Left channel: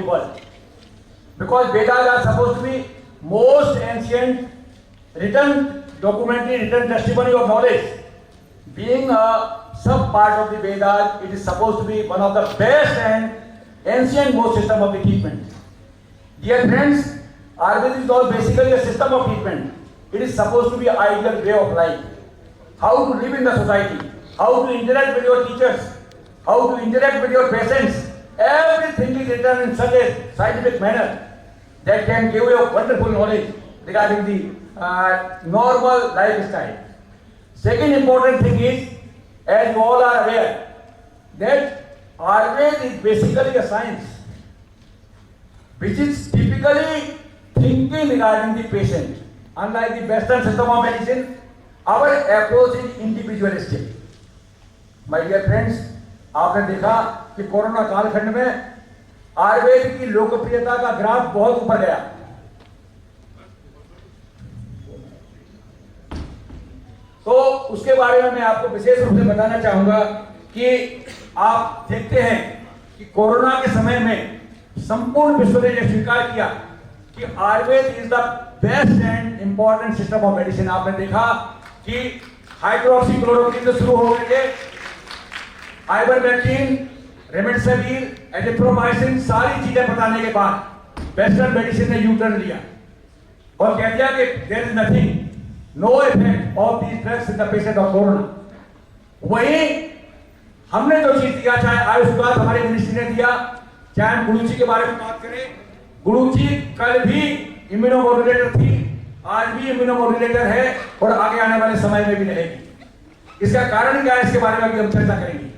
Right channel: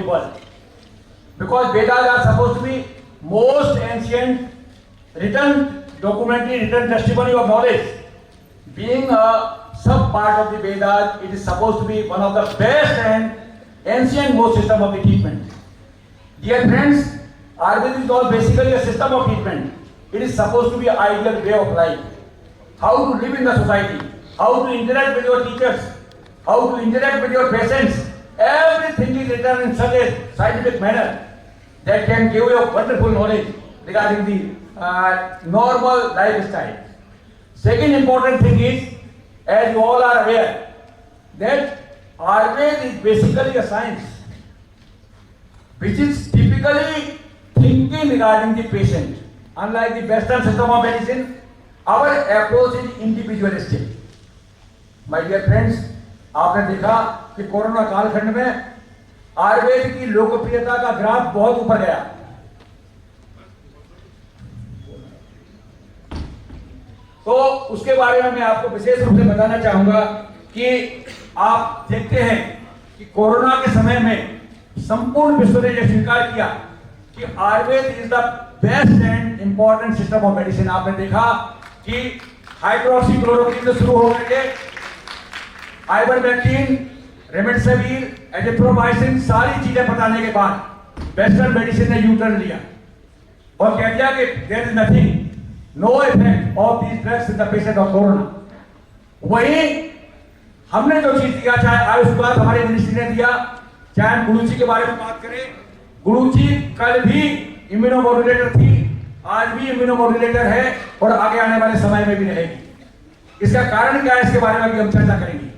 the world. Because Vedas are supposed to be most ancient written documentary, written testimony of knowledge. Being a sub part of the Vedas, it is supposed to be one of the best and ancient most system of the treatment. Dear friends, Ayurveda is all basically a system of treatment. It is supposed to be an ideal way of life. How to live in the society, how to interact with your teachers, how to interact with your patients. Everything is written in such a scientific manner that can give you a wonderful knowledge regarding the normal lifestyle. Second important thing is, as you all are aware, that Ayurveda is basically a science which is typically thinking regarding the patient. Unlike the Western system of medicine, our approach is individualistic. My dear friends, आपने देखा कि corona कालखंड में आयुर्वेद की लोकप्रियता का graph बहुत ऊपर गया। तो उसके बारे में मैं आपको विशेष रूप से बताना चाहूंगा कि आप देखते हैं कि कोरोना के समय में संपूर्ण विश्व ने यह स्वीकार किया कि Ayurveda is the best and important system of medicine. आपने देखा कि हाइड्रोक्सीक्लोरोक्विन से शुरू होकर के आइवरमेक्टिन, रेमडेसिविर, एजिथ्रोमाइसिन सारी चीजें बताने के बाद वेस्टर्न मेडिसिन ने यू टर्न लिया और कह दिया कि there is nothing, no effect of these drugs in the patient of corona. वहीं हमने जो चीज दिया, चाहे आयुष विभाग हमारे मिनिस्ट्री ने दिया, चाहे हम गुरुजी के बारे में बात करें, गुरुजी कल भी इम्यूनोमोड्यूलेटर थी, आज भी इम्यूनोमोड्यूलेटर है और आगे आने वाले समय में भी रहेगी। इसका कारण क्या है, इसके बारे में भी हम चर्चा करेंगे।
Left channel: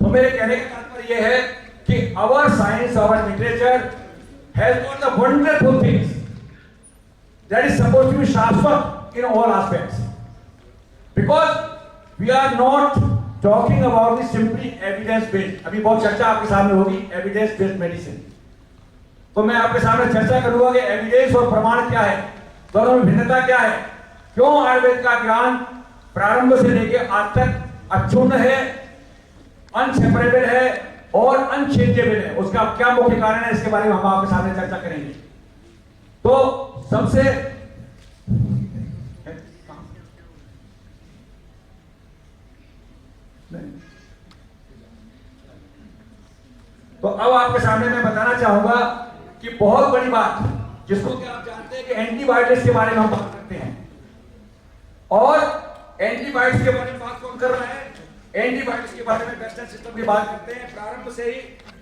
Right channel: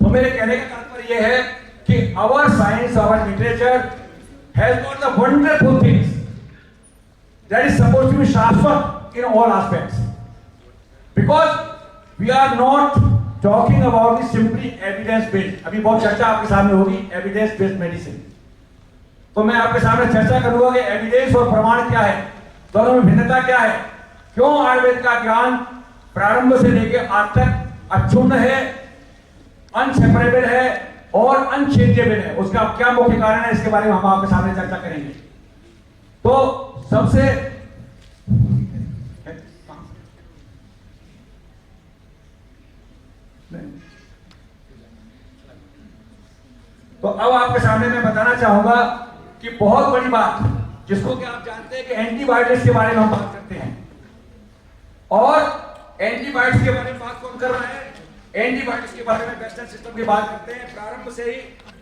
तो मेरे कहने का तात्पर्य यह है कि our science, our literature has got the wonderful things that is supposed to be शाश्वत in all aspects, because we are not talking about the simply evidence based. अभी बहुत चर्चा आपके सामने होगी एविडेंस बेस्ड मेडिसिन। तो मैं आपके सामने चर्चा करूंगा कि एविडेंस और प्रमाण क्या है, दोनों में भिन्नता क्या है, क्यों आयुर्वेद का ज्ञान प्रारंभ से लेकर आज तक अक्षुण्ण है, अनसेपरेबल है और अनचेंजेबल है। उसका क्या मुख्य कारण है, इसके बारे में हम आपके सामने चर्चा करेंगे। तो सबसे तो अब आपके सामने मैं बताना चाहूंगा कि बहुत बड़ी बात जिसको कि आप जानते हैं कि एंटीबायोटिक्स के बारे में हम बात करते हैं, और एंटीबायोटिक्स के बारे में बात कौन कर रहा है, एंटीबायोटिक्स के बारे में वेस्टर्न सिस्टम की बात करते हैं। प्रारंभ से ही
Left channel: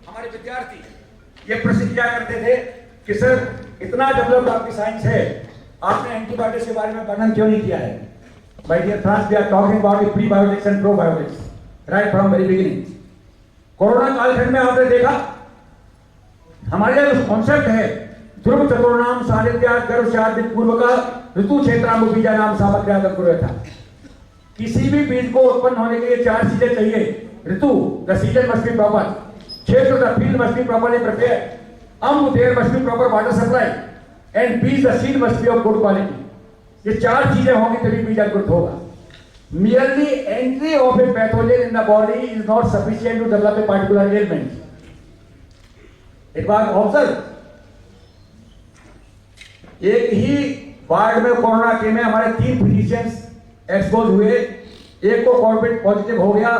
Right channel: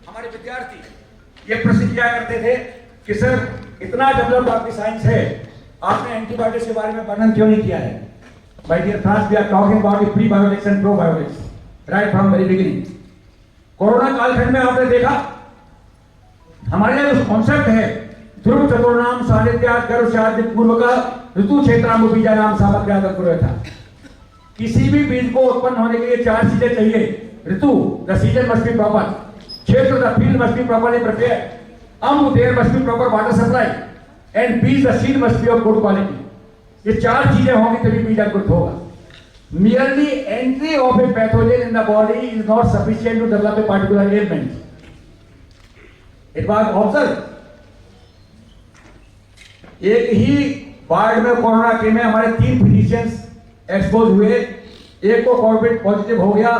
हमारे विद्यार्थी ये प्रश्न किया करते थे कि सर इतना डेवलप्ड आपकी साइंस है, आपने एंटीबायोटिक्स के बारे में वर्णन क्यों नहीं किया है। My dear friends, we are talking about the prebiotics and probiotics right from very beginning. Corona कालखंड में आपने देखा हमारे यहाँ जो कॉन्सेप्ट है ध्रुव चतुर्नाम सानिध्यात गर्भशादी पूर्वक ऋतु क्षेत्रांग बीजा नाम सामग्र्यागम कुर्वत था। किसी भी बीज को उत्पन्न होने के लिए चार चीजें चाहिए। ऋतु, the season must be proper, क्षेत्र, the field must be properly prepared, there must be proper water supply, and बीज, the seed must be of good quality. ये चार चीजें होंगी तभी बीज अंकुरित होगा। Merely entry of a pathogen in the body is not sufficient to develop a particular ailment. It was observed. एक ही वार्ड में कोरोना के में हमारे 3 फिजिशियंस एक्सपोज हुए। एक को कोविड पॉजिटिव हो गया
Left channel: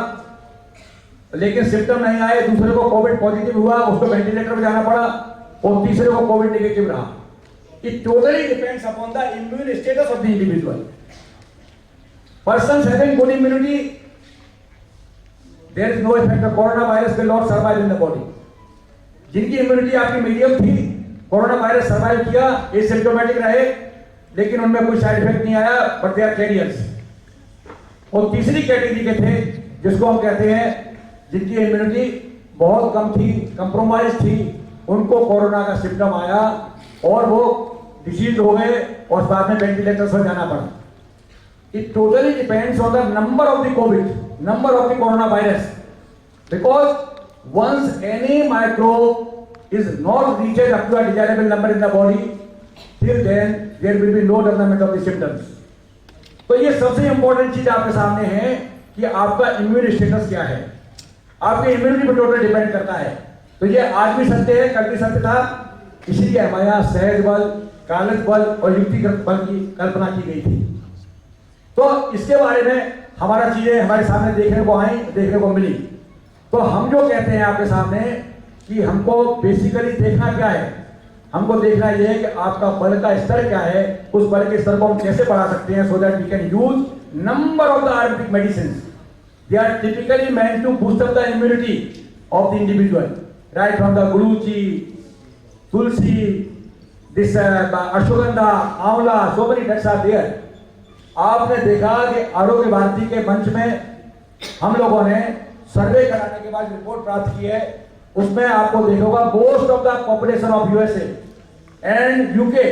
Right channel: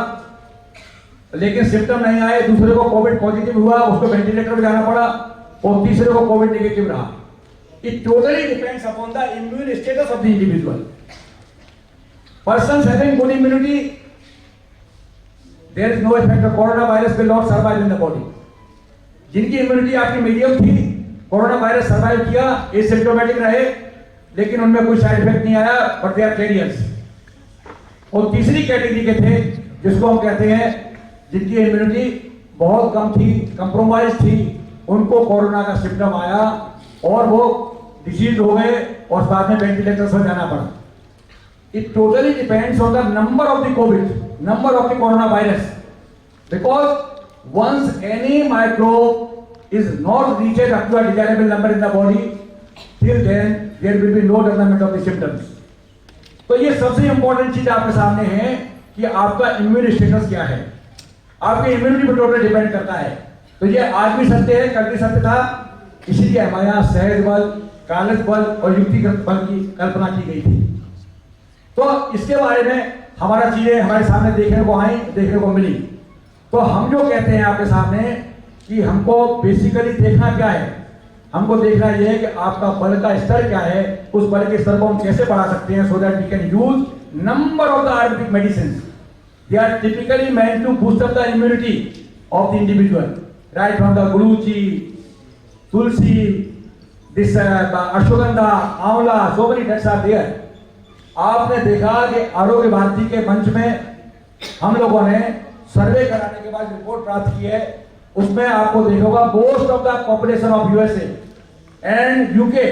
लेकिन सिम्टम नहीं आए, दूसरे को कोविड पॉजिटिव हुआ, उसको वेंटिलेटर में जाना पड़ा, और तीसरे को कोविड नेगेटिव रहा। It totally depends upon the immune status of the individual. Persons having good immunity, there is no effect. The coronavirus will not survive in the body. जिनकी इम्यूनिटी आपकी मीडियम थी, कोरोना वायरस सर्वाइव किया, asymptomatic रहे, लेकिन उनमें कोई side effect नहीं आया, बट दे आर कैरियर्स। और तीसरी कैटेगरी के थे जिसको हम कहते हैं जिनकी इम्यूनिटी बहुत कम थी, कंप्रोमाइज थी, उनको कोरोना का सिम्टम आया और वो डिसीज हो गए और बाद में वेंटिलेटर पर जाना पड़ा। It totally depends on the number of the COVID, number of the coronavirus, because once any microbe is not reached up to a desirable number in the body, till then there will be no development of the symptoms. तो ये सबसे important चीज आपके सामने है कि आपका immune status क्या है। आपके इम्यूनिटी पर टोटल डिपेंड करता है तो ये आज भी सत्य है, कल भी सत्य था। इसलिए हमारे यहाँ सहज बल, कागज बल और युक्तिगत बल की कल्पना की गई थी। तो इसके बारे में हमारा चीजें हमारे सामने देखने को आई, देखने को मिली। तो हम जो कहते हैं आपके सामने कि हमको बेसिकली देखना क्या है, हमको देखना यह है कि आपका बल का स्तर क्या है, उस बल के स्तर को हम कैसे बढ़ा सकते हैं, so that we can use number of the Ayurvedic medicine. They are typically meant to boost up the immunity of the individual, right from the guruchi, tulsi, this ashwagandha, amla, so many drugs are there. आपने देखा कि आरोग्य भारती के मंच में हम लोगों ने सर्वे कराने के बाद रिपोर्ट प्राप्त की है, उसमें आपको देखोगा most of the population of USA and UK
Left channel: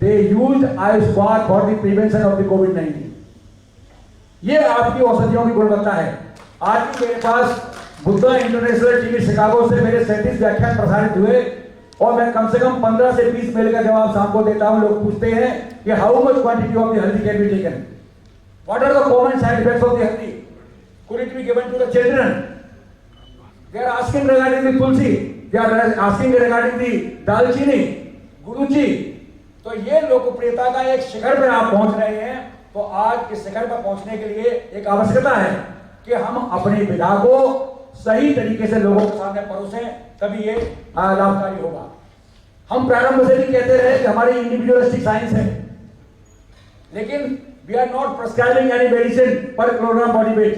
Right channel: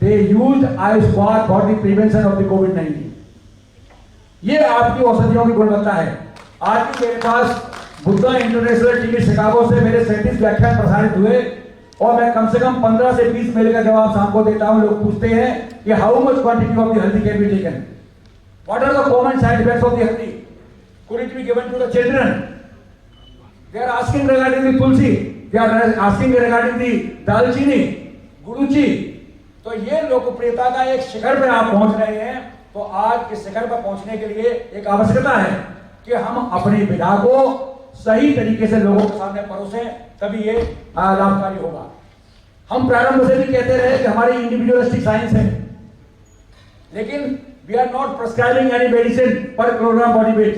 they use Ayushman for the prevention of the कोविड-19। ये आपकी औषधियों की गुणवत्ता है। आज भी मेरे पास बुद्धा इंटरनेशनल टीवी शिकागो से मेरे 37 व्याख्यान प्रसारित हुए और मैं कम से कम 15 से 20 मेल का जवाब शाम को देता हूं। लोग पूछते हैं कि how much quantity of the haldi can be taken, what are the common side effects of the haldi, could it be given to the children. They are asking regarding the tulsi, they are asking regarding the dalchini, guruchi. तो ये लोकप्रियता का एक शिखर पे आप पहुंच रहे हैं। तो आज इस शिखर पर पहुंचने के लिए एक आवश्यकता है कि हम अपनी विधा को सही तरीके से लोगों के सामने परोसें, तभी ये लाभकारी होगा। हम प्रारंभ से भी कहते रहे कि हमारी इंडिविजुअलिस्टिक साइंस है, लेकिन we are not prescribing any medicine per kilogram body weight,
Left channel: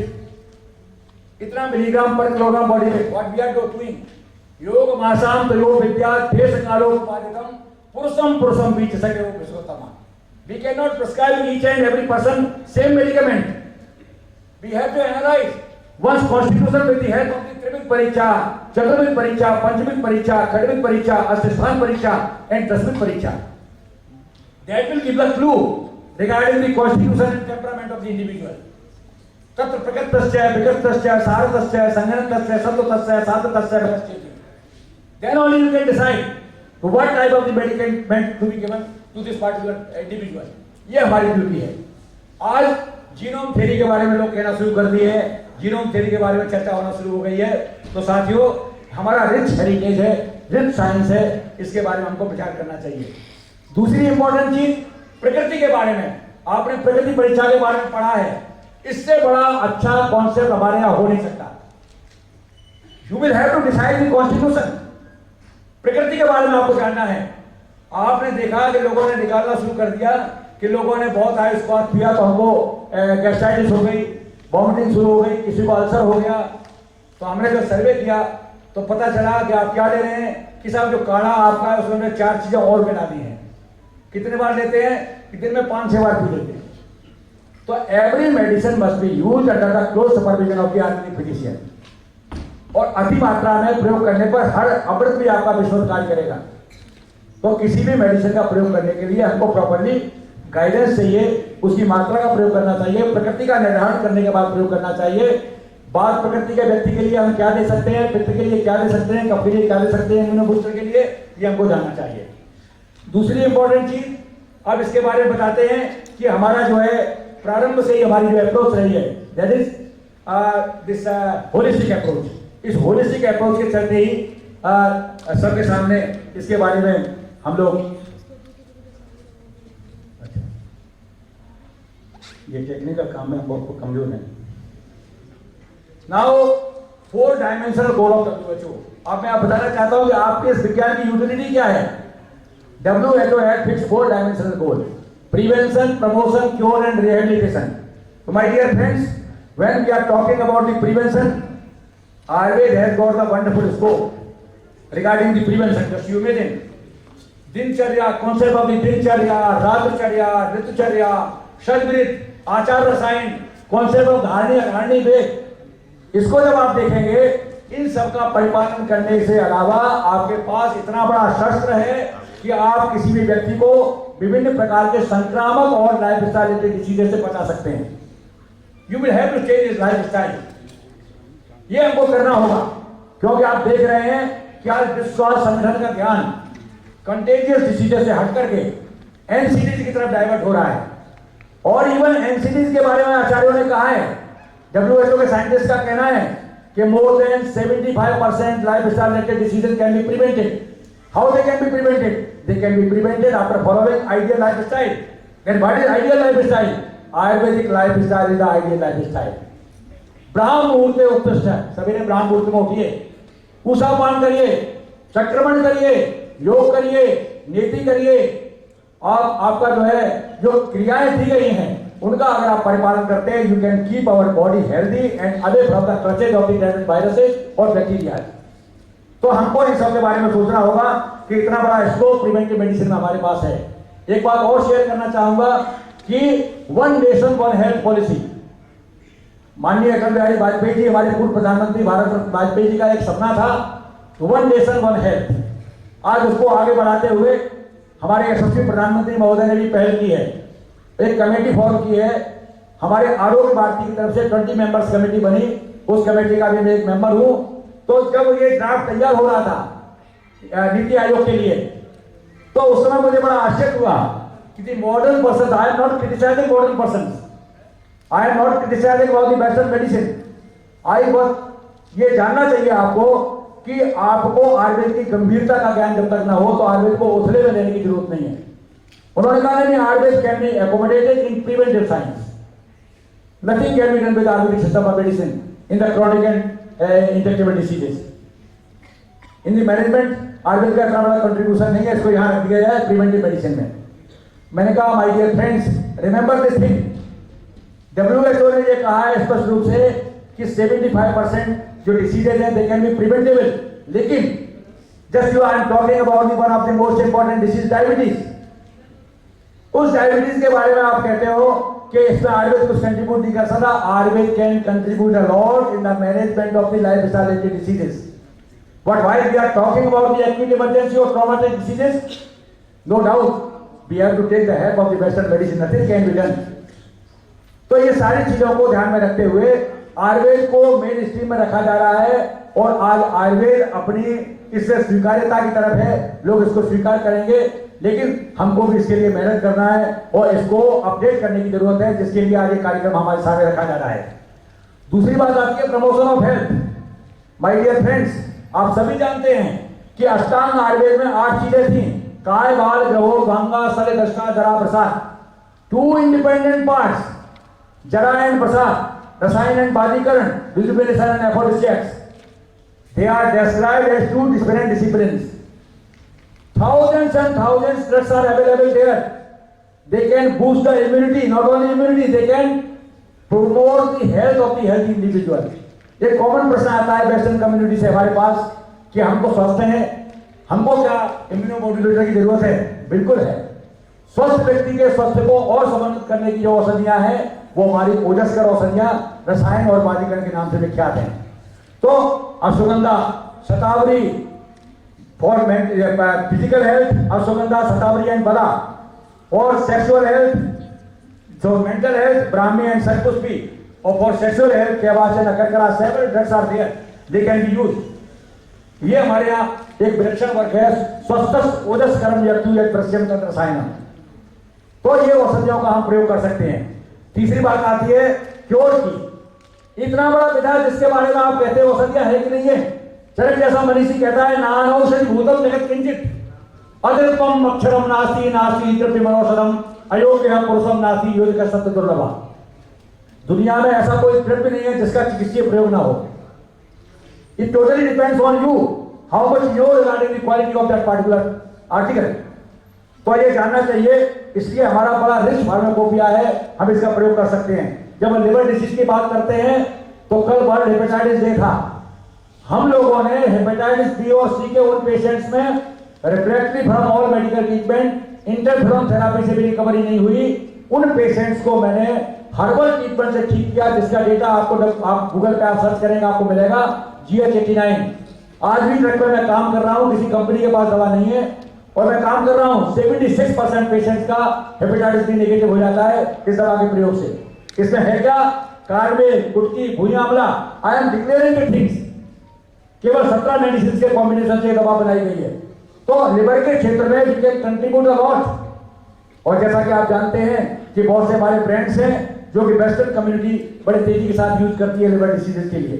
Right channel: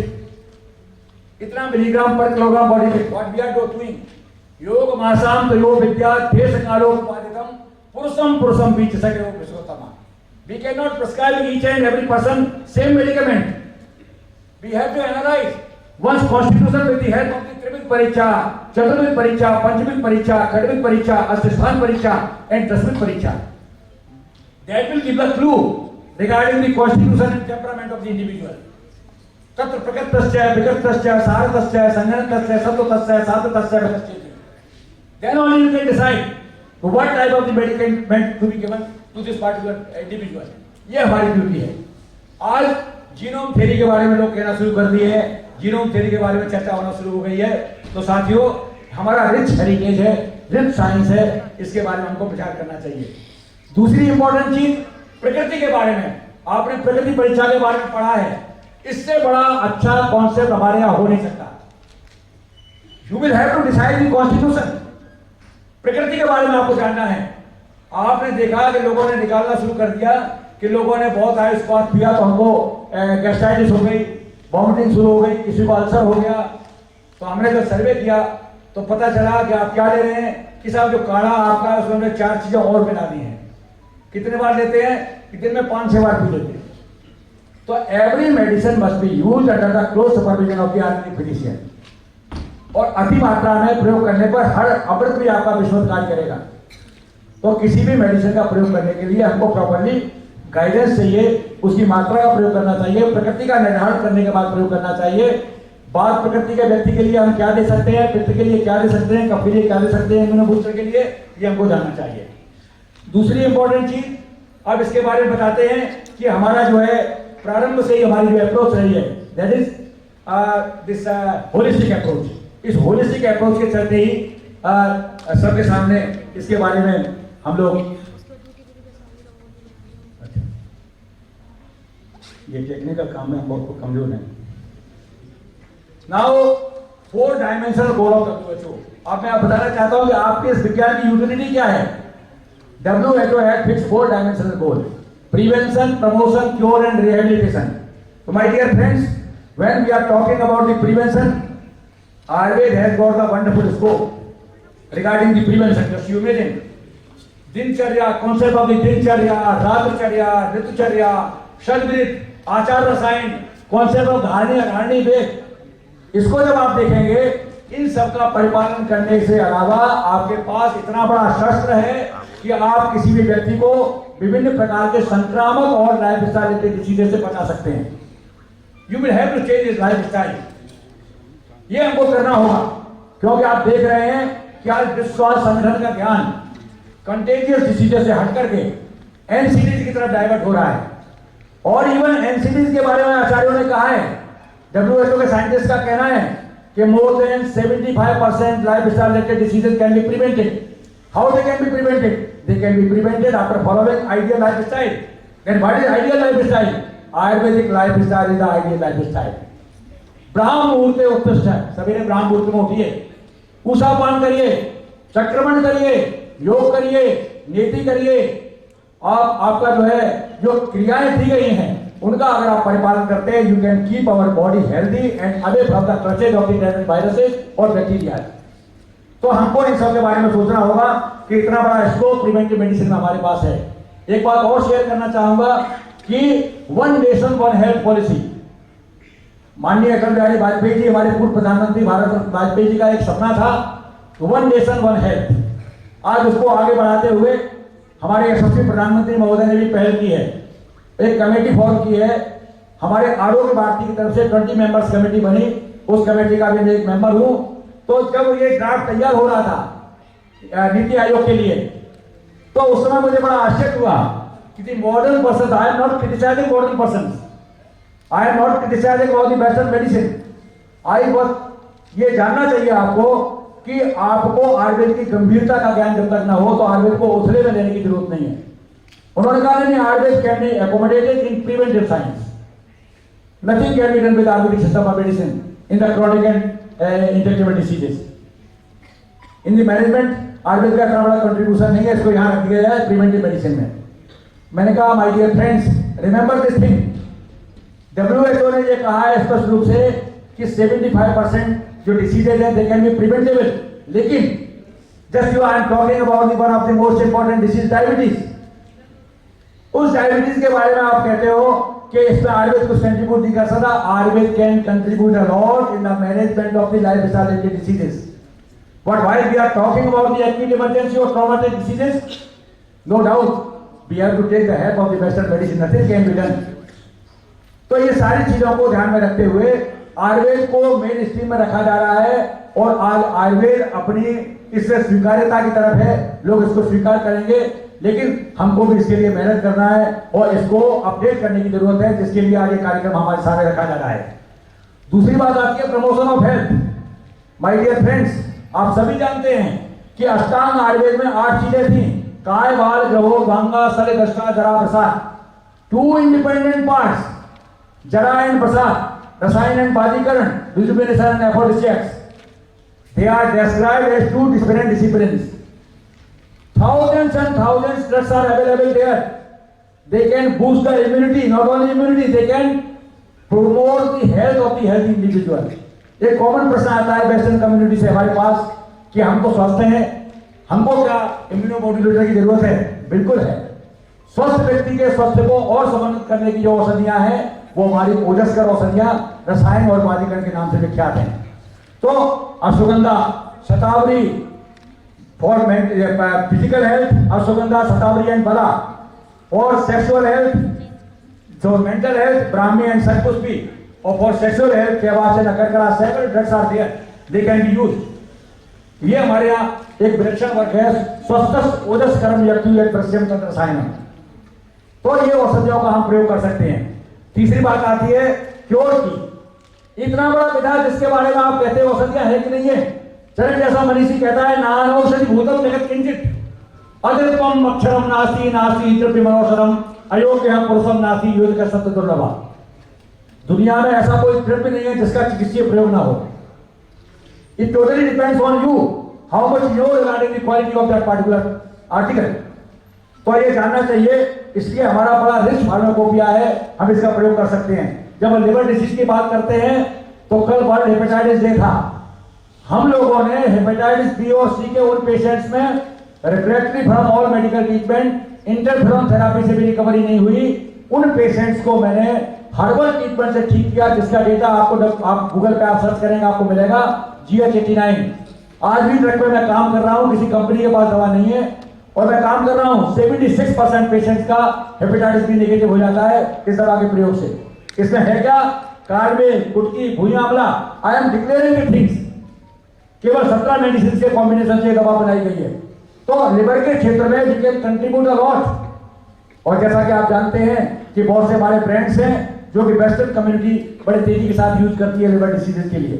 इतना milligram per kilogram body weight. What we are doing, योग मासाम तो योग विद्या देश कालो उपादितम पुरुषम पुरुषम बीच सके विश्वोत्तम। We cannot prescribe each and every person same medicament. We have to analyze one's constitution with the help of the Trivik Pariksha, Chaturvik Pariksha, Panchvik Pariksha, Khadvik Pariksha, Asthasthan Pariksha and Dasvik Pariksha. That will give the clue regarding the constitution and temperament of the individual. Tatra Prakatasya, Vikatasya, Saratasya, Sanghanatasya, Sattvatasya, Sattatasya, Vikatasya. Then only you can decide what type of the medicament to be given to this particular individual. ये हमारी duty है। आज genome theory के बारे में लोग कहना शुरू कर दिए हैं, जीनोम थ्योरी के बारे में चर्चा होना शुरू हो गई है। तो साथियों, हमारा रिच हेरिटेज है, रिच साइंस है, इसके बारे में हमको विचार करना चाहिए। दूसरी इंपॉर्टेंट चीज प्रकृति के बारे में, आपने प्रकृति परीक्षा के बारे में पढ़ा है, इससे बड़ा अच्छा कॉन्सेप्ट हमारे यहाँ हो नहीं सकता। You will have to decide the constitution. प्रकृति के बारे में आपको जानना है। आपने देखा कि लोगों ने निकालना शुरू कर दिया कि लोगों ने बहुत आयुष्मान पिया तो हमको गैस्ट्राइटिस हो गई, वॉमिटिंग शुरू हो गई, किसी को अल्सर हो गया। तो हमने जब सर्वे किया तो पता चला कि आप क्या ले रहे हैं कि साहब जो काढ़ा आपका है उसमें 4 चीजें और मिला दी हैं। कितने बार लेते हैं कि दिन में 5-6 बार पी लेते हैं। तो every medicine must be used under the close supervision of the Ayurvedic physician. और अति मात्रा में प्रयोग करने पर हर अमृत भी आपका विश्व कार्य करेगा। तो किसी भी मेडिसिन का प्रयोग करने के लिए हमको प्रॉपर्ली गाइडेंस चाहिए, उसकी मात्रा का प्रयोग करना चाहिए, प्रकृति का निर्धारण करने के बाद प्रयोग करना चाहिए। बात प्रकृति के व्यक्ति के लिए हम क्या दे सकते हैं, पित्त के लिए क्या दे सकते हैं, कफ के लिए क्या दे सकते हैं, इम्यूनोबूस्टर के लिए, ये हमको जानना चाहिए। दूसरी इंपॉर्टेंट चीज अब इसके बारे में बताते हैं कि हमारा जो है प्रारंभ से ही हमारी जो अप्रोच रही है, that is this holistic approach. इस होलिस्टिक अप्रोच के चलते ही सबके सामने इसके बारे में हम लोग, ये टेक्निकल काम में हम बहुत कमजोर हैं। Now 4 dimensional goal of WHO। अब मैं आप बताना चाहता हूं कि आपके इस विज्ञान की यूटिलिटी क्या है। WHO had fixed 4 dimensional goal: prevention, promotion, cure and rehabilitation. तो my dear friends, when we are talking about the prevention, Ayurveda has got a wonderful scope regarding the prevention. Just you imagine, दिनचर्या, concept of the दिनचर्या, रात्रचर्या, ऋतुचर्या, शतवृत्त, आचार रसायन, concept of Dharni वेद। इसको जब आप देखेंगे, इन सब का परिपालन करने से अलावा आपके पास इतना बड़ा शस्त्र है कि आप किसी भी व्यक्ति को विभिन्न प्रकार के संक्रामक और लाइफ स्टाइल डिसीजेस से बचा सकते हैं। You will have to change his life style. ये हमको करना होगा, क्योंकि आप देख रहे हैं कि आज विश्व स्वास्थ्य संगठन का ध्यान कंटेजियस डिसीजेस से हट करके एनसीडीज की तरफ डाइवर्ट हो रहा है। और इवन एनसीडीज के बारे में आचार्यों ने कहा है, WHO के साइंटिस्ट का कहना है कि more than 75% lifestyle related diseases can be prevented. How they can be prevented? They can be prevented after following ideal lifestyle. And what is ideal lifestyle? Ayurvedic lifestyle is the ideal lifestyle. ब्राह्म मुहूर्त उत्कृष्ट है, सवेरे ब्राह्म मुहूर्त में उठिए, उषापान करिए, चक्रमण करिए, योग करिए, नीति करिए, और आपका जो है जो क्रियाएं दी गई हैं उनका अगर आप परिपालन करते हैं, you can keep our body healthy and away from the clutches of the viruses और बैक्टीरिया। तो हमको इन सब के बारे में सोचना होगा कि इतना बड़ा स्कोप प्रिवेंटिव मेडिसिन में हमारे पास है। एक बात और शेयर करना चाहूंगा कि one nation one health policy, माननीय अटल बिहारी वाजपेयी जी, हमारे पूर्व प्रधानमंत्री भारत वाजपेयी जी का एक सपना था, वन नेशन वन हेल्थ। आज उसको आगे बढ़ाते हुए हमारे यशस्वी प्रधानमंत्री महोदय ने भी पहल की है, एक कमेटी फॉर्म की है, हमारे आरोग्य भारती की तरफ से 20 मेंबर्स कमेटी बनी, उस कमेटी का भी मैं एक मेंबर हूं। तो जब ये ड्राफ्ट तैयार हो रहा था नीति आयोग के लिए, तो उस समय मुझे बड़ा आश्चर्य हुआ कि modern person, I am not criticising modern person, I am not criticising all the western medicine, I बस ये जानना चाहिए आपको कि आपको आयुर्वेद की गंभीरता का ज्ञान जब तक ना हो तो आयुर्वेद को उथले में लेने की जरूरत नहीं है। उन्होंने कहा नहीं, Ayurveda can be accommodated in preventive science, nothing can be done with Ayurvedic system of medicine in the chronic and injectable diseases. In the management Ayurveda का इतना बड़ा कंट्रीब्यूशन नहीं है, इसको यहां रख दिया जाए प्रिवेंटिव मेडिसिन में। मैंने कहा my dear friends, remember this thing, WHO ने ये कहा है स्पष्ट रूप से कि 75% जो डिसीजेज हैं दे कैन बी प्रिवेंटेबल, लेकिन just you I am talking about one of the most important disease diabetes. उस डायबिटीज के बारे में आप कहते हो कि इसमें आयुर्वेद कुछ कंट्रीब्यूट नहीं कर सकता। Ayurveda can contribute a lot in the management of the lifestyle related diseases, but while we are talking about the acute emergency और traumatic diseases, no doubt we have to take the help of the western medicine, nothing can be done. तो ये सारी चीजों को ध्यान में रखते हुए आयुर्वेद को मेन स्ट्रीम में रखा जा रहा है, और आज आयुर्वेद अपनी इससे स्वीकार्यता की तरफ है, लोग इसको स्वीकार करेंगे, लेकिन हमको भी इसके लिए मेहनत करना है और इसको अपडेट करने की जरूरत है, जिसके लिए आज ये कार्यक्रम हमारे सामने रखा जा रहा है। दूसरी बात आती है promotion of health. My dear friends, आप सभी जानते हैं कि अष्टांग आयुर्वेद में 8 चीजें थी, काय, बाल, ग्रहो, गंगा, सल, दष्टा, जरा, प्रसाद, 2 इंडिपेंडेंट पार्ट्स, जरा एंड प्रसाद, रसायन and बाजीकरण, rejuvenation and aphrodisiacs. They are described as 2 different disciplines. Thousands and thousands drugs are available there. They can boost the immunity, not only immunity, they can promote the health of the healthy individual. एक common प्रश्न आता है western community से हमारे पास कि हमको स्वस्थ हैं, हमको क्या इम्यूनोमोड्यूलेटर की जरूरत है? बिल्कुल है। स्वस्थ व्यक्ति के स्वास्थ्य को और समन्वित करने की जो औषधियां हैं वो हमारी ओजस्कर औषधियां रसायन और बाजीकरण के नाम से विख्यात हैं। तो ashwagandha, shatavari for physical health, ashwagandha, shatavari and bala, और सेक्सुअल हेल्थ, जो mental health, brahmi and shatpushpi, और फॉर सेक्सुअल हेल्थ के बाद से nakarkara, several drugs are there, they can be used. ये हमारे यहाँ एक विलक्षण वर्ग है, स्वस्थ ओजस कर्म यज्ञ प्रश्यम तंत्र रसायन, तो ये औषधियों का हम प्रयोग कर सकते हैं। तीसरी बात आती है क्योर की। इतना बड़ा विधा जिसके बारे में आप कहते हो औषधियां है कि नहीं है, चरण जैसा मनीषी कहता है, नान औषधि भूतम जगत किंचित अद्रिपम अक्षरम नास्ति नास्ति द्रव्यमनौषधम अयोग्य पुरुषम नास्ति युद्ध का सत्य दुर्लभा। दुनिया में ऐसा कोई द्रव्य नहीं है जिसका चिकित्सीय प्रयोग ना हो। It totally depends on you how much you know regarding the quality of that particular article. तो ये जानना चाहिए, इसलिए हमारा बड़ा रिच फार्माकोपिया है, हम इसका प्रयोग कर सकते हैं। जब हम लिवर डिसीज की बात करते हैं तो कल वर्ल्ड हेपेटाइटिस डे था, हम लोगों ने हेपेटाइटिस बी और सी के उन पेशेंट्स में refractory from all medical treatment, interferon therapy से भी रिकवरी नहीं हुई, उन पेशेंट्स को मैंने हर्बल ट्रीटमेंट से ठीक किया, जिसका डेटा आपको आप गूगल पे आप सर्च करेंगे आपको मिलेगा, GH89। आज भी ट्रक पे मैं काम कर रहा हूं, किसी कंपनी के पास दवा नहीं है, और मैं काम कर रहा हूं 76% पेशेंट्स का हेपेटाइटिस बी नेगेटिव हो जाता है इस दवा के प्रयोग से। इसमें है क्या? कार्बेन, गुटकी, भूया आंवला, I am declaring the things. केवल 17 मेडिसिन के कॉम्बिनेशन से दवा बनाई गई है। तो लिवर के क्षेत्र में we can contribute a lot. और जैसा कि आप जानते हैं कि बहुत से हमारे ब्रांड्स हैं जो कि वेस्टर्न कम्युनिटी बड़े तेजी के साथ यूज करती है लिवर डिसीजेस के लिए।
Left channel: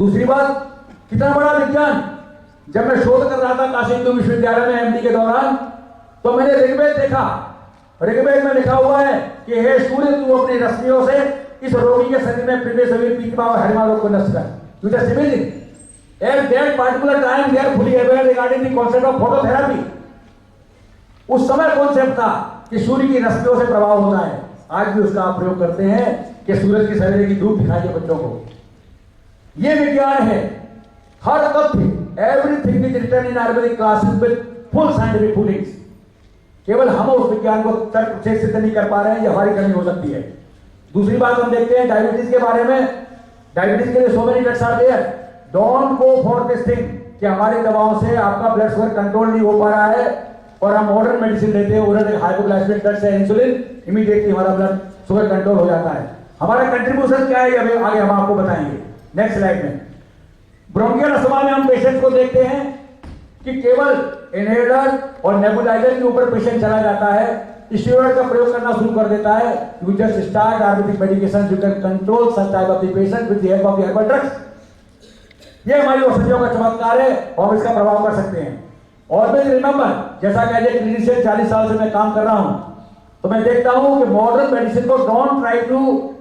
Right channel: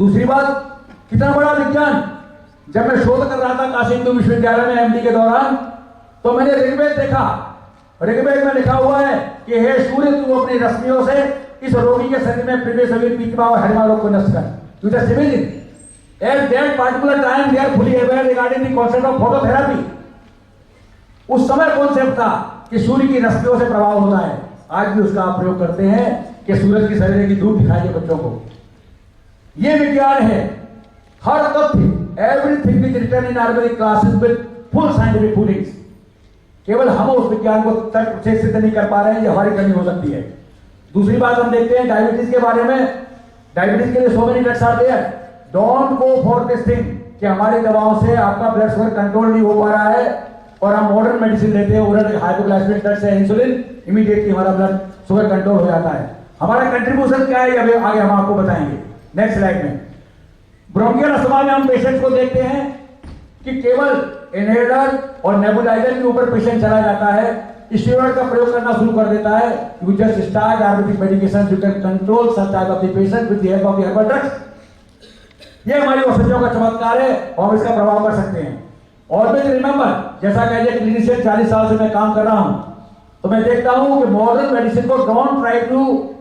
दूसरी बात, कितना बड़ा विज्ञान। जब मैं शोध कर रहा था काशी हिंदू विश्वविद्यालय में एमडी के दौरान, तो मैंने ऋग्वेद देखा। ऋग्वेद में लिखा हुआ है कि हे सूर्य, तू अपनी रश्मियों से इस रोगी के शरीर में प्रवेश सभी पीतमा और हरिमा रोग को नष्ट कर। You just imagine. At that particular time, they are fully aware regarding the concept of phototherapy. उस समय कॉन्सेप्ट था कि सूर्य की रश्मियों से प्रभाव होता है। आज भी उसका आप प्रयोग करते हैं कि सूरज की सवेरे की धूप दिखाइए बच्चों को। ये विज्ञान है। हर तथ्य, everything is written in Ayurvedic classes with full scientific footings. केवल हम उस विज्ञान को तर्क से सिद्ध नहीं कर पा रहे हैं, ये हमारी कमी हो सकती है। दूसरी बात हम देखते हैं डायबिटीज के बारे में। डायबिटीज के लिए सो मेनी ड्रग्स आते हैं। Don't go for this thing कि हमारी दवाओं से आपका ब्लड शुगर कंट्रोल नहीं हो पा रहा है और हम मॉडर्न मेडिसिन लेते हैं, ओरल हाइपोग्लाइसेमिक ड्रग्स है, इंसुलिन, इमीडिएटली हमारा ब्लड शुगर कंट्रोल हो जाता है। हमारा कंट्रीब्यूशन क्या है, अभी आगे हम आपको बताएंगे नेक्स्ट स्लाइड में। ब्रोंकियल अस्थमा में हम पेशेंट को देखते हैं कि केवल इनहेलर और नेबुलाइजर के ऊपर पेशेंट चला जाता है, स्टेरॉइड का प्रयोग करना शुरू कर देता है। You just start Ayurvedic medication, you can control such type of the patient with the help of the herbal drugs. ये हमारी औषधियों का चमत्कार है और हम इसका प्रभाव कर सकते हैं। ऑलवेज रिमेंबर, जैसा कि एज ए क्लिनिशियन 40 साल से मैं काम कर रहा हूं, तो मैं देखता हूं कि मॉडर्न मेडिसिन को don't try to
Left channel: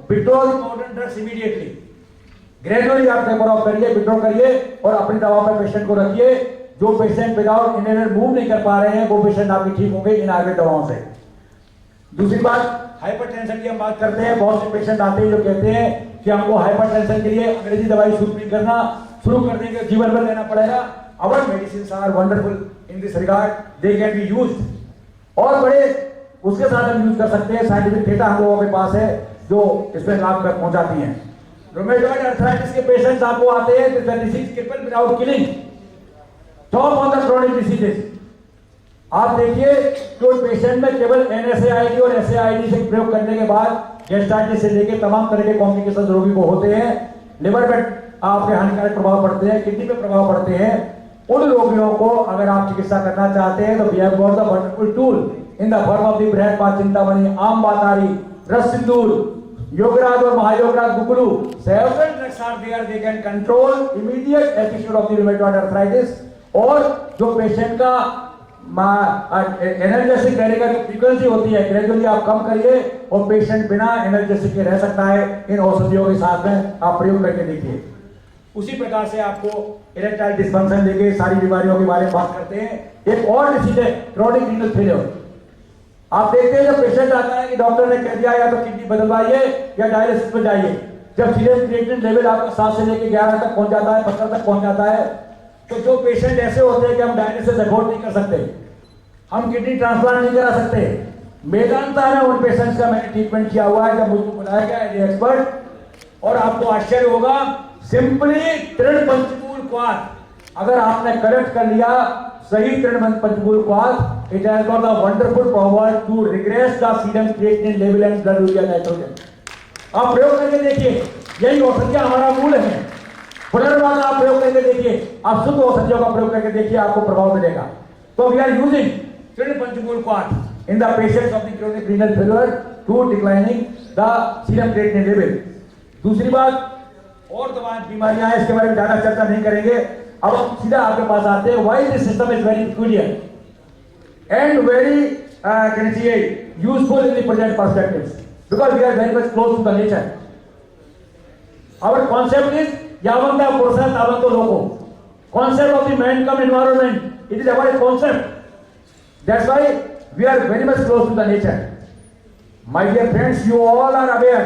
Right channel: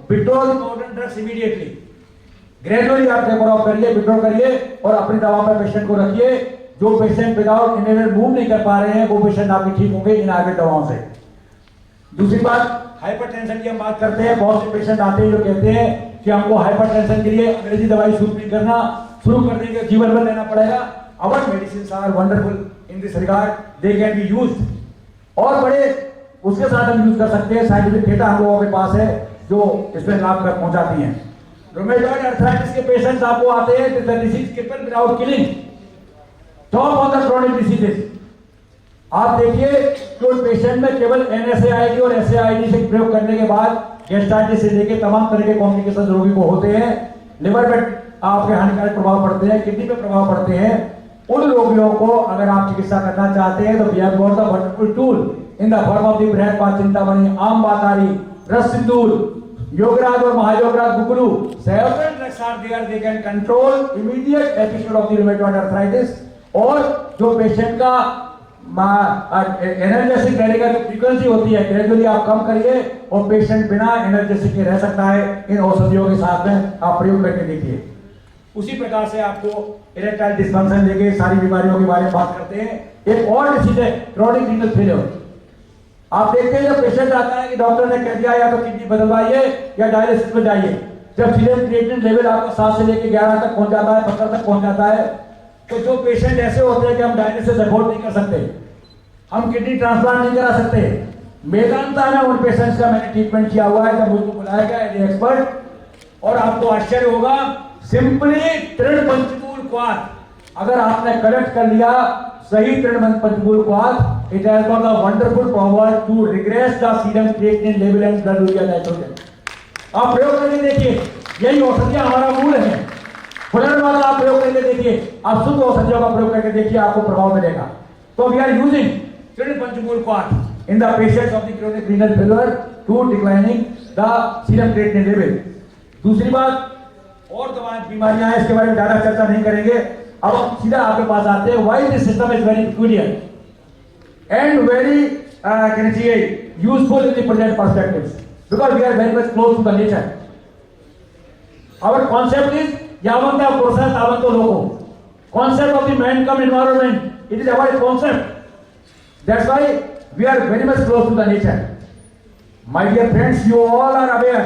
withdraw the modern drugs immediately. Gradually आप टेपर ऑफ करिए, विथड्रॉ करिए और अपनी दवा पर पेशेंट को रखिए। जो पेशेंट विदाउट इनहेलर मूव नहीं कर पा रहे हैं, वो पेशेंट आपके ठीक होंगे इन आयुर्वेद दवाओं से। दूसरी बात, हाइपरटेंशन की हम बात करते हैं। बहुत से पेशेंट आते हैं जो कहते हैं कि हमको हाइपरटेंशन के लिए अंग्रेजी दवाई शुरू करने के जीवन भर लेना पड़ेगा। Our medicine are wonderful in this regard, they can be used और बड़े उसके साथ हम यूज कर सकते हैं। साइंटिफिक डेटा हम लोगों के पास है जो इसमें लाभ कर पहुंचाती हैं। रूमेटॉइड अर्थराइटिस के पेशेंट्स आपको आते हैं कि the disease cripple without killing, top of the chronic diseases. आप देखिए कि पेशेंट में केवल NSAID और SAID से प्रयोग करने के बाद गैस्ट्राइटिस से लेकर तमाम तरह के कॉम्प्लिकेशन रोगी को होते हैं। लिवर पे आपके हानिकारक प्रभाव पड़ते हैं, किडनी पे प्रभाव पड़ते हैं। उन रोगियों को अगर आप चिकित्सा करना चाहते हैं तो we have got the wonderful tool in the form of the Brihat Chintamani, Aam Batari, Ras Sindoor, Yograj और Mahayograj Guggulu. Several drugs are there, they can control immediate episode of the rheumatoid arthritis. और जो पेशेंट का एनर्जेटिक रहने का जो फ्रीक्वेंसी होती है, ग्रेजुअली आप कम करिए और पेशेंट बिना एनर्जेटिक के रह सकता है। इन औषधियों के साथ में आप प्रयोग करके देखिए। उसी प्रकार से आपको इरेक्टाइल डिस्फंक्शन लेके सारी बीमारियों के बारे में बात करते हैं। एक और डिसीज है क्रोनिक रीनल फेलियर। आप देखते हैं जब पेशेंट आता है कि डॉक्टर ने कह दिया या तो किडनी बदलवाइए या डायलिसिस में जाइए। जब सीरम क्रिएटिनिन लेवल आपका 7 से लेकर 11 तक पहुंच जाता है, 15 तक पहुंच जाता है, तो जो पेशेंट ऐसे होते हैं कि हम डायलिसिस अफोर्ड नहीं कर सकते, हम किडनी ट्रांसप्लांट नहीं करा सकते, मेदांता में उन पेशेंट्स का मैंने ट्रीटमेंट किया हुआ है। जब मुझको बुलाया गया एज एक्सपर्ट, और आपको आश्चर्य होगा, सिंपली तृण पंचमूल क्वाथ अगर आपने करेक्ट कर लिया, सही trin panchamool kwath, it has got the wonderful power to regress the serum creatinine level and blood urea nitrogen. आप प्रयोग करके देखिए, यही औषधियां हमारा मूल है। पुनर्वाद आप प्रयोग करके देखिए, आप शुद्ध औषधियों का प्रयोग करके देखिए, आपको प्रभाव मिलेगा। तो we are using trin panchamool kwath in the patients of the chronic renal failure to declining the serum creatinine level. दूसरी बात, और दवाएं बीमारियां हैं, इसके बारे में ज्यादा चर्चा नहीं करेंगे। अब हम सीधा आपके पास आते हैं। Why this system is very peculiar and very can see useful in the present perspectives, because we are very much close to the nature. Our concept is यावंत पुरुषः तावंतो लोको। Concept of the man come environment, it is our concept. That's why we are very much close to the nature. My dear friends, you all are aware,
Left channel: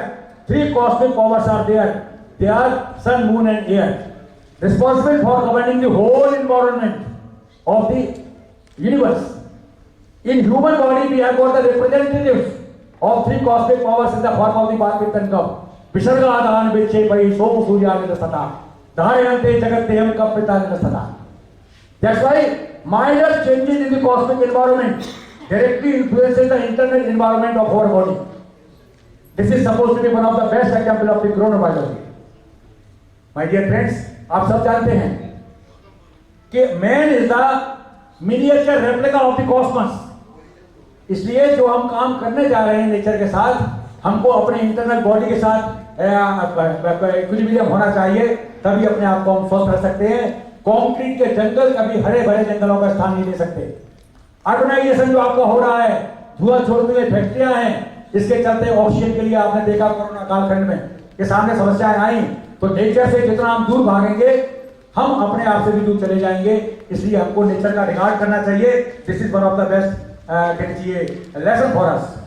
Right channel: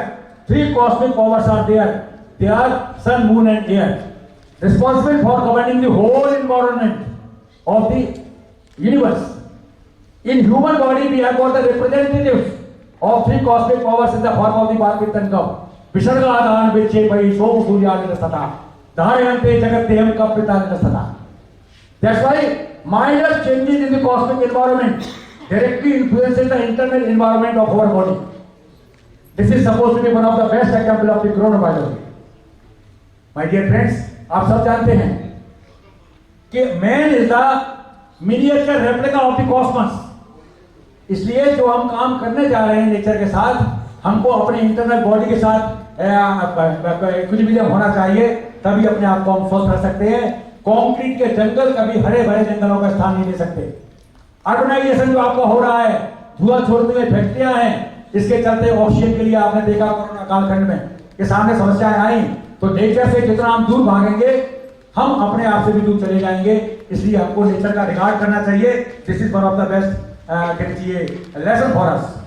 3 cosmic powers are there. They are sun, moon and air, responsible for governing the whole environment of the universe. In human body, we have got the representatives of 3 cosmic powers in the form of the Bhagavatam. Visarga Adhan Viche Pai Somu Surya Sata. धारयन्ते जगत्यहं कल्पितानि सदा। That's why minor changes in the cosmic environment directly influences the internal environment of our body. This is supposed to be one of the best example of the chronobiology. My dear friends, आप सब जानते हैं कि man is the miniature replica of the cosmos. इसलिए जो हम काम करने जा रहे हैं नेचर के साथ, हमको अपने इंटरनल बॉडी के साथ इक्विलिब्रियम होना चाहिए। तभी अपने आप को हम स्वस्थ रख सकते हैं। कंक्रीट के जंगल कभी हरे भरे जंगलों का स्थान नहीं ले सकते। अर्बनाइजेशन जो आपका हो रहा है, धुआं छोड़ने में फैक्ट्रियां हैं, इसके चलते ऑक्सीजन के लिए आपने देखा कोरोना कालखंड में कि सामने समस्याएं आई, तो नेचर से जितना हम दूर भागेंगे हम अपने आप से भी दूर चले जाएंगे। इसलिए हमको नेचर का रिगार्ड करना चाहिए। This is one of the best lesson for us.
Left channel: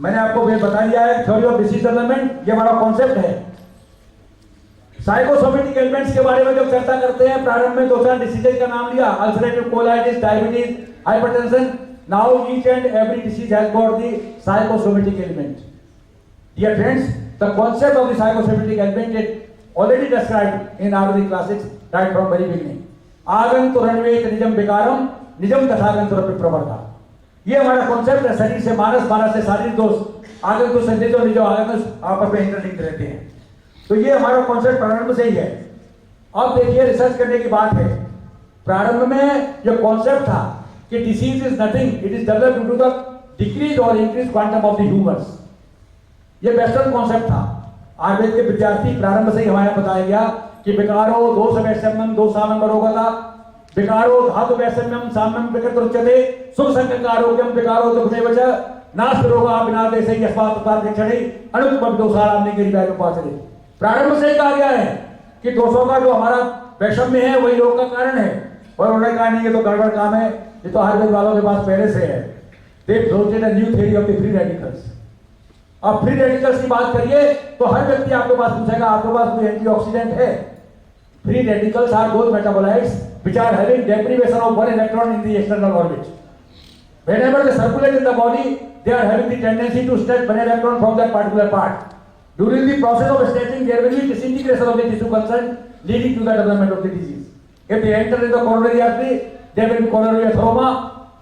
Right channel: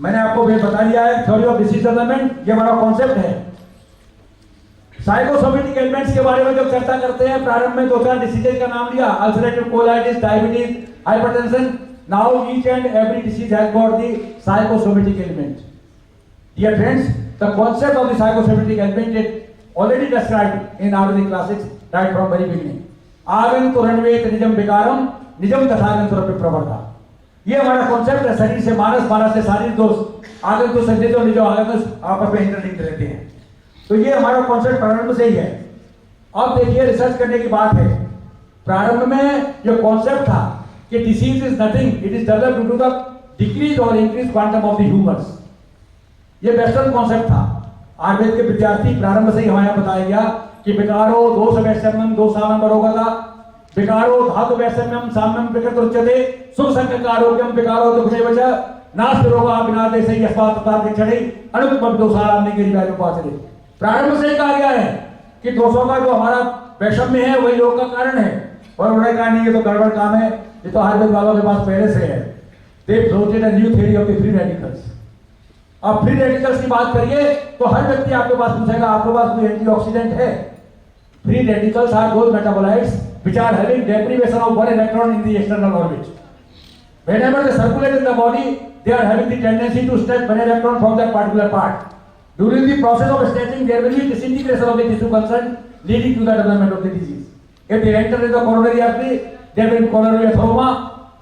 मैंने आपको बता दिया है थ्योरी ऑफ डिसीज डेवलपमेंट, ये हमारा कॉन्सेप्ट है। साइकोसोमेटिक एलिमेंट्स के बारे में जब चर्चा करते हैं, प्रारंभ में 2-4 डिसीजेज का नाम लिया, ulcerative colitis, diabetes, hypertension. Now each and every disease has got the psychosomatic element. Dear friends, the concept of the psychosomatic element is already described in Ayurvedic classics right from very beginning. आगंतुरन्वेत निजम विकारम निजम तथागंतुरपि प्रवर्ता। ये हमारा concept है। शरीर से मानस, मानस से शारीरिक दोष, आगंतु संजित और निजो आगंतु आपस में इंटरलिंक्ड रहते हैं। तो ये हमारा कॉन्सेप्ट प्रारंभ से ही है। अब देखिए, रिसर्च करने की बात है। प्रारंभ में जो कॉन्सेप्ट था कि disease is nothing, it is developed due to the decrease और increase quantum of the humours. ये वेस्टर्न कॉन्सेप्ट था। आयुर्वेद के विद्यार्थी प्रारंभ से ही हमारे यहाँ बताया गया कि विकारो दोष वैषम्यम दोषामम रोगता, विकारो धातु वैषम्यम साम्यम विकृत उच्यते, सुख संज्ञक आरोग्यम विकारो दुःख वच नाश रोगा बिना देशे यस्मात् तथा क्षणे अनुपम दोषाराम ने गिरिवाय उपाचरे। प्रारंभ से ही कहा गया है कि दोषों का जो हमारा वैषम्य है वही रोग का कारण है। और उन्होंने कहा नहीं, ये तो गड़बड़ काम है, ये तो आयुर्वेद वालों के पास पहले से है। They floated a new theory of the free radicals. अब फ्री रेडिकल्स की बात करिए तो हर व्यक्ति आपके पास पूछेगा आपके पास कोई एंटीऑक्सीडेंट है? Free radicals are those metabolites which are having deprivation of one electron in the external orbit. Whenever they circulate in the body, they are having the tendency to snatch one electron from that particular part. During the process of snatching, there will be disintegration of the tissue concerned, leading to the development of the disease. If they enter in the coronary artery, there will be coronary athoma.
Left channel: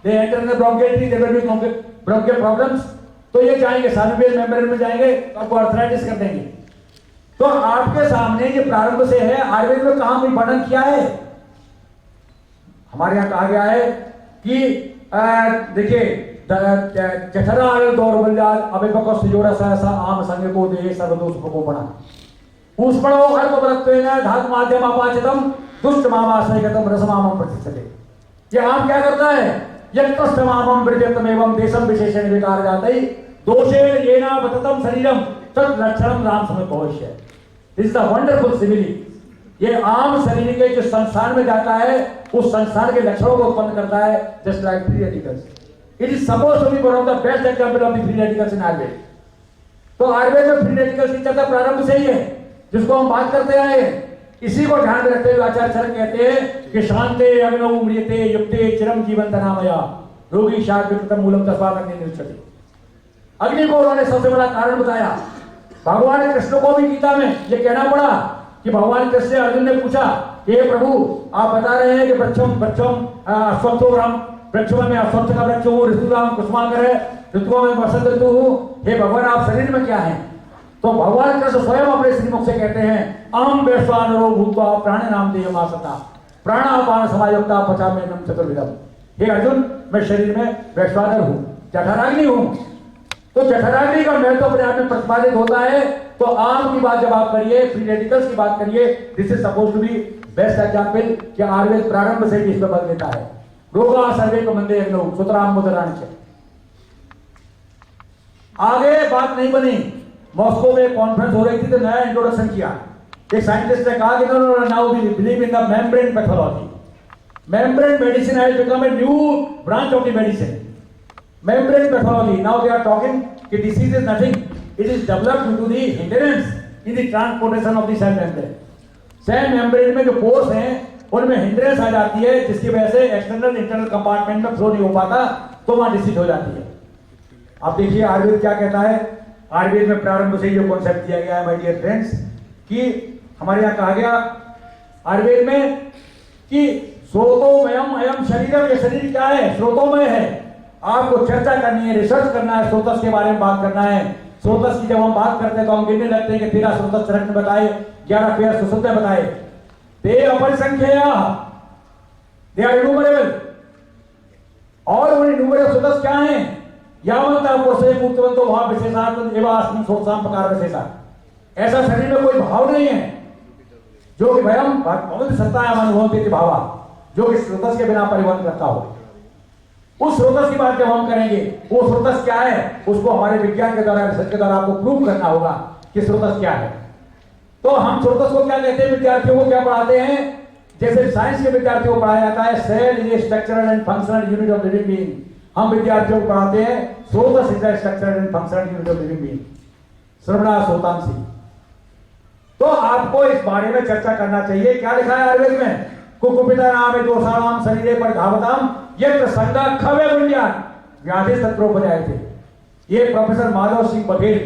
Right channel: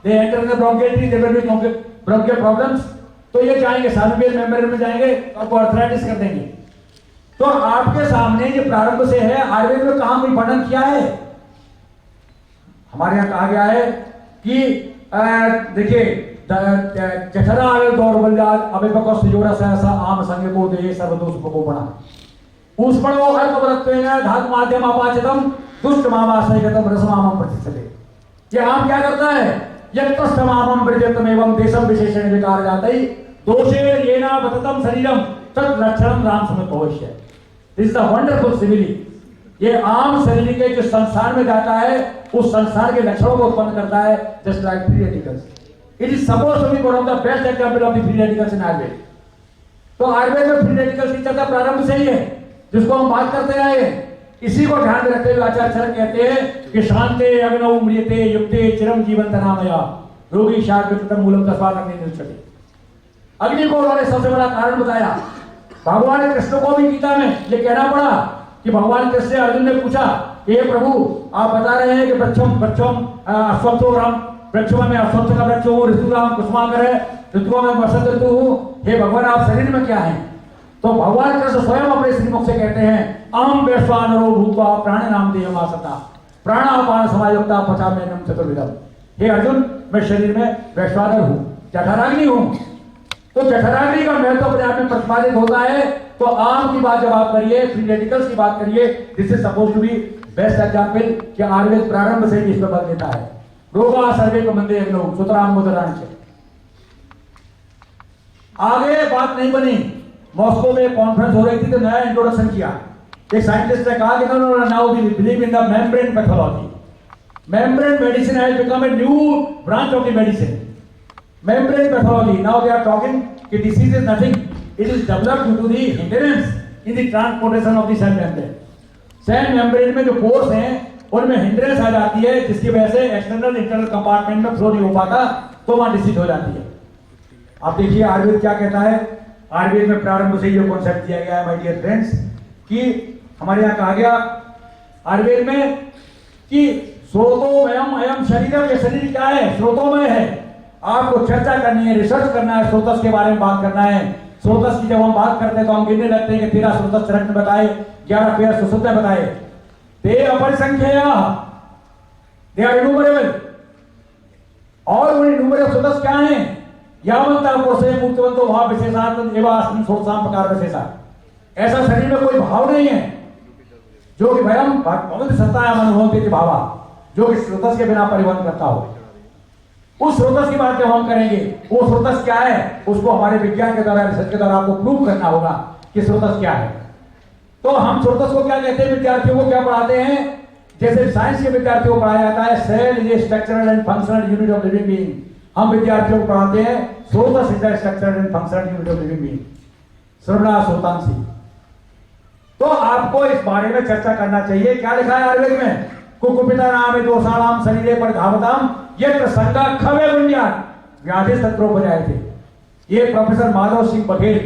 They enter in the bronchial tree, there will be bronchial problems. तो ये जाएंगे सार्वियल membrane में जाएंगे, आपको arthritis कर देंगे। तो आपके सामने ये प्रारंभ से है। आयुर्वेद में कहां कोई वर्णन किया है? हमारे यहां कहा गया है कि देखिए जठरा दौर्बल्याद अभिपको सुजोरा सहसा आम संग को दे सर्वदोष को बना पुष्पणो अल्पवरत्वेन धातु माध्यम अपाचितम दुष्ट मामाशयगतम रसमामम प्रतिष्ठते। ये आम क्या करता है? यत्तस्तमामम वृजतम एवं देशम विशेषण विकार जातै दोषे येना वततम शरीरम तत् लक्षणम राम समेत भविष्य। This is the wonderful simile. ये आम शरीर के जो संसार में जाता है उस संसार के लक्षणों को उत्पन्न करता है, just like free radicals. It is supposed to be one of the best example of the free radicals in Ayurveda. तो आयुर्वेद में फ्री रेडिकल्स की चर्चा प्रारंभ से ही है, जिसको हम बात करते आए हैं। इसी को ध्यान में रखते हुए आचार्य चरक कहते हैं कि शांते अग्नौ म्रियते युक्ते चिरम जीवंत नामया रोगी शाद विकृतम मूलम तस्मात् अग्नि निरुच्यते। अग्नि को उन्होंने सबसे बड़ा कारण बताया। भगवान कृष्ण को भी गीता में ये कहना पड़ा कि भगवान कृष्ण से अर्जुन ने पूछा कि हे प्रभु, आप बता रहे हैं कि वृक्षम अश्वत्थो राम, वृक्षों में अश्वत्थ का वृक्ष हूँ, ऋतुराम कुसुमाकर है, ऋतुओं में वसंत ऋतु हूँ, हे भगवान आप शरीर में क्या है? तो भगवान कृष्ण स्वयं अपने श्रीमुख से कहते हैं अहम वैश्वानरो भूत्वा प्राण नाम देहमासता प्राणापान समायुक्ता पचाम्यन्नम चतुर्विधम। हे अर्जुन, मैं शरीर में वैश्वानर हूँ, जठराग्नि हूँ। तो जठराग्नि का महत्व अपने आप में प्रतिपादित होता है। तो आम की बात जब आप करिए, फ्री रेडिकल्स की बात करिए, this is suppose to be best example कि आयुर्वेद प्रारंभ से ही इस पर बल देता है। रोगा सर्वे को मंदे अग्नौ सुतराम मुदरांच। आगे बात नहीं बनी। मॉस्को में कॉन्फ्रेंस हो रही थी तो नया इंट्रोडक्शन किया। एक साइंटिस्ट ने कहा कि no now we believe in the membrane pathology. Membrane medicine has become a new branch of the medicine, membrane pathology. Now they are talking कि disease is nothing, it is developed due to the hindrance in the transportation of the cell membrane. Cell membrane में जो pores हैं उनमें hindrance आ जाती है, जिसकी वजह से एक्सटर्नल इंटरनल कंपार्टमेंट में फ्लो नहीं हो पाता, तो वहां डिसीज हो जाती है। आप देखिए आयुर्वेद क्या कहता है। आयुर्वेद में प्रारंभ से ये कॉन्सेप्ट दिया गया है माय डियर फ्रेंड्स कि हमारे यहाँ कहा गया आयुर्वेद में कि स्रोतोमयम अयम शरीरम, ये शरीर क्या है? स्रोतोमय है। आपको चर्चा करनी है, रिसर्च करना है, स्रोतस के बारे में बात करना है। स्रोतस की जब हम बात करते हैं तो हम गिनने लगते हैं कि 13 स्रोतस चरक ने बताए, 11 पेय सुश्रुत ने बताए। ते अपरिसंख्येय, दे आर इन्यूमरेबल। और उन इन्यूमरेबल स्रोतस क्या हैं? यावंता पुरुषे मुक्तवंतो भाव विशेषार्थ एवं अस्मिन् सोत्साम प्रकार विशेषा। ऐसा शरीर में कोई भाव नहीं है जो कि भयम भगवत सत्तायाम अनुभवते भावा, जो कि स्रोतस के बिना परिवहन करता हो। उस स्रोतस की बात जब हम करेंगे, वो स्रोतस क्या है, उसको हमारे विज्ञान के द्वारा, रिसर्च के द्वारा आपको प्रूव करना होगा कि स्रोतस क्या है। तो हम स्रोतस को क्या कहते हैं, विद्यार्थियों को क्या पढ़ाते हैं? जैसे साइंस के विद्यार्थियों को पढ़ाया जाता है cell is a structural and functional unit of living being, हम विद्यार्थियों को पढ़ाते हैं srotas is a structural and functional unit of living being. श्रवणा श्रोतांसी। तो आपको इस बारे में चर्चा करना चाहिए। क्या लिखा है आयुर्वेद में? कुकुपिता नाम है दोषाणाम शरीरे पर धावताम यत्र संगा खवे गुंजान व्याधि तत्रोपजाए थे। ये प्रोफेसर माधव सिंह बघेल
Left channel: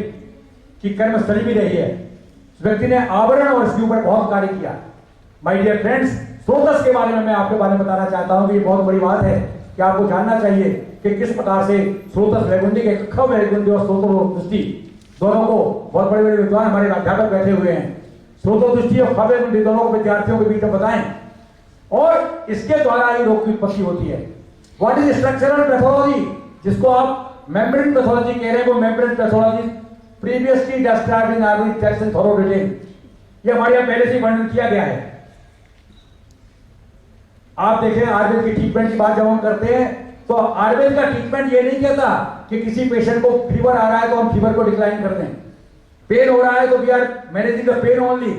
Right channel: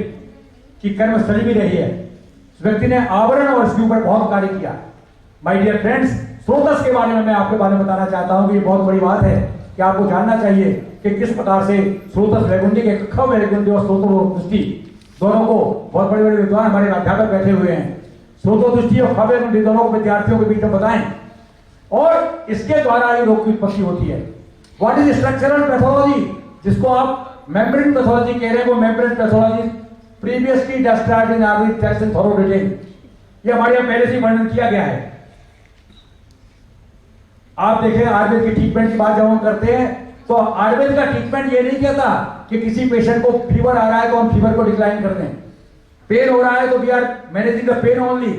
की कर्मस्थली भी रही है। इस व्यक्ति ने आवरण और इसके ऊपर बहुत कार्य किया। माय डियर फ्रेंड्स, स्रोतस के बारे में मैं आपके बारे में बताना चाहता हूं कि ये बहुत बड़ी बात है कि आपको जानना चाहिए कि किस प्रकार से स्रोतस वैगुंडी के खव वैगुंडी और स्रोतो दृष्टि दोनों को, बहुत बड़े बड़े विद्वान हमारे अध्यापक बैठे हुए हैं, स्रोतो दृष्टि और खव वैगुंडी दोनों को विद्यार्थियों के बीच में बताएं और इसके द्वारा ये रोग की उत्पत्ति होती है। व्हाट इज स्ट्रक्चरल पैथोलॉजी, जिसको आप मेम्ब्रेन पैथोलॉजी कह रहे हैं, वो membrane pathology previously described in Ayurvedic text in thorough detail, ये हमारे यहाँ पहले से वर्णन किया गया है। आप देखें आयुर्वेद की ट्रीटमेंट की बात जब हम करते हैं तो आयुर्वेद का ट्रीटमेंट ये नहीं कहता कि किसी पेशेंट को फीवर आ रहा है तो हम फीवर को डिक्लाइन कर दें, पेन हो रहा है तो we are managing the pain only.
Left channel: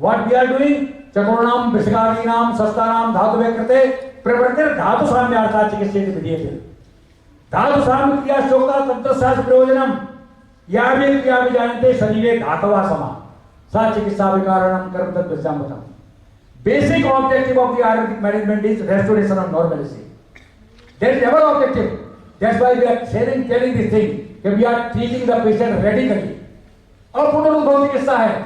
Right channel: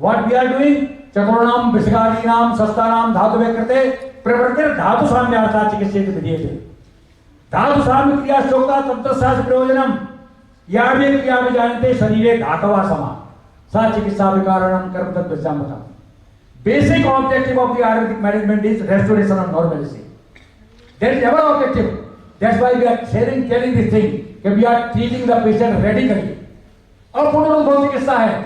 What we are doing, चतुर्णाम विषगादीनाम शस्त्राणाम धातु व्यकृते प्रवर्तन धातु साम्यार्था चिकित्सा विधीयते। धातु साम्य क्रिया चोक्ता तंत्रशास्त्र प्रयोजनम या भी क्रिया भी जानते शरीरे धातवा समा सा चिकित्सा विकारणम कर्म तत्वचामतम। Basic objective of the Ayurvedic management is restoration of normalcy. That is our objective. That's why we are telling this thing that we are treating the patient radically. और पुनरुद्भव चिकित्सा है,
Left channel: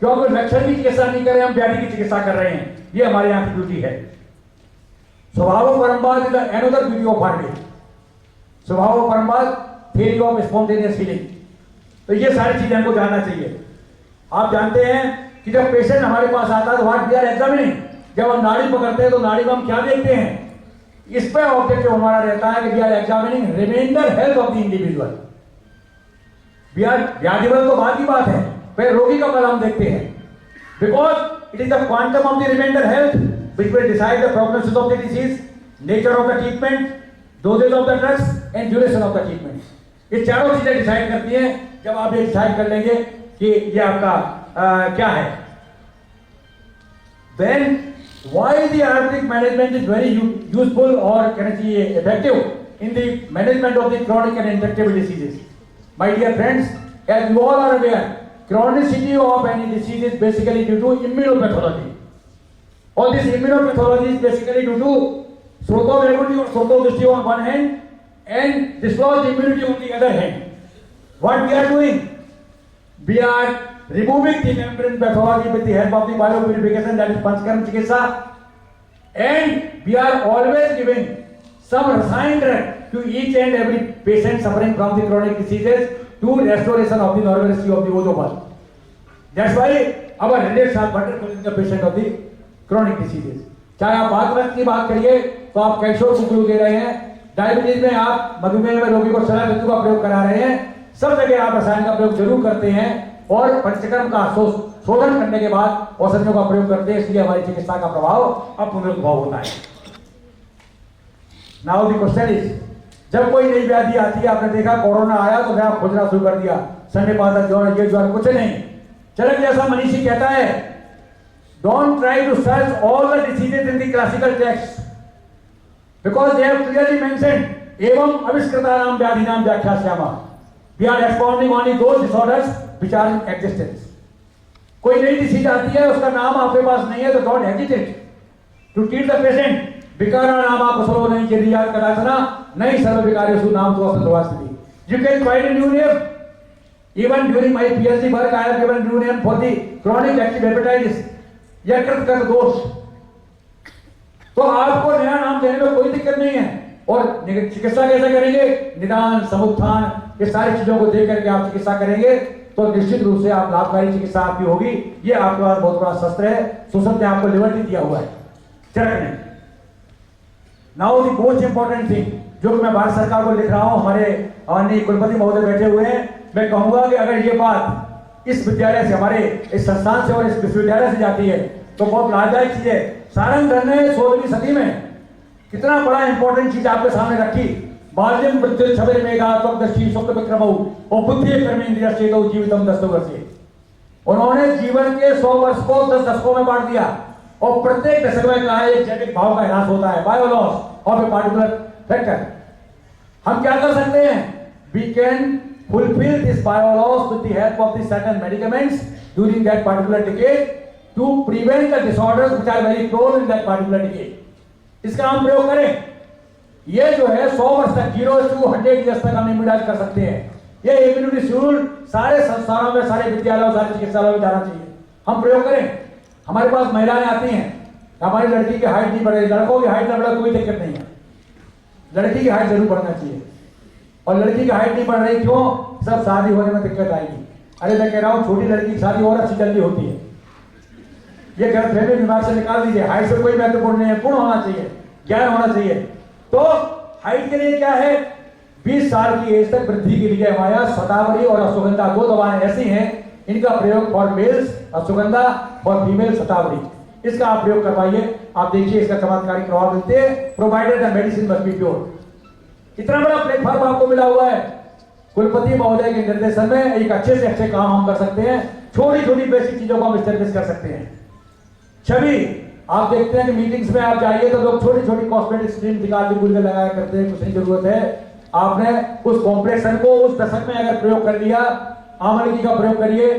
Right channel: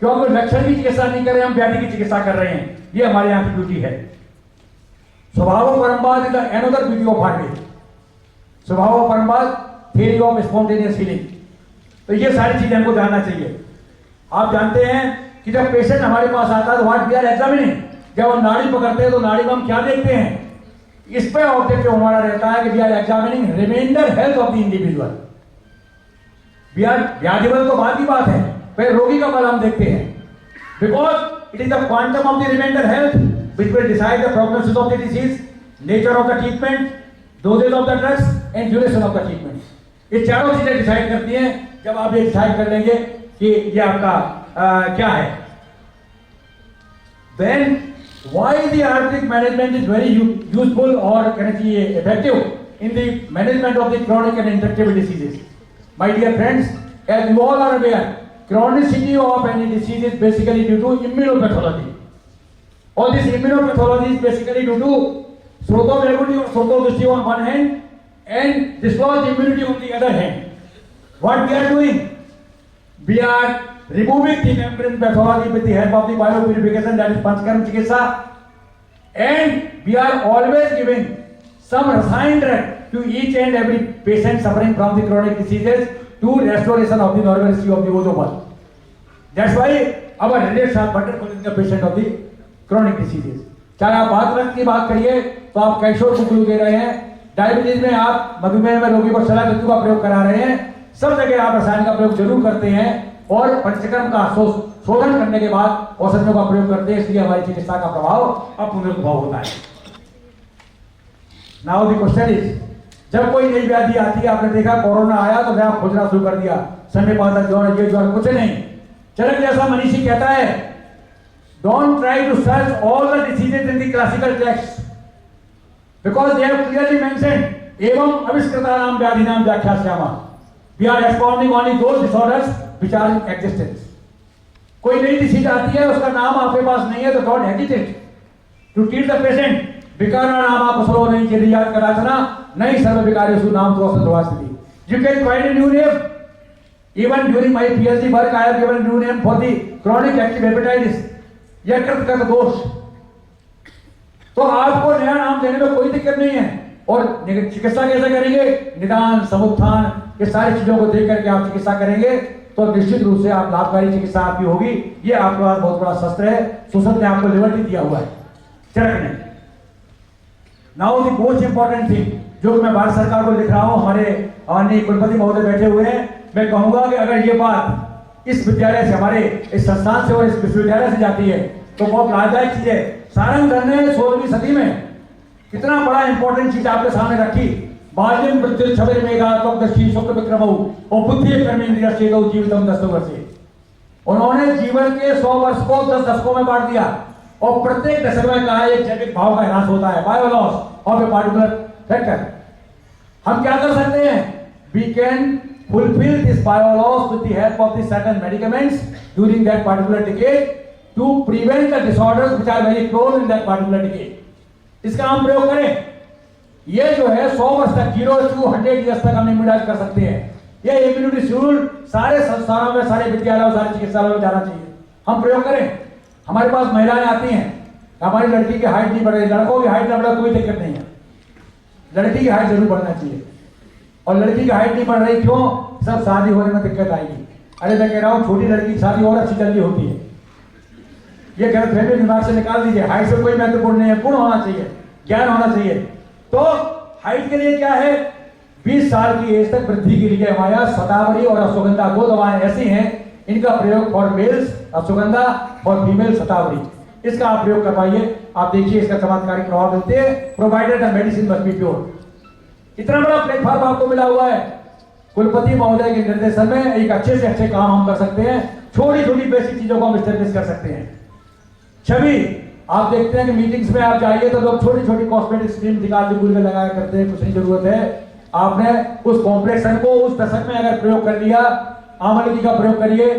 क्योंकि लक्षण की चिकित्सा नहीं कर रहे, हम व्याधि की चिकित्सा कर रहे हैं। ये हमारे यहाँ की ड्यूटी है। स्वभाव परम्पाद is another beauty of Ayurveda. स्वभाव परम्पाद थियरी ऑफ स्पॉन्टेनियस हीलिंग। तो ये सारी चीजें हमको जानना चाहिए। आप जानते हैं कि जब पेशेंट हमारे पास आता है तो व्हाट वी आर एग्जामिनिंग, जब हम नाड़ी पकड़ते हैं तो नाड़ी में हम क्या देखते हैं, इस पे ऑब्जेक्टिव हमारा रहता है कि we are examining reminder health of the individual. We are व्याधिबल तो बात की बात है, फिर रोगी का बल हम देखते हैं, because it is the quantum of the remainder health which will decide the prognosis of the disease, nature of the treatment, dosages of the drugs and duration of the treatment. ये चारों चीजें डिसाइड करती हैं। जब आप ये decide कर लेंगे कि ये आपका क्या है, then why the Ayurvedic management is very useful or can I say effective in the management of the chronic and intractable diseases. My dear friends, as you all are aware, chronicity of any disease is basically due to immunopathology. All this immunopathology is basically due to sroto-vagundi or sroto-dishti on one hand and dislodged immunity on the other hand. What we are doing? We are removing the membrane pathology with the help of the biopurification, that is Panchkarma Chikitsa, and we are always giving some rasayan drug to each and every patient suffering from the chronic diseases to restoration of the normalcy of the ozone. That's why our relates are better for the patient of the chronic diseases. चाहे आप बात की बात करिए तो आप calcium को glue दे रहे हैं, डायबिटीज में आप मधुमेह में रोगी को सलाह का प्रयोग करा रहे हैं, सब जगह आप रसायन का प्रयोग जरूर करते हैं और पंचकर्म का शोधन करने के बाद औषधियों का प्रयोग करते हैं, इसलिए हमारी चिकित्सा का प्रभाव अब पुनरुद्भव होता है। नाउ द क्वेश्चन इज, जब कोई नई व्याधि आती है, आपने देखा कोरोना आया तो नया खोजना शुरू कर दिया, सन्निपात ज्वर, ये ज्वर, कुछ नहीं। चरक जैसा मनीषी कहता है, don't try to search all the diseases in the classical text because they have clearly mentioned एवं अविष्कृतानाम व्याधिनाम व्याख्यास्यामः। We are expounding only those disorders which are in existence. कोई नई डिसीज आती है, उसका नाम आपके पास नहीं है तो don't hesitate to treat the patient. विकारा नाम आप सलो नहीं के रियाज कराचना नहीं सर्व विकारेषु नाम तो असंतवास्ति। You can find a new name. Even during my PhD work, I have given a new name for the chronic active hepatitis. यकृत का दोष। तो आपको नया नाम देने में कोई दिक्कत नहीं है। और चिकित्सा कैसे करेंगे? निदान, समुत्थान, ये सारी चीजों को देख करके आप चिकित्सा करेंगे तो निश्चित रूप से आप लाभकारी चिकित्सा आपकी होगी। ये आपके पास बहुत बड़ा शस्त्र है, सुसत ने आपको लिबर्टी दिया हुआ है चरक ने। Now the most important thing जो कि मैं भारत सरकार को लिख रहा हूं, हमारे माननीय कुलपति महोदय बैठे हुए हैं, मैं कहूंगा कि अगर ये बात इस विद्यालय से, हमारे इस संस्थान से और इस विश्वविद्यालय से जाती है तो बहुत लाभदायक चीज है। सारंगधर ने 16वीं सदी में कितना बड़ा इंपॉर्टेंट चीज आपके सामने रखी। बाल्यम मृत्यु छबेर मेघा त्वग्दर्शी शुक्ल विक्रमौ और बुद्धि कर्मेंद्रिय चेतो जीवितम 10 वर्षे। उन्होंने जीवन के 100 वर्ष को 10 दशकों में बांट दिया और प्रत्येक दशक में कहा एक जैविक भाव का ह्रास होता है, bio loss of a particular factor. हम क्या कर सकते हैं? We can fulfill this biology with the help of the certain medicaments during that particular decade to prevent the disorders which are very prone in that particular decade. इसका हम प्रयोग करें। ये जो है 100 वर्ष तक 0 to 100 years तक हम इम्यूनाइज कर सकते हैं। ये इम्यूनिटी शेड्यूल सारे संस्थानों में, सारे विद्यालयों, सारे चिकित्सालयों में जाना चाहिए। हम प्रयोग करें। हमारे पास महिलाएं आती हैं, हमारी लड़की की हाइट नहीं बढ़ रही, लड़कों की हाइट न बढ़े कोई दिक्कत नहीं है, लड़की की हाइट जरूर बढ़ना चाहिए। और लड़की की हाइट नहीं बढ़ रही क्यों? सब शादी होने में दिक्कत आएगी। अरे मैं कह रहा हूं छोटी लड़की की शादी और अच्छी जल्दी होती है। ये गलतफहमी दिमाग से निकाल दीजिए। हाइट से कोई महत्वपूर्ण नहीं है, गुण होना चाहिए, ज्ञान होना चाहिए। तो हाइट के लिए क्या है? 20 साल की एज तक वृद्धि के लिए हमारा शतावरी और अश्वगंधा 2 दवाएं ऐसी हैं, इनका प्रयोग for males ashwagandha, for female shatavari, इसका आप प्रयोग करवाइए। आप देखिए इसका चमत्कारी प्रभाव मिलते हैं। Provided the medicine must be pure. इतना बड़ा प्लेटफॉर्म आपको मिला हुआ है। कुलपति महोदय के निर्देशन में एक अच्छे से अच्छे काम हम कर सकते हैं। छोटी छोटी बेसिक चीजों को हम स्टैब्लिश कर सकते हैं। छवि आप देखते हैं कि मीटिंग्स में आप जाइए तो लोग छोटी छोटी कॉस्मेटिक स्क्रीन निकाल के गुल लगाया करते हैं, कुछ नहीं जरूरत है। आपने उस कॉम्प्लेक्सन को उस दशक में अगर प्रयोग कर लिया, आमलकी का प्रयोग करिए,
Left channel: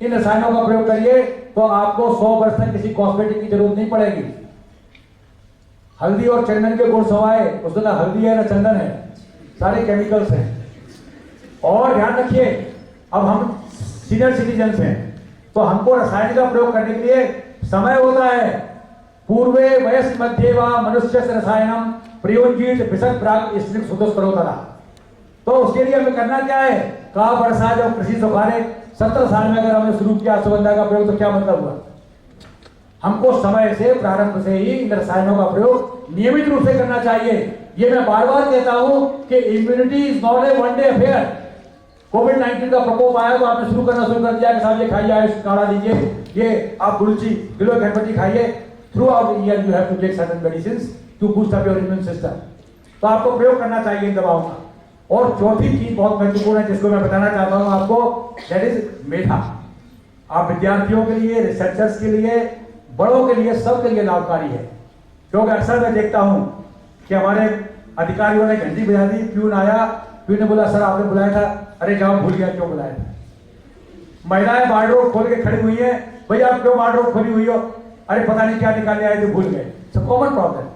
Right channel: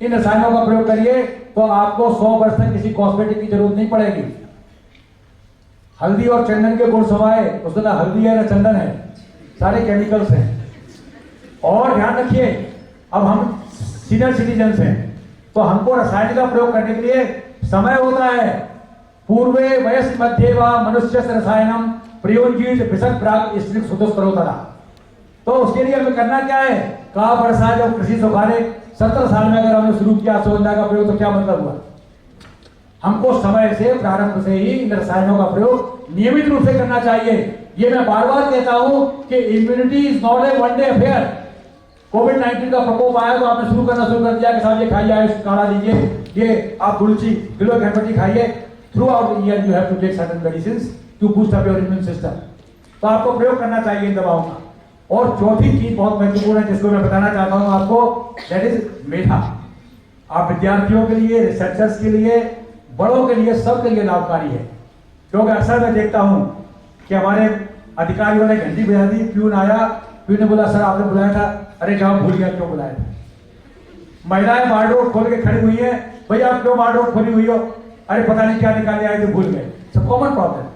इन रसायनों का प्रयोग करिए, तो आपको 100 वर्ष तक किसी कॉस्मेटिक की जरूरत नहीं पड़ेगी। हल्दी और चंदन के गुण समाये, उसमें ना हल्दी है ना चंदन है, सारे केमिकल्स हैं। और ध्यान रखिए, अब हम सीनियर सिटीजन हैं तो हमको रसायन का प्रयोग करने के लिए समय होता है। पूर्वे वयस मध्य व मनुष्य रसायनम प्रयोजित विशद प्राग स्त्रीक सुदोस्तरोतरा। तो उसके लिए हमें करना क्या है? का वर्षा जब कृषि सुखाने 17 साल में अगर हमने शुरू किया अश्वगंधा का प्रयोग तो क्या मतलब हुआ? हमको समय से प्रारंभ से ही इन रसायनों का प्रयोग नियमित रूप से करना चाहिए। ये मैं बार बार कहता हूं कि immunity is not a one day affair. कोविड-19 का प्रकोप आया तो आपने शुरू कर दिया कि साहब ये खाइए, आयुष काढ़ा लीजिए, ये आप गुलची किलो घंटी खाइए। Throughout the year you have to take certain medicines to boost up your immune system. तो आपको प्रयोग करना चाहिए इन दवाओं का। और चौथी चीज बहुत महत्वपूर्ण है जिसको मैं बताना चाहता हूं आपको, दैट इज मेधा। आप विद्यार्थियों के लिए, रिसर्चर्स के लिए, बड़ों के लिए, सबके लिए लाभकारी है। क्योंकि अक्सर मैं देखता हूं कि हमारे अधिकारियों ने घंटी बजा दी, प्यून आया, प्यून ने बोला सर आपने बुलाया था, अरे जाओ भूल गया क्यों बुलाया था। महिलाएं वार्डरोब खोल के खड़ी हुई है, भैया आप क्यों वार्डरोब खोली हुई हो? अरे पता नहीं क्या निकाले आए तो भूल गए। Common problem.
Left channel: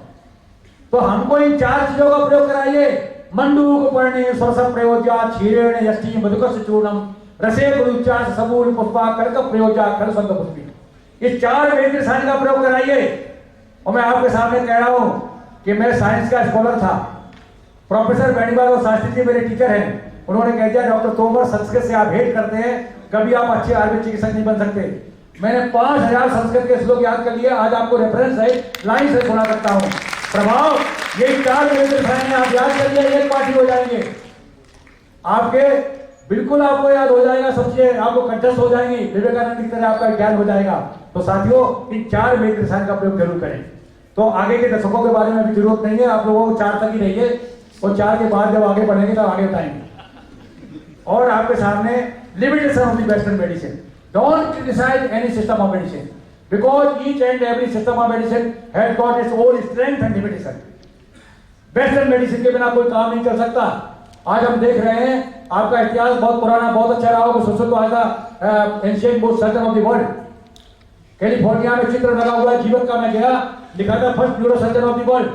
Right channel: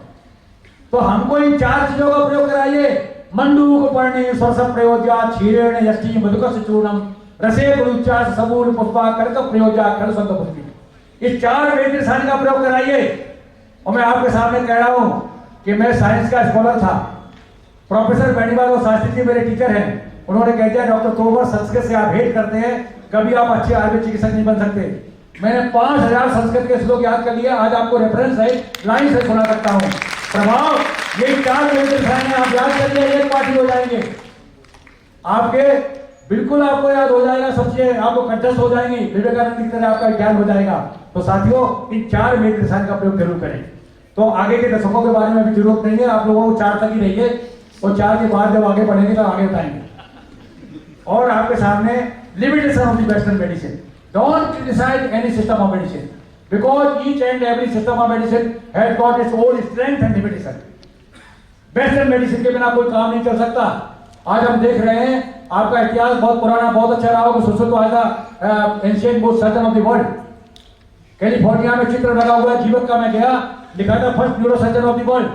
तो हमको इन 4 चीजों का प्रयोग कराइए। मंडूक पर्णे सरस प्रयोज्या क्षीरेण यष्टि मधुकस चूर्णम रसे गुरुचा सबूल पुष्पा कर्क प्रयोज्या कर संत पुष्पी। इस 4 वेद रसायन का प्रयोग कराइए। और मैं आपके सामने कह रहा हूं कि मैं साइंस का स्कॉलर था। प्रोफेसर बेनीवाल और शास्त्री जी मेरे टीचर हैं। उन्होंने कह दिया डॉक्टर तोमर संस्कृत से आप हेट करते हैं, कभी आप अच्छे आयुर्वेद चिकित्सक नहीं बन सकते। मैंने 5000 संस्कृत के श्लोक याद कर लिए। आज आपको रेफरेंस है, लाइन से सुना सकता हूं। प्रभाव ये 4 वेद रसायन आप याद कर लिए, एक पार्टी हो जाएंगे आपके, बिल्कुल आपको याद हो जाएगा, सब चीजें आपको कंठस्थ हो जाएंगी, विवेकानंद की तरह आपका ज्ञान हो जाएगा। तो साथियों इन 4 वेद रसायन का प्रयोग जरूर करें। तो आगे के दशकों के बारे में भी जरूरत नहीं है, आप लोगों को 4 तक ही रहिए और 4 के बाद जब आगे बढ़ेंगे तो आगे बताएंगे। और आपके सामने limitation of the western medicine. Don't criticize any system of medicine because each and every system of medicine has got its own strength and limitation. Western medicine के बिना कोई काम नहीं चल सकता। आज हम देख रहे हैं आपका इतिहास बहुत पुराना, बहुत अच्छा रहा होगा। Sushruta was the ancient most surgeon of the world. California में चित्र लगा हुआ है जीवक का, मैं गया, लिखा था first neuro surgeon of the world.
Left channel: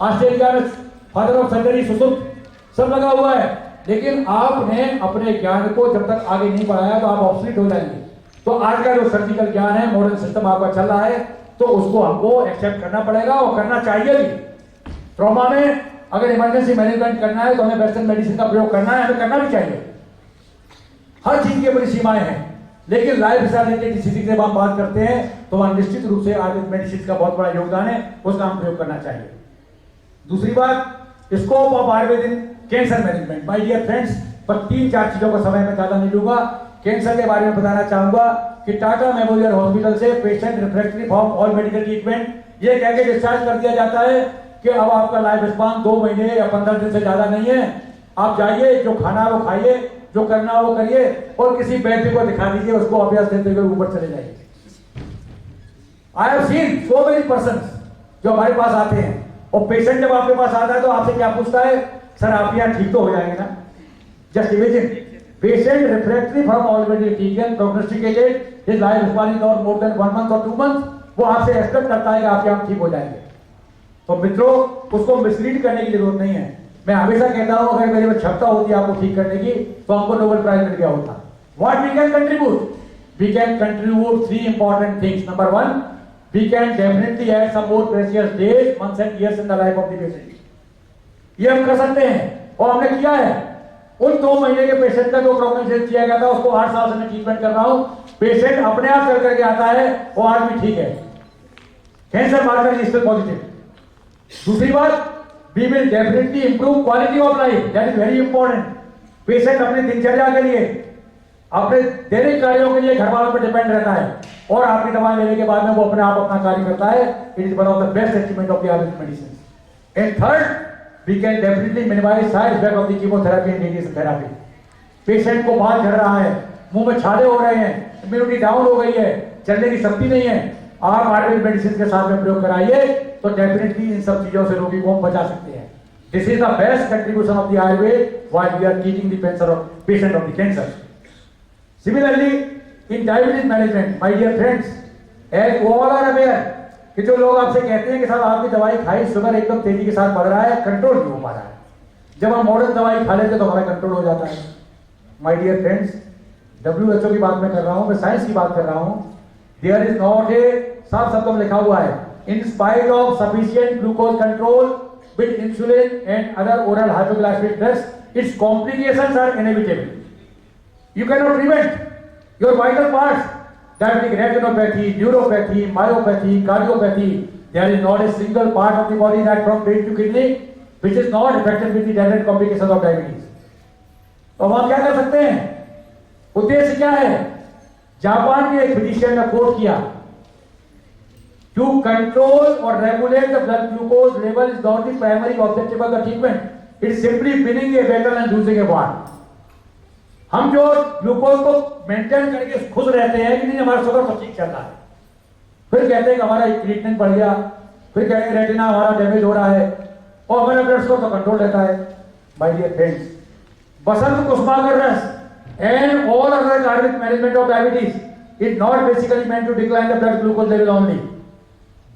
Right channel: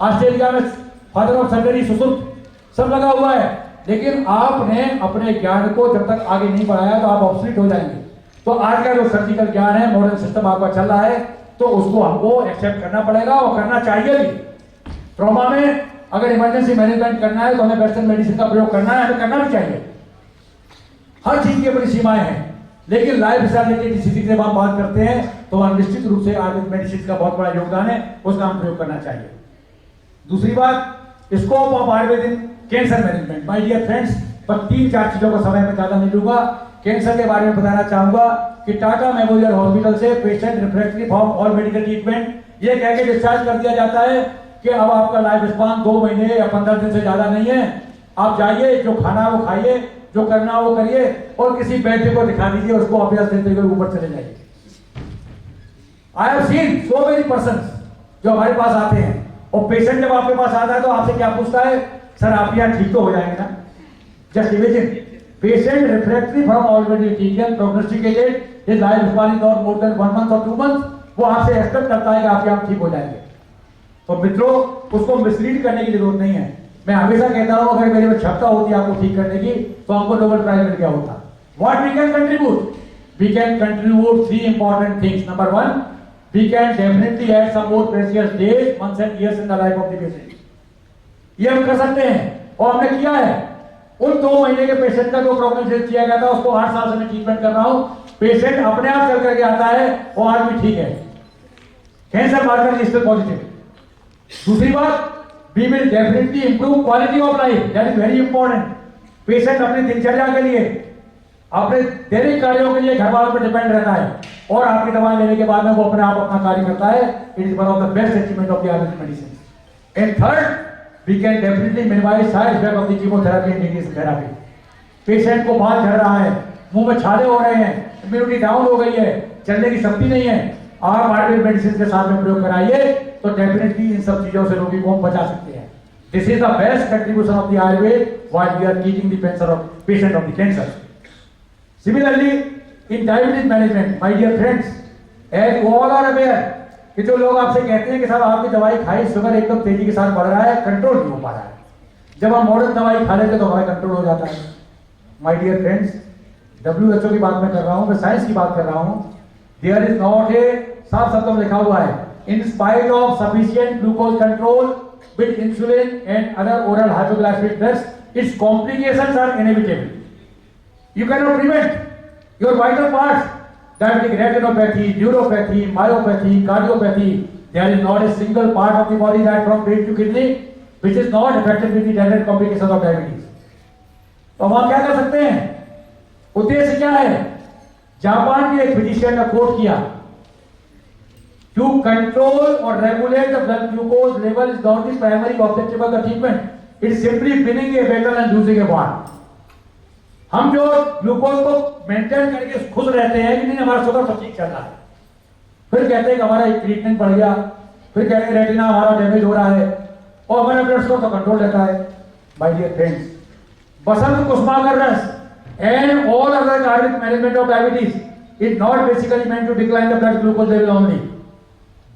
Australia में फादर ऑफ सर्जरी सुश्रुत, सब लगा हुआ है। लेकिन आपने अपने ज्ञान को जब तक आगे नहीं बढ़ाया तो आप ऑब्सोलीट हो जाएंगे। तो आज का जो सर्जिकल ज्ञान है, मॉडर्न सिस्टम आपका चल रहा है, तो उसको हमको एक्सेप्ट करना पड़ेगा और करना चाहिए भी। ट्रॉमा में अगर इमरजेंसी मैनेजमेंट करना है तो हमें वेस्टर्न मेडिसिन का प्रयोग करना है, हमें करना भी चाहिए। हर चीज की बड़ी सीमाएं हैं, लेकिन लाइफ स्टाइल स्थिति की जब हम बात करते हैं तो वहां निश्चित रूप से आयुर्वेद मेडिसिन का बहुत बड़ा योगदान है, उसका हम प्रयोग करना चाहिए। दूसरी बात, scope of Ayurvedic cancer management. My dear friends, पर 3-4 चीजों का समय मैं ज्यादा नहीं लूंगा। कैंसर के बारे में बताना चाहूंगा कि टाटा मेमोरियल हॉस्पिटल से patient refractory from all medical treatment ये कह के डिस्चार्ज कर दिया जाता है कि अब आपका लाइफ स्पान 2 महीने या 15 दिन से ज्यादा नहीं है, आप जाइए, जो खाना है वो खाइए, जो करना है वो करिए, और किसी वैद्य को दिखा दीजिए, उसको अभ्यास देते हुए ऊपर चले जाइए। I have seen so many persons जो हमारे पास आते हैं, और पेशेंट जब आपके पास आता है तो आपसे क्या पूछता है, सर आप यहाँ ठीक तो हो जाएंगे ना? Just imagine, patient refractory from already treatment prognosticated, his life span is not more than 1 month और 2 मंथ, वो आपसे एक्सपेक्ट करता है कि आप यहाँ ठीक हो जाएंगे। तो मित्रों, उसको मिसलीड करने की जरूरत नहीं है। मैं हमेशा कहता हूं, अगर मेरे में क्षमता होती आपको ठीक करने की तो हमको नोबेल प्राइज मिल गया होता। What we can contribute? We can contribute 3 important things. Number 1, we can definitely add some more precious days, months and years in the life of the patient. ये हम कर सकते हैं, और हमने किया है। उन 2 महीने के पेशेंट का जो प्रोग्नोसिस किया गया था, उसको 8 साल से मैं ट्रीटमेंट कर रहा हूं। पेशेंट अपने आप चल करके आता है, वो आज भी ठीक है, cancer marker is still positive. दूसरी बात, we will definitely improve quality of life, that is very important। Patient अपनी दिनचर्या के लिए, अपने दैनिक कार्यों के लिए घर वालों पर डिपेंड रहता है, और आपकी दवा लेने के बाद में वो अपने आप अपना कार्य करता है। It is one of the best achievement of the Ayurvedic medicine. And third, we can definitely minimize side effect of the chemotherapy and radiation therapy. Patient को बाल झड़ रहा है, मुंह में छाले हो रहे हैं, इम्यूनिटी डाउन हो गई है, चलने की शक्ति नहीं है, आप आयुर्वेदिक मेडिसिन के साथ में प्रयोग कराइए तो डेफिनेटली इन सब चीजों से रोगी को हम बचा सकते हैं। This is the best contribution of the Ayurveda while we are keeping the patient of the cancer. Similarly in diabetes management, my dear friends, as all are aware कि जो लोग आपसे कहते हैं कि साहब आपकी दवाई खाई, शुगर एकदम तेजी के साथ बढ़ रहा है, कंट्रोल नहीं हो पा रहा है, जब हम मॉडर्न दवाई खा लेते तो हमारा कंट्रोल हो जाता है। माय डियर फ्रेंड्स, WHO की बात मैं कर रहा हूं, मैं साइंस की बात कर रहा हूं। देयर इज नॉट ए, साफ शब्दों में लिखा हुआ है, in spite of sufficient glucose control with insulin and other oral hypoglycemic drugs, its complications are inevitable. You cannot prevent your vital parts, diabetic retinopathy, neuropathy, myopathy, cardiopathy. There is not a single part of the body that from brain to kidney which is not affected with the direct complications of diabetes. तो हम क्या कर सकते हैं? उद्देश्य क्या है? Japan के एक फिजिशियन ने कोट किया, to control or regulate the blood glucose level is not the primary objective of the treatment. It is simply winning a battle and losing a war. हम जो ग्लूकोज को मेंटेन करके खुश रहते हैं कि नहीं हमारा शुगर सब ठीक चल रहा है, फिर कहते हैं कि हमारा ट्रीटमेंट बढ़ गया, फिर कहते हैं रेटिना हमारा डैमेज हो रहा है, और हमारा ब्लड शुगर तो कंट्रोल रहता है। My dear friends, Basant Kusumakar रस and all other Ayurvedic management of diabetes is not basically meant to decline the blood glucose level only.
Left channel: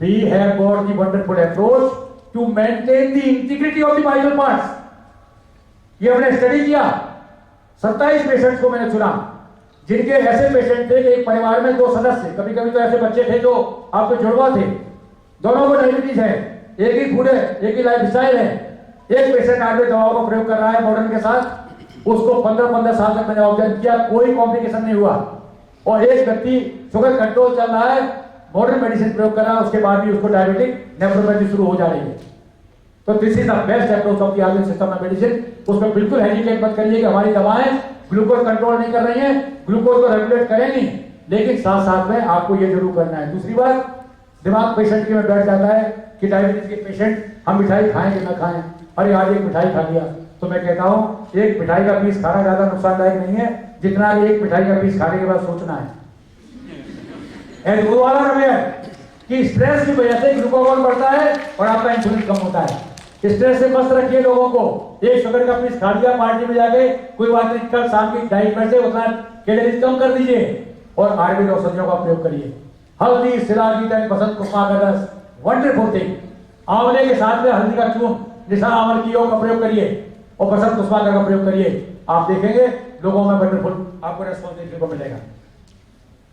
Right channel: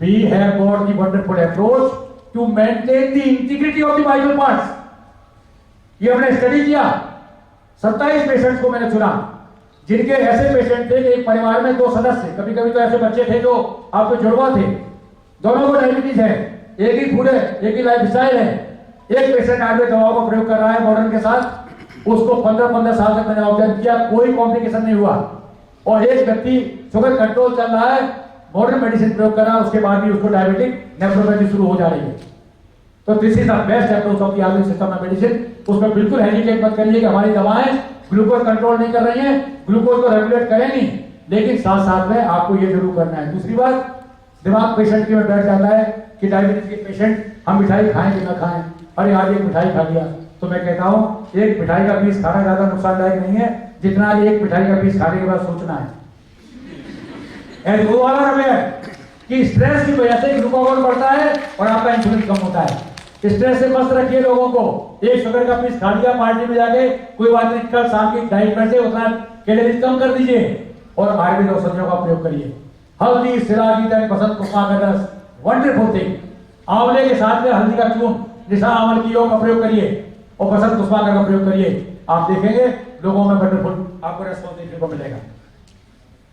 We have got the wonderful approach to maintain the integrity of the vital parts. ये हमने study किया, 27 patients को मैंने चुना, जिनके ऐसे patient थे कि एक परिवार में 2 सदस्य, कभी कभी तो ऐसे बच्चे थे जो आपके जुड़वा थे, दोनों को डायबिटीज है, एक ही फूड है, एक ही लाइफ स्टाइल है। एक पेशेंट आयुर्वेद दवाओं का प्रयोग कर रहा है मॉडर्न के साथ, उसको 15-15 साल तक मैंने ऑब्जर्व किया, कोई कॉम्प्लिकेशन नहीं हुआ, और एक व्यक्ति शुगर कंट्रोल चल रहा है, मॉडर्न मेडिसिन प्रयोग कर रहा है, उसके बाद भी उसको डायबिटिक नेफ्रोपैथी शुरू हो जा रही है। तो this is the best approach of the Ayurvedic system of medicine. उसमें बिल्कुल हेजिटेट मत करिए कि हमारी दवाएं ग्लूकोज कंट्रोल नहीं कर रही हैं, ग्लूकोज को रेगुलेट करेंगी, लेकिन साथ साथ में आपको ये जरूर करना है। दूसरी बात, दिमाग पेशेंट के में बैठ जाता है कि डायबिटीज के पेशेंट हम मिठाई खाएं कि ना खाएं, अरे आज एक मिठाई खा लिया, तो मैं कहता हूं एक मिठाई का पीस खाना ज्यादा नुकसानदायक नहीं है जितना एक मिठाई का पीस खाने के बाद सोचना है। एंड वो वाला रहे कि स्ट्रेस की वजह से ग्लूकोज बढ़ता है और आपका इंसुलिन कम होता है। स्ट्रेस से मस्त रखिए लोगों को। एक शुगर का पीस खा लिया पार्टी में जाके, कोई बात नहीं, कल शाम की डाइट में से उतना कैलोरी कम कर दीजिए और आयुर्वेद औषधियों का प्रयोग करिए। हल्दी, सिराजीत, बसंत कुसुमा का रस, वंडरफुल थिंग। आंवले के साथ में हल्दी का चूर्ण, निशा आंवल की योग का प्रयोग करिए और बसंत कुसुमा का प्रयोग करिए, आप देखेंगे लोगों में वंडरफुल आपको रेस्पॉन्स देखने को मिलेगा।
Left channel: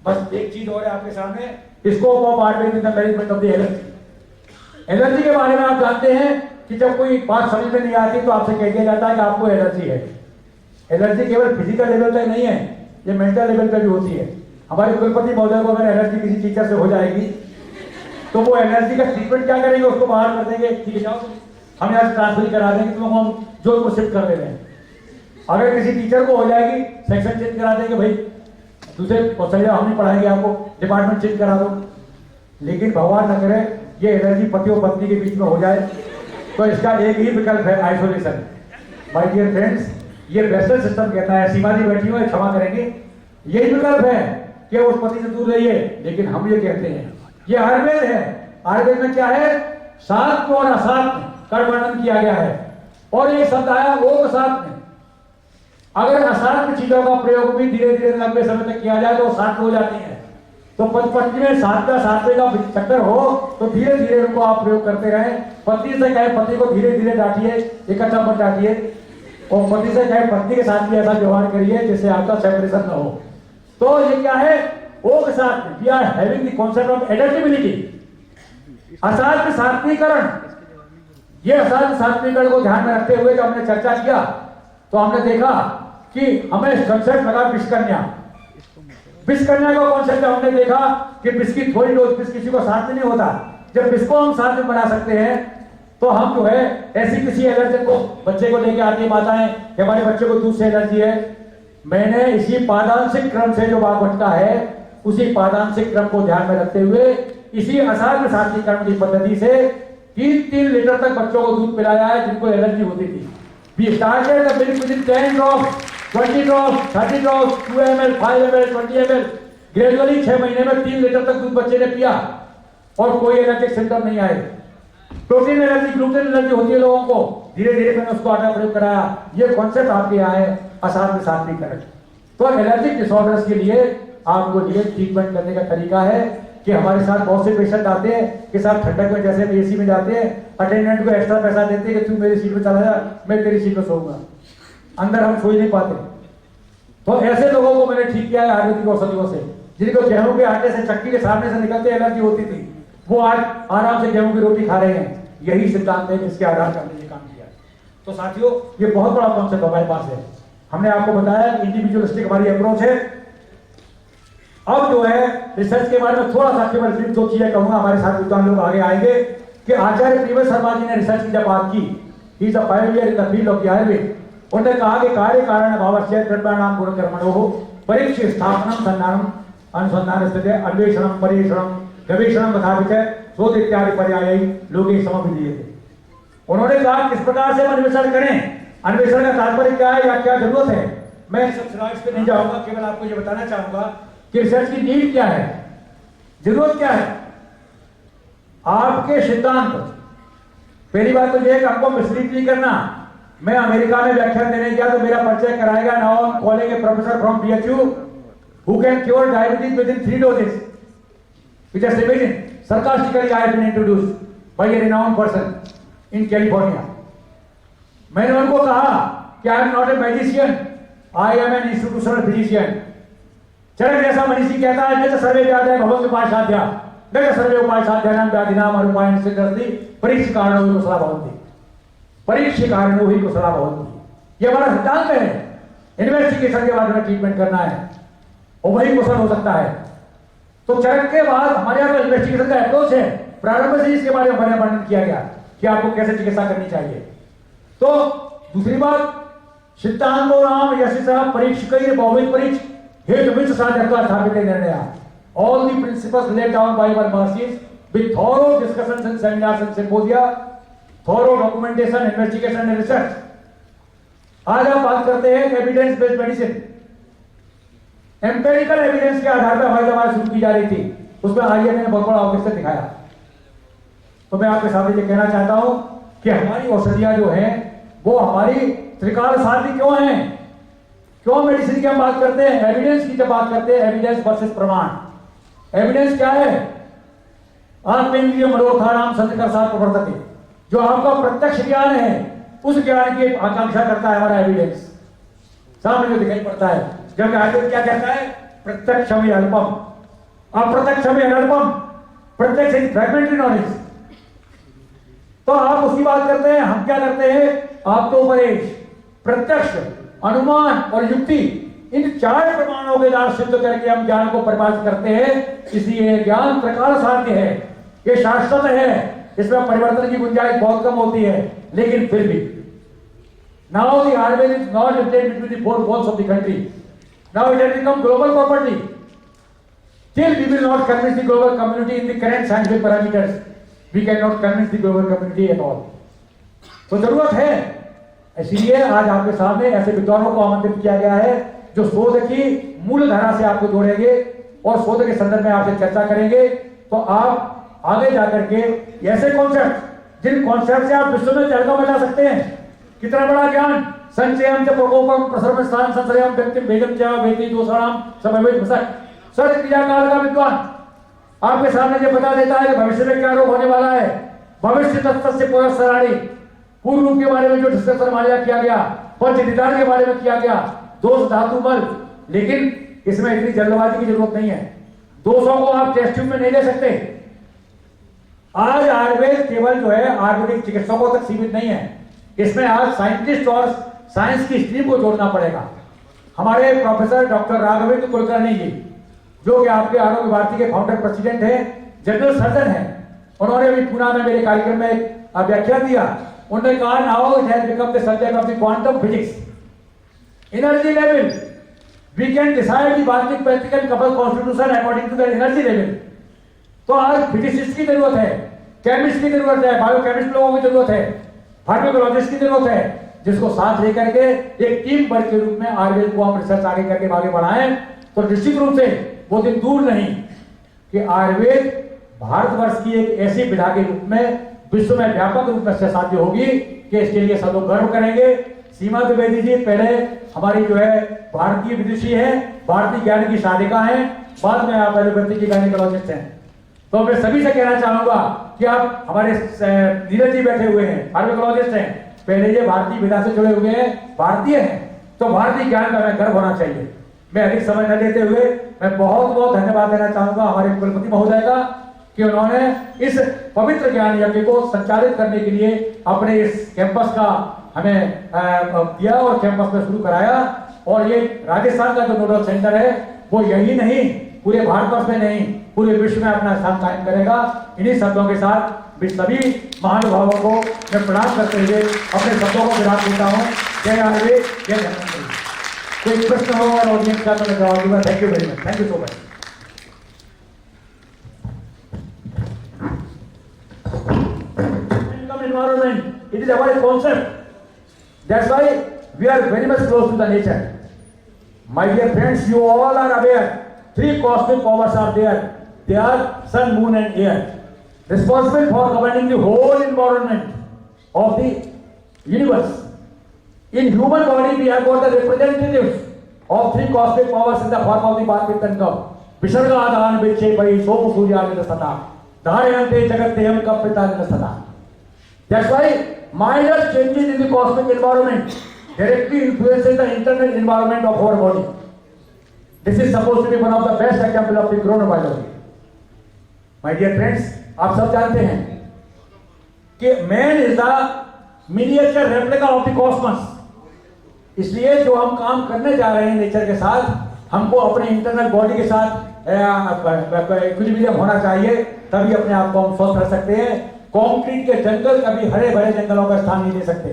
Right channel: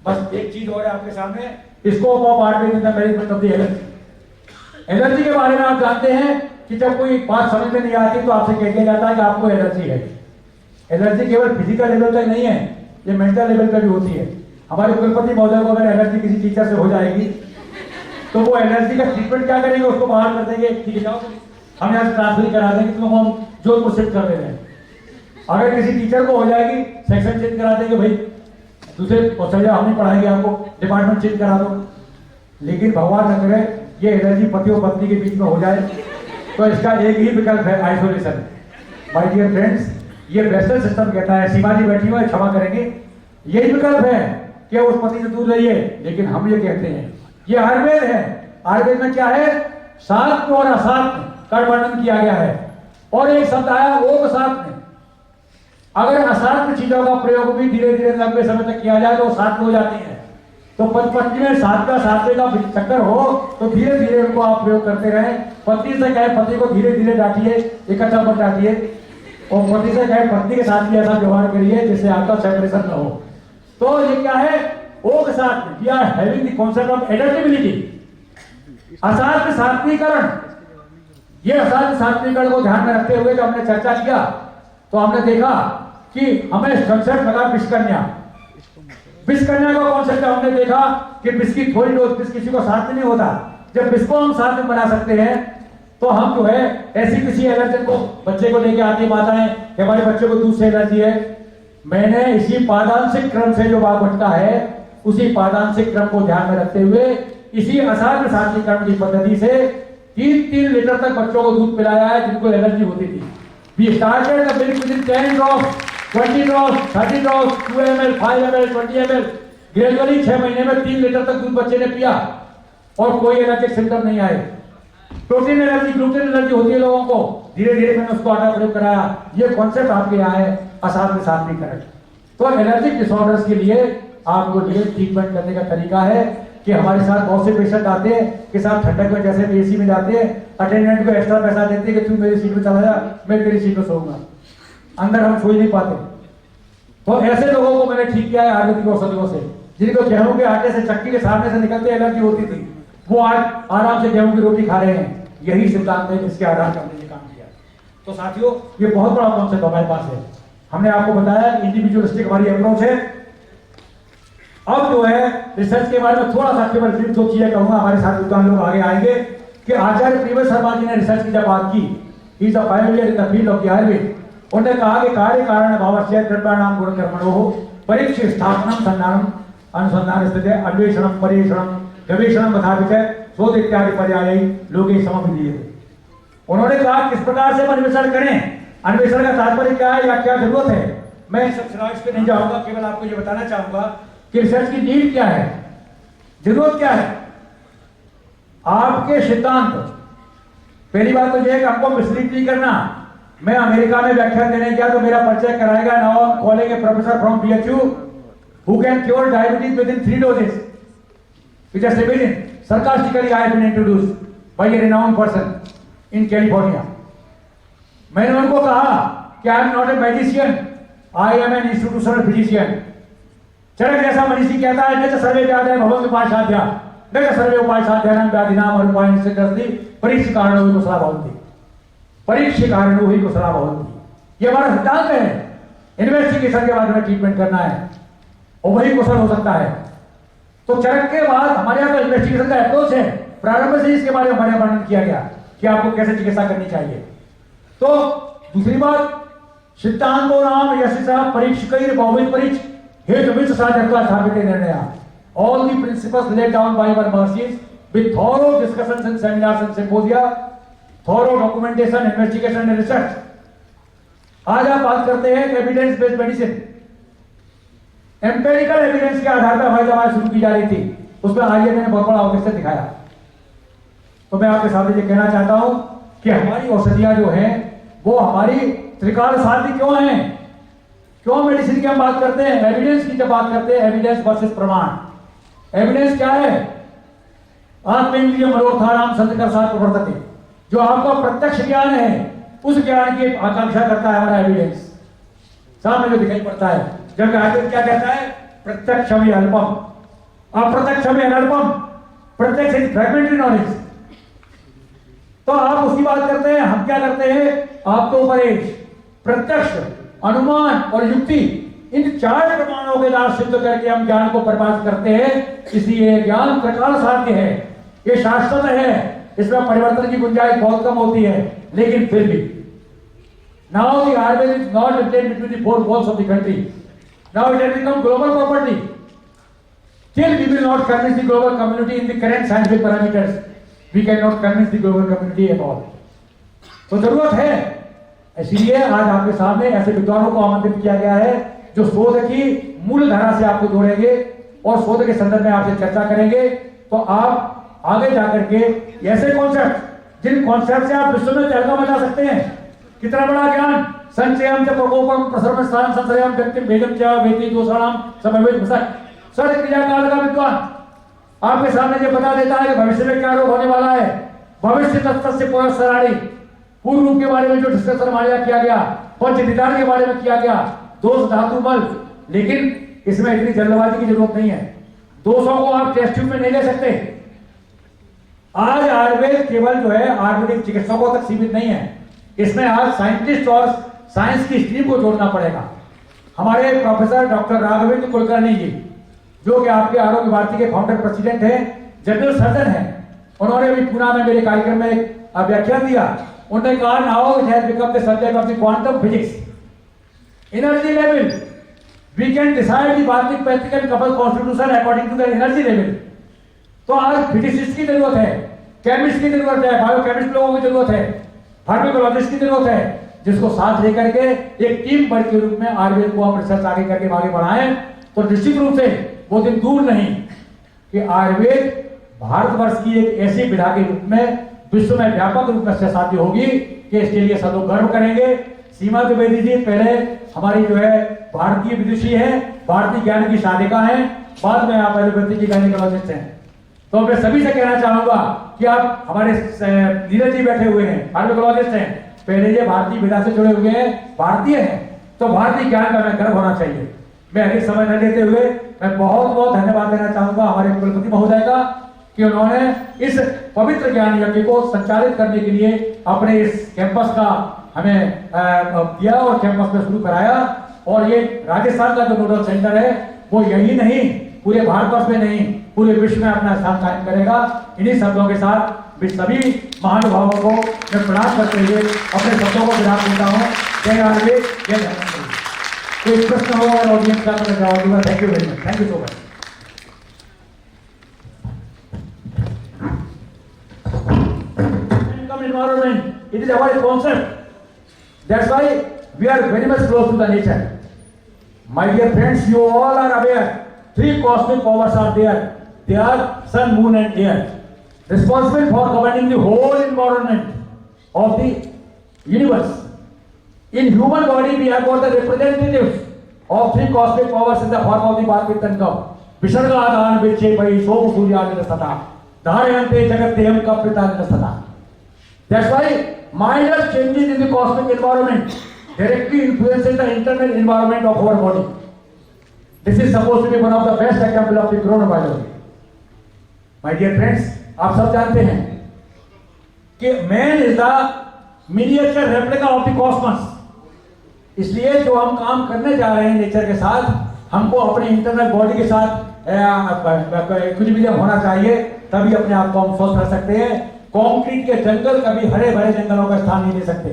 बस एक चीज और है आपके सामने, scope of Ayurveda in the management of the allergy. Allergy के बारे में आप जानते हैं कि जब कोई बात समझ में नहीं आती तो आपसे कह दिया जाता है कि आपको एलर्जी है। एलर्जी केवल फिजिकल लेवल तक नहीं है, ये मेंटल लेवल पे भी होती है। हमारे कुलपति महोदय को अगर एलर्जी किसी टीचर से हो जाएगी तो वो एलर्जी का ट्रीटमेंट क्या करेंगे, उसको बाहर कर देंगे, ठीक है जाओ हम यहाँ से ट्रांसफर करा देंगे, तुमको हम जोधपुर शिफ्ट कर दे रहे हैं। अगर किसी टीचर को हो जाएगी सेक्शन चेंज करा देंगे, भाई दूसरे को चले जाओ, हम नहीं पढ़ाएंगे आपको, डिपार्टमेंट चेंज करा दो। लेकिन भगवान न करे ये एलर्जी पति और पत्नी के बीच में हो जाए, तो इसका एक ही विकल्प है, आइसोलेशन। माय डियर फ्रेंड्स, ये वेस्टर्न सिस्टम कहता है, सीमा जी बैठी हुई क्षमा करेंगे, यही विकल्प है कि उस पति से दूर रहिए। लेकिन हम ये कहते हैं, ये आयुर्वेद है, आयुर्वेद में क्या है, सात और असात का वर्णन किया गया है, और एक शब्द आया ओम सात में। अगर असात चीजों का प्रयोग भी धीरे धीरे लंबे समय तक किया जाए तो सात हो जाती है। तो पत्नी में सातवें का चक्कर हो तो धीरे धीरे उनको आप प्रयोग करते रहें। पत्नी से कहे पति को धीरे धीरे डांटिए, इकट्ठा मत डांटिए, और पति से कहे पत्नी के साथ भी ऐसा व्यवहार करिए जिससे आपका सेपरेशन न हो। तो ये क्या है, ओ के साथ we are having the concept of adaptability, असाध्य सात्विकरण। ये असाध्य सात्विकरण को ध्यान में रखते हुए जब हमने चर्चा किया तो हमने देखा कि हमें कंसेप्ट लगा विषकन्या। विषकन्या का कॉन्सेप्ट हमने देखा कि विष की थोड़ी डोज, विष किसी को साथ में नहीं होता, जब विष को हम साथ में बना सकते हैं तो हम जो है ऐसी किसी एलर्जी को बच्चे को लेके आती माताएं कि हमारे बच्चे को दूध से एलर्जी है, मैंने इसी पादांशिक क्रम से जो वागवटता है उसी पादांशिक क्रम को ध्यान में रखते हुए इसी असाध्य सात्विक कर्म की पद्धति से 3-3 लीटर तक बच्चों को दूध पिलाया है जिनको एलर्जी होती थी। We started the milk within 10 drops, 20 drops, 30 drops, 2 ml, 5 ml, 20 ml. Gradually 6 महीने में 3 लीटर तक दूध बच्चे ने पिया और कोई एलर्जिक सिम्टम नहीं आए। प्रोटीन एलर्जी, ग्लूटेन एलर्जी होती है लोगों को, धीरे धीरे मैंने उसको आटा प्रयोग कराया। ये कॉन्सेप्ट आपके यहाँ है असाध्य सात्विकरण। तो एलर्जिक डिसऑर्डर्स के लिए आपको ये ट्रीटमेंट करने का तरीका है कि हमारे साथ बहुत से पेशेंट आते हैं कि साहब ठंडक में जैसे एसी में जाते हैं, अटेंडेंट को एक्स्ट्रा पैसा देते हैं कि तू मेरी सीट में चला जा, मैं तेरी सीट में सोऊंगा, अंदर हम सो ही नहीं पाते। तो ऐसे लोगों को मैंने ठीक किया है आयुर्वेदिक औषधियों से। जिनको गेहूं के आटे से, चक्की के सामने से निकलते एलर्जी होती थी, वो आज आराम से गेहूं की रोटी खा रहे हैं। यही सिद्धांत है जिसके आधार पर हमने ये काम किया। तो साथियों, ये बहुत बड़ा कॉन्सेप्ट हमारे पास है। हमने आपको बताया इंडिविजुअलिस्टिक हमारी अप्रोच है। अब जो है रिसर्च के बारे में थोड़ा सा केवल ब्रीफ दो चीजें कहूंगा, हमारे साथ विद्वान लोग आगे आएंगे कि आचार्य प्रियव्रत शर्मा जी ने रिसर्च की जब बात की, he is a pioneer in the field of the Ayurveda. उन्होंने कहा कि कार्य कारण भावस्य द्रव्याणाम गुण कर्मणोः परीक्ष स्थापनम संधानम अनुसंधान स्थिति अन्वेषणम परीक्षणम गवेषणम तथा विचय शोध इत्यादि पर्याय लोगे समविधीयते। उन्होंने कहा किस प्रकार से अन्वेषण करें, अन्वेषण का तात्पर्य क्या है या क्या जरूरत है। मैं इस सब स्लाइड्स पे नहीं जाऊंगा, केवल आपको ये बताना चाहूंगा कि रिसर्च की नीड क्या है, जरूरत क्या है। आपके सिद्धांत, पहली बात तो यह है कि हमको मिसलीड नहीं करना। मैं अमेरिका में व्याख्यान देने गया तो मेरा परिचय कराएगा, now I am calling A professor from BHU who can cure diabetes with in 3 doses, which has been sarcastically I have been introduced by a renowned person in California. मैंने उनको कहा कि I am not a magician, I am an institutional physician. Charak जैसा मनीषी कहता है, न सर्वे व्याधि भवंग उपासाध्या, न सर्वे उपासाध्यानां व्याधिनाम अनुपायन से करती परीक्ष कारणों ही कुशला भवन्ति, परीक्ष कारणों ही कुशला भवन्ति। ये हमारा सिद्धांत है। इन्वेस्टिगेशन के बाद में ट्रीटमेंट करना है और वही कुशल हो सकता है। तो चरक के बाद हमारे यहाँ का इन्वेस्टिगेशन का अप्रोच है, प्रारंभ से इसके बारे में वर्णन किया गया कि आपको कैसे चिकित्सा करनी चाहिए। तो दूसरी बात, सिद्धांतो नाम यशसः परीक्षकैः बहुविध परीक्ष हेतुविद साध्यत्वा स्थापिते निर्णया। All the principles laid down by our masters with thorough discussions and seminars and symposia, thorough documentation, investigation and research. आज आप बात करते हैं evidence based medicine, empirical evidence के आधार पर हमारी दवाएं शुरू की जा रही थी। उसमें आइए मैंने बहुत बड़ा ऑफिसर दिखाया। तो मैं आपके सामने ये कहना चाहता हूं कि हमारी औषधियां जो हैं वो हमारी त्रिकाल साध्य क्यों हैं, क्यों मेडिसिन की हम बात करते हैं, एविडेंस की जब बात करते हैं, एविडेंस वर्सेस प्रमाण। एविडेंस क्या है, आत्मेन्द्रिय मनोरथानाम संतकर्षात् प्रवर्तते, जो आपका प्रत्यक्ष ज्ञान है उस ज्ञान की आकांक्षा करता है हमारा एविडेंस, सामने जो दिखाई पड़ता है। जबकि आयुर्वेद क्या कहता है, प्रत्यक्ष में अल्पम अप्रत्यक्ष में अनल्पम, प्रत्यक्ष इज फ्रैगमेंटरी नॉलेज। तो आप उसकी बात करते हैं, हम क्या करते हैं, आप तो उपदेश, प्रत्यक्ष, अनुमान और युक्ति, इन 4 प्रमाणों के द्वारा सिद्ध करके हम ज्ञान को परिभाषित करते हैं। इसलिए ज्ञान प्रकाल साध्य है, ये शाश्वत है, इसमें परिवर्तन की गुंजाइश बहुत कम होती है। लेकिन फिर भी now the Ayurveda is not replaced between the 4 walls of the country. Now it has become global property. Till we will not convince the global community in the current scientific parameters, we cannot convince the global community at all. तो जरूरत है, इसलिए आज आपके सामने ऐसे विद्वानों को आमंत्रित किया गया है जो शोध की मूल धारा से आपको जोड़ेंगे और शोध के संदर्भ में आपसे चर्चा करेंगे। तो आप आगे जाकर के ऐसे कॉन्सेप्ट, जिन कॉन्सेप्ट से आप विश्व में चर्चा मचा सकते हैं, कितना बड़ा ज्ञान, संचयम च प्रकोपम प्रसर्व स्थान संशयम व्यक्ति भेदम च वेति दोषाणाम समवेत भसक, सर क्रिया काल का विद्वान आपके सामने ये बता देता है कि भविष्य में क्या रोग होने वाला है। भविष्य तत्व से पुरस्सराणी, पूर्व रूप के बारे में जो डिस्कशन हमारे किया गया, पंच निदान के बारे में किया गया, दोष धातु बल, लेकिन इसमें इतनी जल्दबाजी की जरूरत नहीं है। दोषों को आप टेस्ट ट्यूब में नहीं ले सकते। आज आयुर्वेद केवल जो है आयुर्वेदिक चिकित्सकों तक सीमित नहीं है, इसमें आज साइंटिस्ट और साइंस की स्ट्रीम को जोड़ना पड़ेगा। हमारे प्रोफेसर डॉक्टर राघवेंद्र कुलकर्णी जी, जो कि आपके आरोग्य भारती के फाउंडर प्रेसिडेंट हैं, जनरल सर्जन हैं, उन्होंने अभी पुणे में मेरे कार्यक्रम में एक व्याख्यान दिया। उन्होंने कहा now it has become the subject of the quantum physics, energy level, we can decide the biological practical couple constitution according to the energy level. तो आज फिजिसिस्ट की जरूरत है, केमिस्ट की जरूरत है, बायोकेमिस्ट लोगों की जरूरत है, फार्माकोलॉजिस्ट की जरूरत है, जिसको साथ लेकर के एक टीम वर्क के रूप में आयुर्वेद को हम रिसर्च आगे करके आगे बढ़ाएं। तो निश्चित रूप से वो दिन दूर नहीं कि आयुर्वेद भारतवर्ष की एक ऐसी विधा के रूप में विश्व में व्यापक रूप में साध्य होगी कि इसके लिए सब लोग गर्व करेंगे। सीमा द्विवेदी जी पहले हमारी जो है भारतीय विदुषी है, भारतीय ज्ञान की साधिका है, बाद में आप एलोपैथी की गायनेकोलॉजिस्ट हैं। तो मैं सभी से कहना चाहूंगा कि आप हमारे नीरज जी बैठे हुए हैं, फार्माकोलॉजिस्ट हैं, पहले ये भारतीय विधा से जुड़े हुए हैं, भारतीय हैं, तो भारतीय ज्ञान का गर्व होना चाहिए। मैं अधिक समय न लेते हुए मैं बहुत बहुत धन्यवाद देना चाहूंगा हमारे कुलपति महोदय का कि उन्होंने इस पवित्र ज्ञान यज्ञ को संचालित करने के लिए अपने इस कैंपस का हमें दिया और कैंपस में शुरू कराया। और ये राजस्थान का जो नोडल सेंटर है वो यही नहीं, पूरे भारतवर्ष में नहीं, पूरे विश्व में अपना स्थान कायम करेगा। इन्हीं शब्दों के साथ मैं सभी महानुभावों को मैं प्रणाम करते हुए अपने शब्दों को विराम देता हूँ। जय आयुर्वेद, जय धन्वंतरि। कोई प्रश्न हो और ऑडियंस का तो मैं जवाब दूंगा। Thank you very much, thank you so much. Environment, it is our concept. That's why we are very much close to the nature. My dear friends, you all are aware, three cosmic powers are there. They are sun, moon and air, responsible for governing the whole environment of the universe. In human body, we have got the representatives of three cosmic powers in the form of the Bharvittanka. Visarga adhan viche pai som surya sata. Dharayante jagateham kapritana sata. That's why minor changes in the cosmic environment directly influences the internal environment of our body. This is supposed to be one of the best example of the chronobiology. My dear friends, आप सब जानते हैं कि man is the miniature replica of the cosmos. इसलिए जो हम काम करने जा रहे हैं नेचर के साथ, हमको अपने इंटरनल बॉडी के साथ कुछ भी होना चाहिए, तभी अपने आप को हम स्वस्थ रख सकते हैं। कंक्रीट के जंगल कभी हरे भरे जंगलों का स्थान नहीं ले सकते।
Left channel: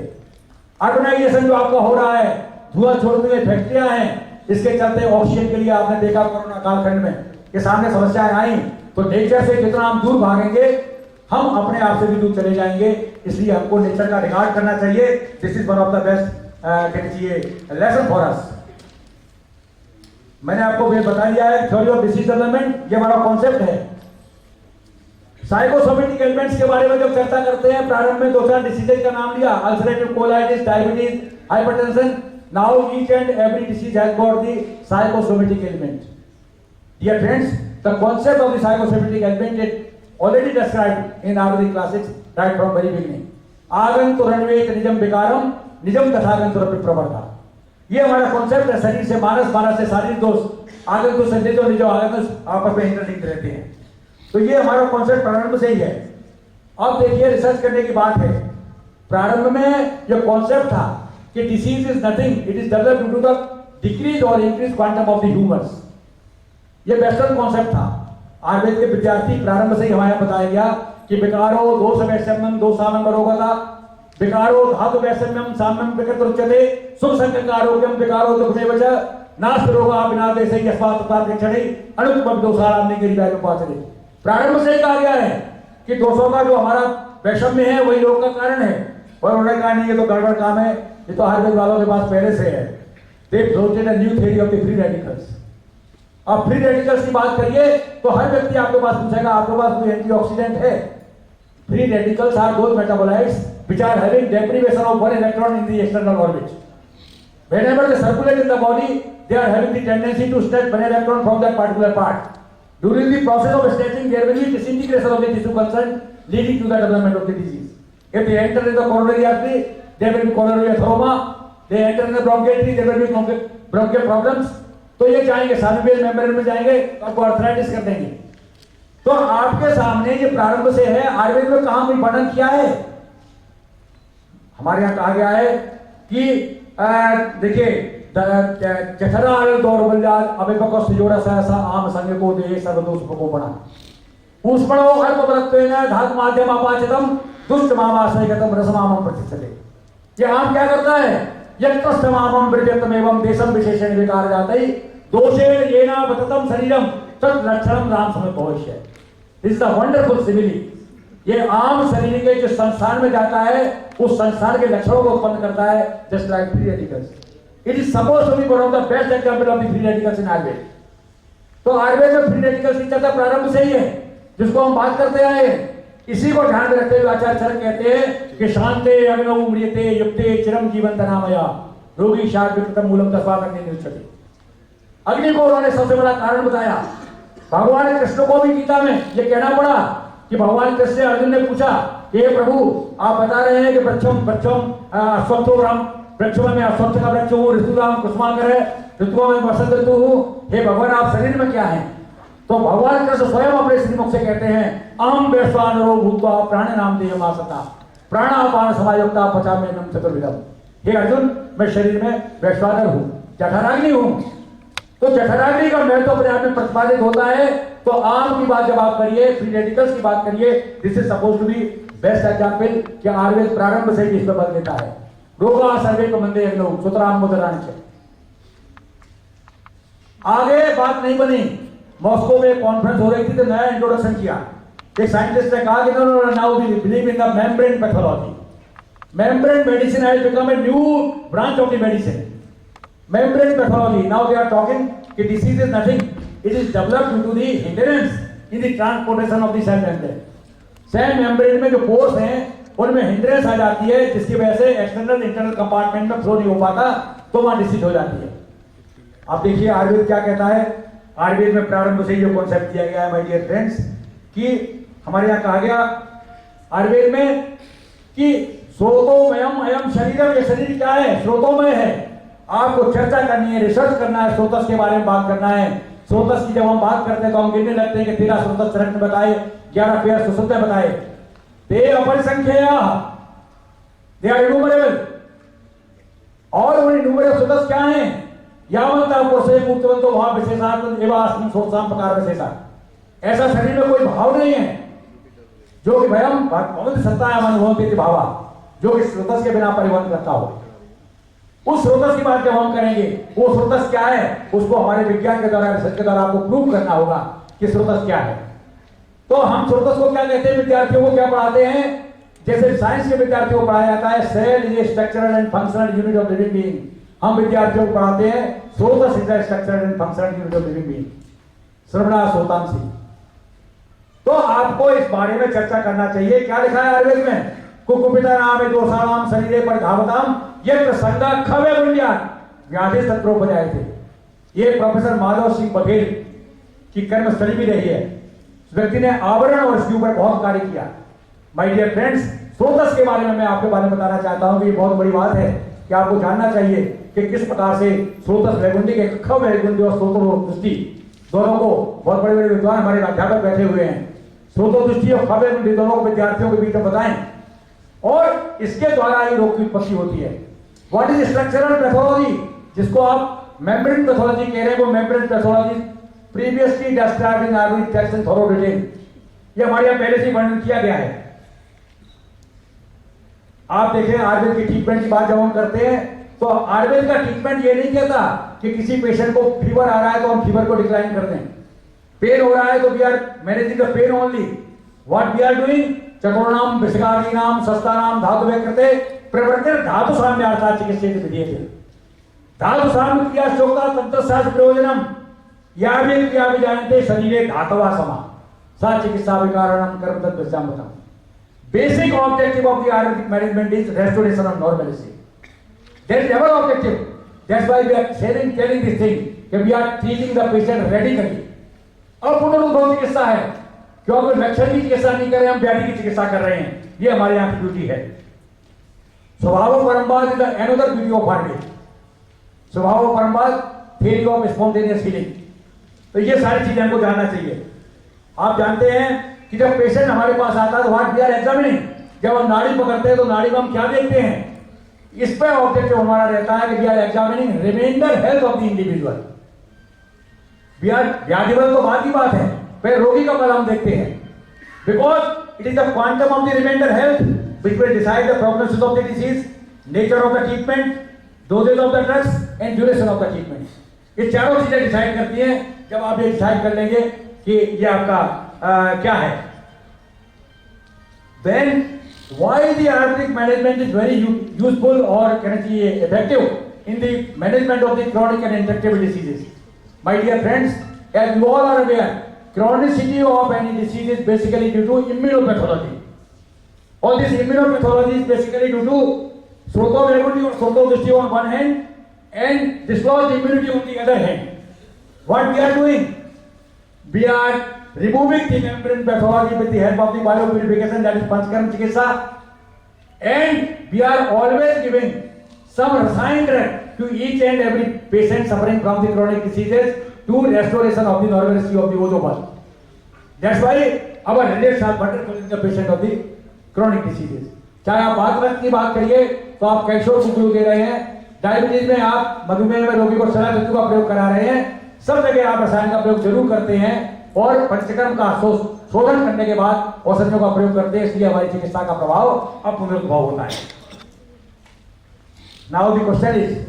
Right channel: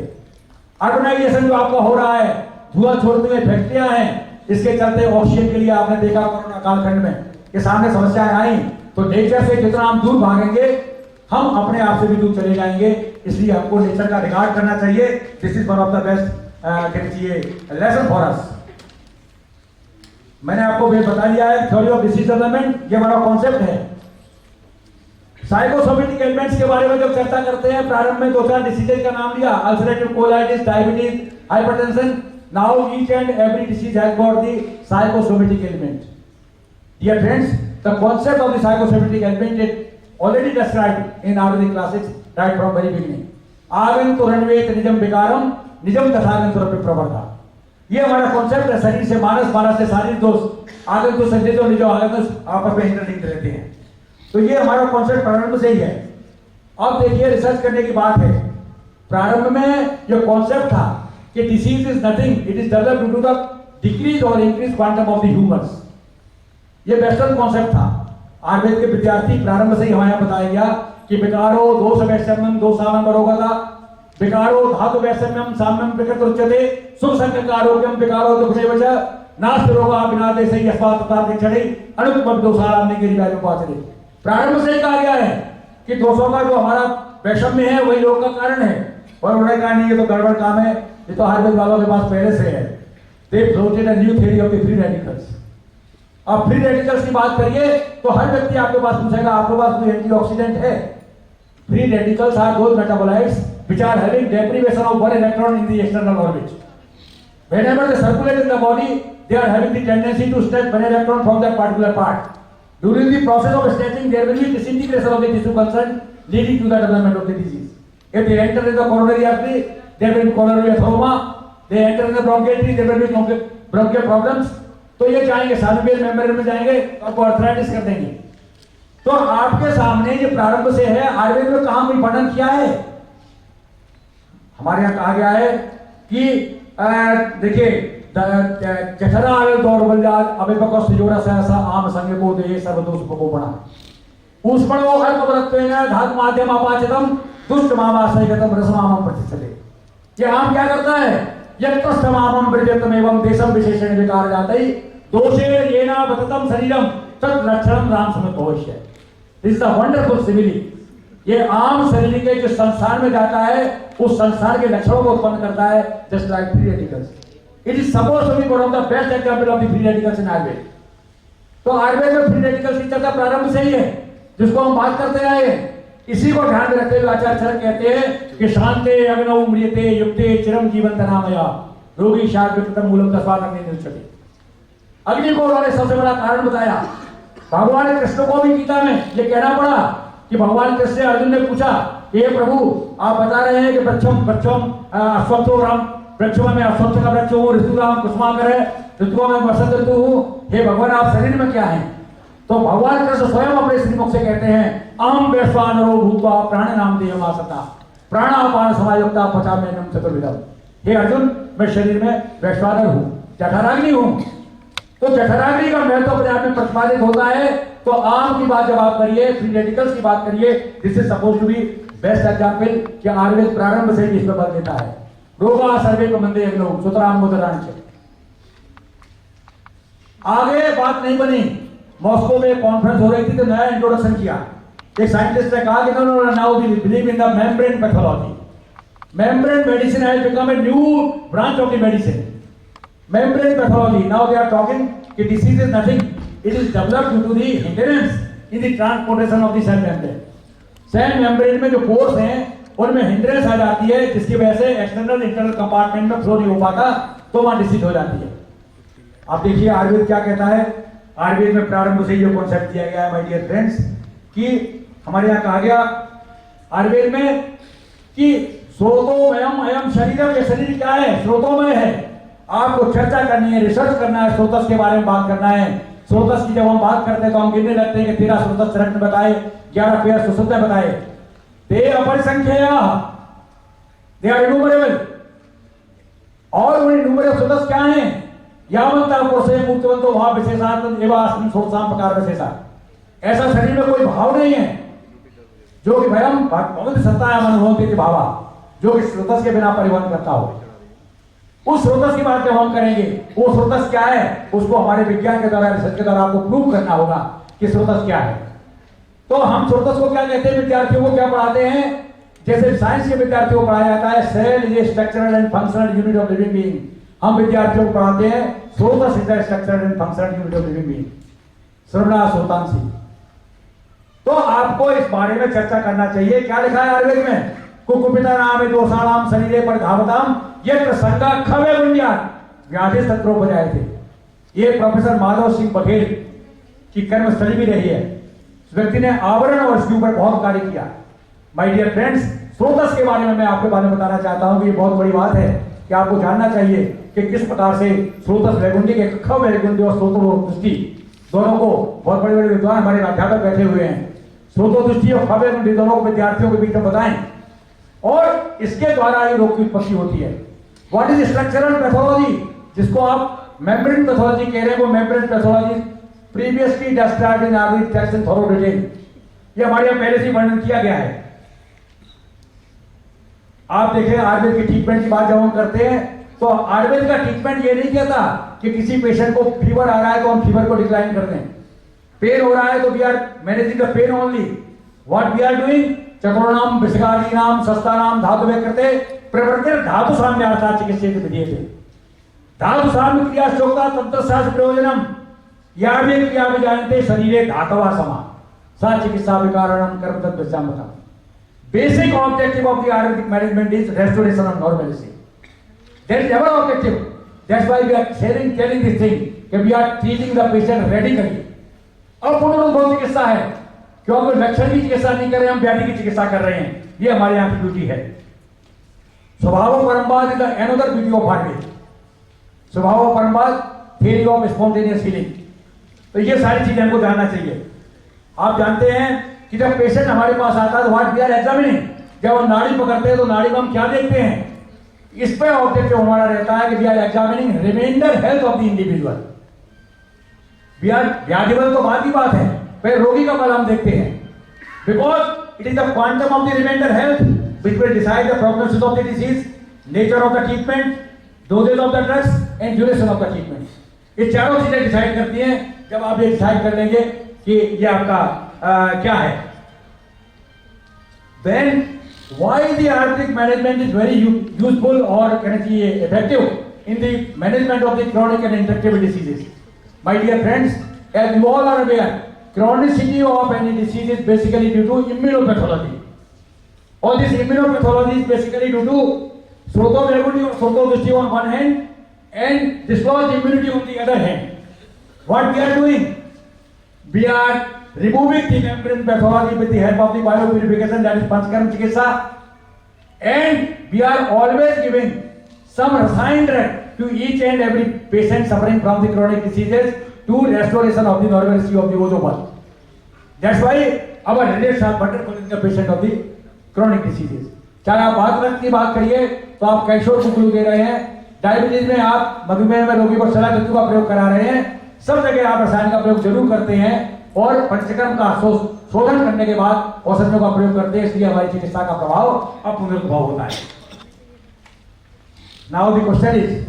अर्बनाइजेशन जो आपका हो रहा है, धुआं छोड़ते हुए फैक्ट्रियां हैं, इसके चलते ऑक्सीजन के लिए आपने देखा कोरोना कालखंड में के सामने समस्याएं आई। तो नेचर से जितना हम दूर भागेंगे, हम अपने आप से भी दूर चले जाएंगे। इसलिए हमको नेचर का रिगार्ड करना चाहिए। This is one of the best lesson for us. मैंने आपको बता दिया है थ्योरी ऑफ डिसीज डेवलपमेंट, ये हमारा कॉन्सेप्ट है। साइकोसोमेटिक एलिमेंट्स के बारे में जब चर्चा करते हैं, प्रारंभ में 2-4 डिसीजेज का नाम लिया, ulcerative colitis, diabetes, hypertension. Now each and every disease has got the psychosomatic element. Dear friends, the concept of the psychosomatic element is already described in Ayurvedic classics right from very beginning. आगंतुरन्वेत निजम विकारम निजम तथागंतुरपि प्रवर्ता। ये हमारा concept है। शरीर से मानस, मानस से शारीरिक दोष, आगंतुर से निजो, निजो आगंतुर आपस में इंटरलिंक रहते हैं। तो ये हमारा कॉन्सेप्ट प्रारंभ से ही है। अब देखिए, रिसर्च करने की बात है। प्रारंभ में जो कॉन्सेप्ट था कि disease is nothing, it is developed due to the decrease और increase quantum of the humours. ये वेस्टर्न कॉन्सेप्ट था। आयुर्वेद के विद्यार्थी प्रारंभ से ही हमारे बताया गया कि विकारो दोष वैषम्यम दोषामम रोगता, विकारो धातु वैषम्यम साम्यम विकृत उच्यते, सुख संकट आरोग्यम विकारो दुख में वजह नास्ति रोगा बिना देशे यस्मात् तथा क्षणे अनुपम दोषाराम ने गिरी में पहुंच गए। प्रारंभ से ही कहा गया है कि दोषों का जो हमारा वैषम्य है वही रोग का कारण है। और उन्होंने कहा नहीं ये तो गड़बड़ काम है, ये तो आयुर्वेद वालों के पास पहले से है। They floated a new theory of the free radicals. अब फ्री रेडिकल्स की बात करिए तो हर व्यक्ति आपके पास पूछेगा आपके पास कोई एंटीऑक्सीडेंट है? Free radicals are those metabolites which are having deprivation of one electron in the external orbit. Whenever they circulate in the body, they are having the tendency to snatch one electron from that particular part. During the process of snatching, there will be disintegration of the tissue concerned, leading to the development of the disease. If they enter in the coronary artery, there will be coronary atheroma. They enter in the bronchial tree, there will be bronchial problems. तो ये जाएंगे सानुवियल membrane में जाएंगे, आपको arthritis कर देंगे। तो आपके सामने ये प्रारंभ से है, आयुर्वेद में कहां कोई वर्णन किया है? हमारे यहां कहा गया है कि देखिए जठरा दौर्बल्याद अभिपक्ष जोड़ा सहसा आम संग को दे सर्वदोष को बना ऊष्मणो अल्पवरत्वेन धातु माध्यम अपाचितम दुष्ट मामाशयगतम रसमामम प्रतिष्ठते। ये आम क्या करता है? यत्तस्तमामम ब्रजतम एवं देशम विशेषण विकार जातै दोषे येना बततम शरीरम तत् लक्षणम राम समेत भविष्य। This is the wonderful simile. ये आम शरीर के जो संस्थान में जाता है उस संस्थान के लक्षणों को उत्पन्न करता है, just like free radicals. It is supposed to be one of the best example of the free radicals in Ayurveda. तो आयुर्वेद में फ्री रेडिकल्स की चर्चा प्रारंभ से ही है, जिसको हम बात करते आए हैं। इसी को ध्यान में रखते हुए आचार्य चरक कहते हैं कि शांते अग्नौ म्रियते युक्ते चिरम जीवन तनामया रोगी शाद विकृतम मूलम तस्मात् अग्नि निरुच्यते। अग्नि को उन्होंने सबसे बड़ा कारण बताया। भगवान कृष्ण को भी गीता में ये कहना पड़ा कि भगवान कृष्ण से अर्जुन ने पूछा कि हे प्रभु आप बता रहे हैं कि वृक्षम अश्वत्थो राम, वृक्षों में अश्वत्थ का वृक्ष हूँ, ऋतुराम कुसुमाकर है, ऋतुओं में वसंत ऋतु हूँ, हे भगवान आप शरीर में क्या है? तो भगवान कृष्ण स्वयं अपने श्रीमुख से कहते हैं अहम वैश्वानरो भूत्वा प्राण नाम देहमासता प्राणापान समायुक्ता पचाम्यन्नम चतुर्विधम। हे अर्जुन मैं शरीर में वैश्वानर हूँ, जठराग्नि हूँ। तो जठराग्नि का महत्व अपने आप में प्रतिपादित होता है। तो आम की बात जब आप करिए, फ्री रेडिकल्स की बात करिए, this is suppose to be best example कि आयुर्वेद प्रारंभ से ही इसमें बल देता है। रोगा सर्वे को मंदे अग्नौ सुतराम मुदरांच। आगे बात नहीं बनी। मॉस्को में कॉन्फ्रेंस हो रही थी तो नया इंट्रोडक्शन किया। एक साइंटिस्ट ने कहा कि no now we believe in the membrane pathology. Membrane medicine has become a new branch of the medicine. Membrane pathology, now they are talking कि disease is nothing, it is developed due to the hindrance in the transportation of the cell membrane. Cell membrane में जो pores हैं उनमें hindrance आ जाती है, जिसकी वजह से एक्सटर्नल इंटरनल कंपार्टमेंट में फ्लो नहीं हो पाता, तो वहां डिसीज हो जाती है। आप देखिए आयुर्वेद क्या कहता है। आयुर्वेद में प्रारंभ से ये कॉन्सेप्ट दिया गया है माय डियर फ्रेंड्स कि हमारे यहाँ कहा गया आयुर्वेद में कि स्रोतोमयम अयम शरीरम, ये शरीर क्या है? स्रोतोमय है। आपको चर्चा करनी है, रिसर्च करना है, स्रोतस के बारे में बात करना है। स्रोतस की जब हम बात करते हैं तो हम गिनने लगते हैं कि 13 स्रोतस चरक ने बताए, 11 पेयर सुश्रुत ने बताए। ते अपरिसंख्येय, दे आर इन्यूमरेबल। और वो इन्यूमरेबल स्रोतस क्या हैं? यावंता पुरुषे मुक्तवंतो वहां विशेषात्म एवं अस्मिन् सोत्साम प्रकार विशेषा। ऐसा शरीर में कोई भाव नहीं है जो कि भयम भगवत सत्तायाम अनुभवति भावा, जो कि स्रोतस के बिना परिवहन करता हो। उस स्रोतस की बात जब हम करेंगे, वो स्रोतस क्या है उसको हमारे विज्ञान के द्वारा, रिसर्च के द्वारा आपको प्रूव करना होगा कि स्रोतस क्या है। तो हम स्रोतस को क्या कहते हैं? विद्यार्थियों को क्या पढ़ाते हैं? जैसे साइंस के विद्यार्थियों को पढ़ाया जाता है cell is structural and functional unit of living being, हम विद्यार्थियों को पढ़ाते हैं srotas is the structural and functional unit of living being. श्रवणा श्रोतांसी। तो आपको इस बारे में चर्चा करना चाहिए। क्या लिखा है आयुर्वेद में? कुकुपिता नाम दोषाणाम शरीरे पर धावताम यत्र संगा खवे गुंजान व्याधि तत्रोपजाए थे। ये प्रोफेसर माधव सिंह बघेल की कर्मस्थली भी रही है। इस व्यक्ति ने आवरण और इसके ऊपर बहुत कार्य किया। माय डियर फ्रेंड्स, स्रोतस के बारे में मैं आपके बारे में बताना चाहता हूं कि ये बहुत बड़ी बात है कि आपको जानना चाहिए कि किस प्रकार से स्रोतस वैगुंडी के ख वैगुंडी और स्रोतो दृष्टि दोनों को बहुत बड़े बड़े विद्वान हमारे अध्यापक बैठे हुए हैं। स्रोतो दृष्टि और ख वैगुंडी दोनों को विद्यार्थियों के बीच में बताएं और इसके द्वारा ही रोग की उत्पत्ति होती है। व्हाट इज स्ट्रक्चरल पैथोलॉजी, जिसको आप मेम्ब्रेन पैथोलॉजी कह रहे हैं, वो membrane pathology previously described in Ayurvedic text in thorough detail. ये हमारे यहाँ पहले से वर्णन किया गया है। आप देखें आयुर्वेद की ट्रीटमेंट की बात जब हम करते हैं तो आयुर्वेद का ट्रीटमेंट ये नहीं कहता कि किसी पेशेंट को फीवर आ रहा है तो हम फीवर को डिक्लाइन कर दें, पेन हो रहा है तो we are managing the pain only. What we are doing, चतुर्णाम विषगादीनाम शस्त्राणाम धातु व्यकृते प्रवर्तन धातु साम्यार्थात् चिकित्सेत विधीयते। धातु साम्य क्रिया शोका तंत्रशास्त्र प्रयोजनम यावे क्रिया विजानते शरीरे धातवा समा सा चिकित्सा विकारणम कर्म तद्वचामतम। Basic objective of the Ayurvedic management is restoration of normalcy. That is our objective. That's why we are telling this thing that we are treating the patient radically. अब पुनरुद्भव चिकित्सा है, क्योंकि लक्षण की चिकित्सा नहीं कर रहे, हम व्याधि की चिकित्सा कर रहे हैं। ये हमारे यहाँ की ड्यूटी है। स्वभाव परम्पाद is another beauty of Ayurveda. स्वभाव परम्पाद थियरी ऑफ स्पॉन्टेनियस हीलिंग। तो ये सारी चीजें हमको जानना चाहिए। आप जानते हैं कि जब पेशेंट हमारे पास आता है तो व्हाट वी आर एग्जामिनिंग, जब हम नाड़ी पकड़ते हैं तो नाड़ी में हम क्या देखते हैं, इस पे ऑब्जेक्टिव हमारा रहता है कि we are examining reminder health of the individual. We are व्याधिबल तो बात की बात है, फिर रोगी का बल हम देखते हैं, because it is the quantum of the remainder health which will decide the prognosis of the disease, nature of the treatment, dosages of the drugs and duration of the treatment. ये चारों चीजें डिसाइड करती हैं। जब आप ये decide कर लेंगे कि ये आपका क्या है, then why the Ayurvedic management is very useful or can I say effective in the management of the chronic and intractable diseases. My dear friends, as you all are aware, chronicity of any disease is basically due to immunopathology. All this immunopathology is basically due to Srotodrishti or Srotodrishti on one hand and dislodged immunity on the other hand. What we are doing? We are removing the membrane pathology with the help of the biopurification, that is Panchkarma Chikitsa, and we are always giving some rasayan drug to each and every patient suffering from the chronic diseases to restoration of the normalcy of the ozobal. That's why our relates are better for the patient of the chronic diseases. चाहे आप बात की बात करिए तो आप calcium कुकुलू दे रहे हैं, डायबिटीज में आप मधुमेह में रोगी को सलाह का प्रयोग करा रहे हैं, सब जगह आप रसायन का प्रयोग जरूर करते हैं और पंचकर्म का शोधन करने के बाद औषधियों का प्रयोग करते हैं, इसलिए हमारी चिकित्सा का प्रभाव अब पुनरुद्भव होता है। नाउ द क्वेश्चन इज,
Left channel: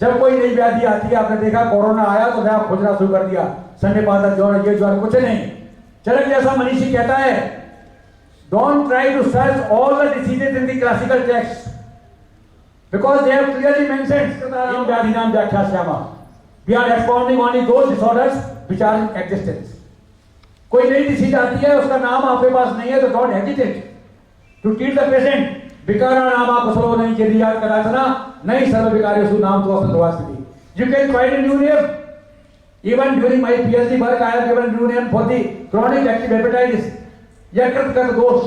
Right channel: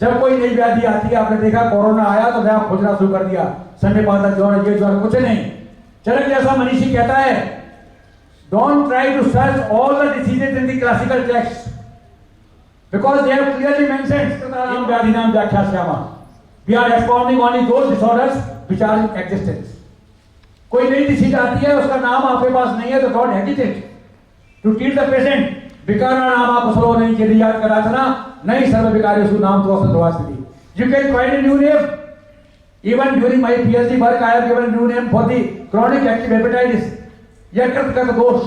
जब कोई नई व्याधि आती है, आपने देखा कोरोना आया तो नया खोजना शुरू कर दिया, सन्निपात ज्वर, ये ज्वर, कुछ नहीं। चरक जैसा मनीषी कहता है, don't try to search all the diseases in the classical text because they have clearly mentioned in व्याधिनाम व्याख्यास्यामः। We are expounding only those disorders which are in existence. कोई नई डिसीज आती है, उसका नाम आपके पास नहीं है तो don't hesitate to treat the patient. विकाराणाम कुशलो नहीं चेदियात कदाचना नहीं सर्व विकारेषु नाम तो असंध्वास्ति। You can find a new name. Even during my PhD work I have given a new name for the chronic active hepatitis, यकृत दोष।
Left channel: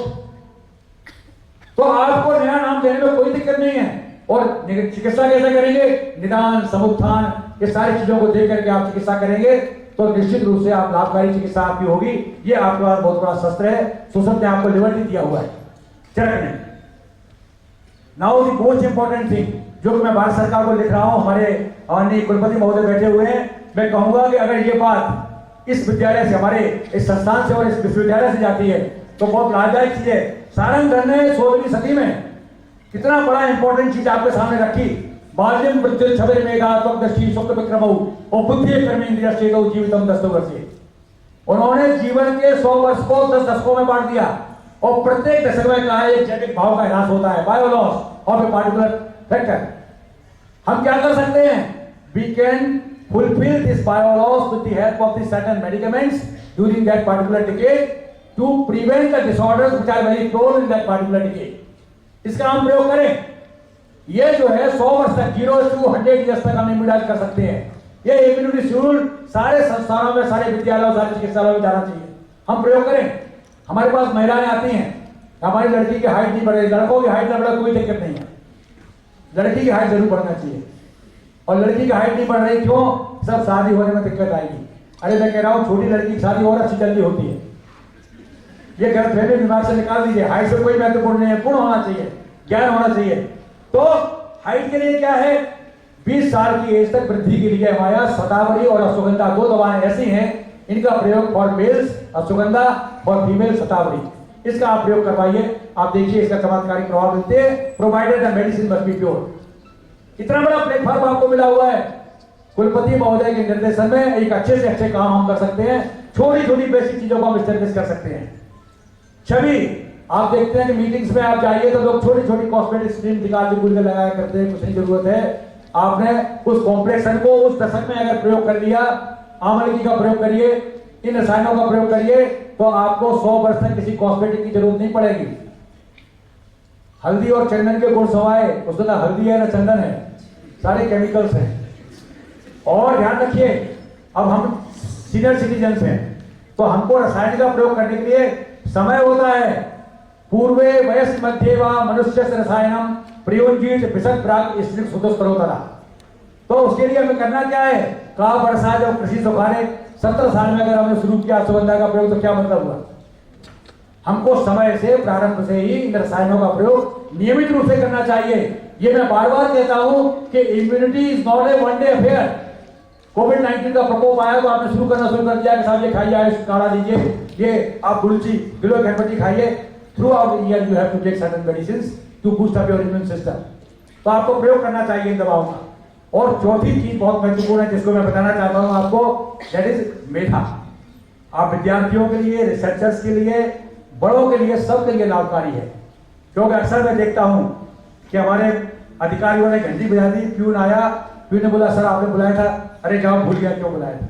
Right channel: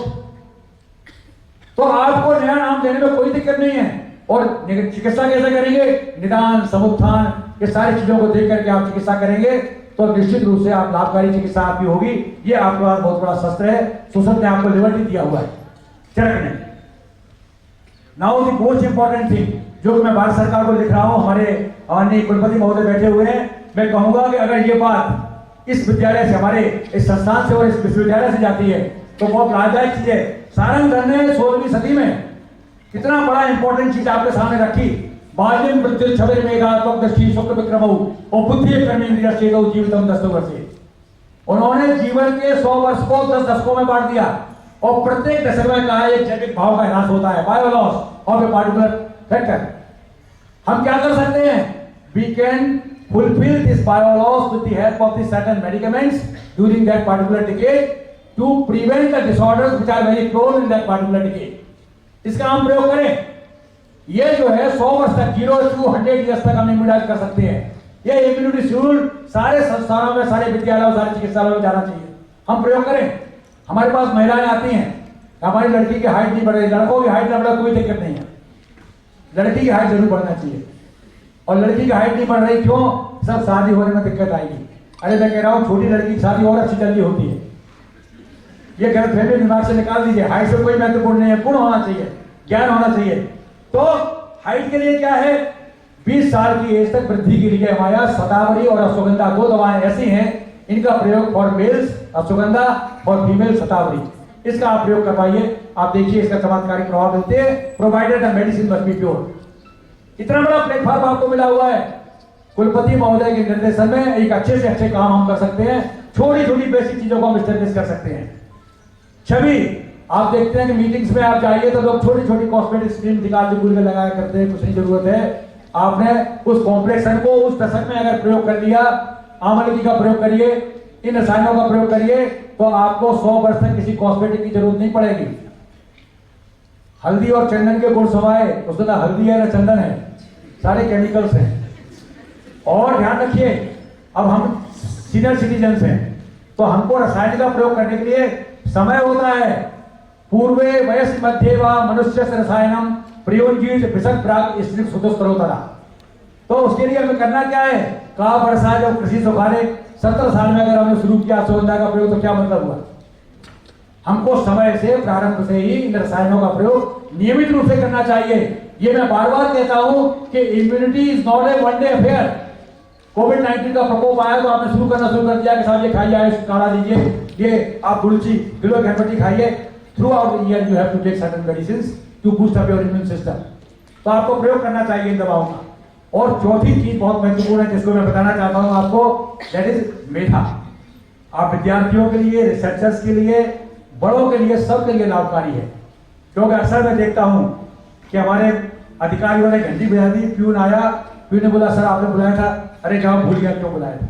तो आपको नया नाम देने में कोई दिक्कत नहीं है। और चिकित्सा कैसे करेंगे, निदान, समुत्थान, ये सारी चीजों को देख करके आप चिकित्सा करेंगे तो निश्चित रूप से आप लाभकारी चिकित्सा आपकी होगी। ये आपके पास बहुत बड़ा शस्त्र है, सुसत ने आपको लिबर्टी दिया हुआ है चरक ने। Now the most important thing जो कि मैं भारत सरकार को लिख रहा हूं, हमारे माननीय कुलपति महोदय बैठे हुए हैं, मैं कहूंगा कि अगर ये बात इस विद्यालय से, हमारे इस संस्थान से और इस विश्वविद्यालय से जाती है तो बहुत लाभदायक चीज है। सारंग धर ने 16वीं सदी में कितना बड़ा इंपॉर्टेंट चीज आपके सामने रखी, बाल्यम मृत्यु छबेर मेघा त्वक दृष्टि शुक्ल विक्रमौ और बुद्धि कर्म इंद्रिय चेतो जीवितम 10 वर्षे। उन्होंने जीवन के 100 वर्ष को 10 दशकों में बांट दिया और प्रत्येक दशक में कहा एक जैविक भाव का ह्रास होता है, bio loss of a particular factor. हम क्या कर सकते हैं, we can fulfil this bio loss with the help of the certain medicaments during that particular decade to prevent the disorders which are very prone in that particular decade. इसका हम प्रयोग करें। ये जो है 100 वर्ष तक, 0 to 100 ईयर्स तक हम इम्यूनाइज कर सकते हैं। ये इम्यूनिटी शेड्यूल सारे संस्थानों में, सारे विद्यालयों, सारे चिकित्सालयों में जाना चाहिए। हम प्रयोग करें। हमारे पास महिलाएं आती हैं, हमारी लड़की की हाइट नहीं बढ़ रही, लड़कों की हाइट न बढ़े कोई दिक्कत नहीं है, लड़की की हाइट जरूर बढ़ना चाहिए। और लड़की की हाइट नहीं बढ़ रही क्यों, सब शादी होने में दिक्कत आएगी। अरे मैं कह रहा हूं छोटी लड़की की शादी और अच्छी जल्दी होती है। ये गलतफहमी दिमाग से निकाल दीजिए। हाइट से कोई महत्वपूर्ण नहीं है, गुण होना चाहिए, ज्ञान होना चाहिए। तो हाइट के लिए क्या है, 20 साल की एज तक वृद्धि के लिए हमारे यहाँ शतावरी और अश्वगंधा 2 दवाएं ऐसी हैं, इनका प्रयोग for males ashwagandha, for female shatavari. इसका आप प्रयोग करवाइए, आप देखिए इसका चमत्कारी प्रभाव मिलते हैं, provided the medicine must be pure. इतना बड़ा प्लेटफॉर्म आपको मिला हुआ है। कुलपति महोदय के निर्देशन में एक अच्छे से अच्छे काम हम कर सकते हैं, छोटी छोटी बेसिक चीजों को हम स्टेब्लिश कर सकते हैं। छवि आप देखते हैं कि मीटिंग्स में आप जाइए तो लोग छोटी छोटी कॉस्मेटिक स्कीम निकाल के लगाया करते हैं, कुछ नहीं जरूरत है। आपने उस कॉम्प्लेक्सन को उस दशक में अगर प्रयोग कर लिया, आमलकी का प्रयोग करिए, इन रसायनों का प्रयोग करिए, तो आपको 100 वर्ष तक किसी कॉस्मेटिक की जरूरत नहीं पड़ेगी। हल्दी और चंदन के गुण समाये, उसमें ना हल्दी है ना चंदन है, सारे केमिकल्स हैं। और ध्यान रखिए, अब हम सीनियर सिटीजन्स हैं तो हमको रसायन का प्रयोग करने के लिए समय होता है। पूर्वे वयस मध्य व मनुष्य रसायनम प्रयोजित विशद प्राग स्त्रीक सुतस्तरोतरा। तो उसके लिए हमें करना क्या है? का वर्षा जब कृषि सुखाने 17 साल में अगर हमने शुरू किया सुगंधा का प्रयोग, तो क्या मतलब हुआ? हमको समय से प्रारंभ से ही इन रसायनों का प्रयोग नियमित रूप से करना चाहिए। ये मैं बार बार कहता हूं कि immunity is not a one day affair. कोविड-19 का प्रकोप आया तो आपने शुरू करना शुरू कर दिया कि साहब ये खाइए, आयुष काढ़ा लीजिए, ये आप तुलसी गिलोय घनपट्टी खाइए। Throughout the year you have to take certain medicines to boost up your immune system. तो आपको प्रयोग करना चाहिए इन दवाओं का। और चौथी चीज बहुत महत्वपूर्ण है जिसको मैं बताना चाहता हूं आपको, दैट इज मेधा। आप विद्यार्थियों के लिए, रिसर्चर्स के लिए, बड़ों के लिए, सबके लिए लाभकारी है। क्योंकि अक्सर मैं देखता हूं कि हमारे अधिकारियों ने घंटी बजा दी, प्यून आया, प्यून ने बोला सर आपने बुलाया था, अरे जाओ भूल गया क्यों बुलाया था।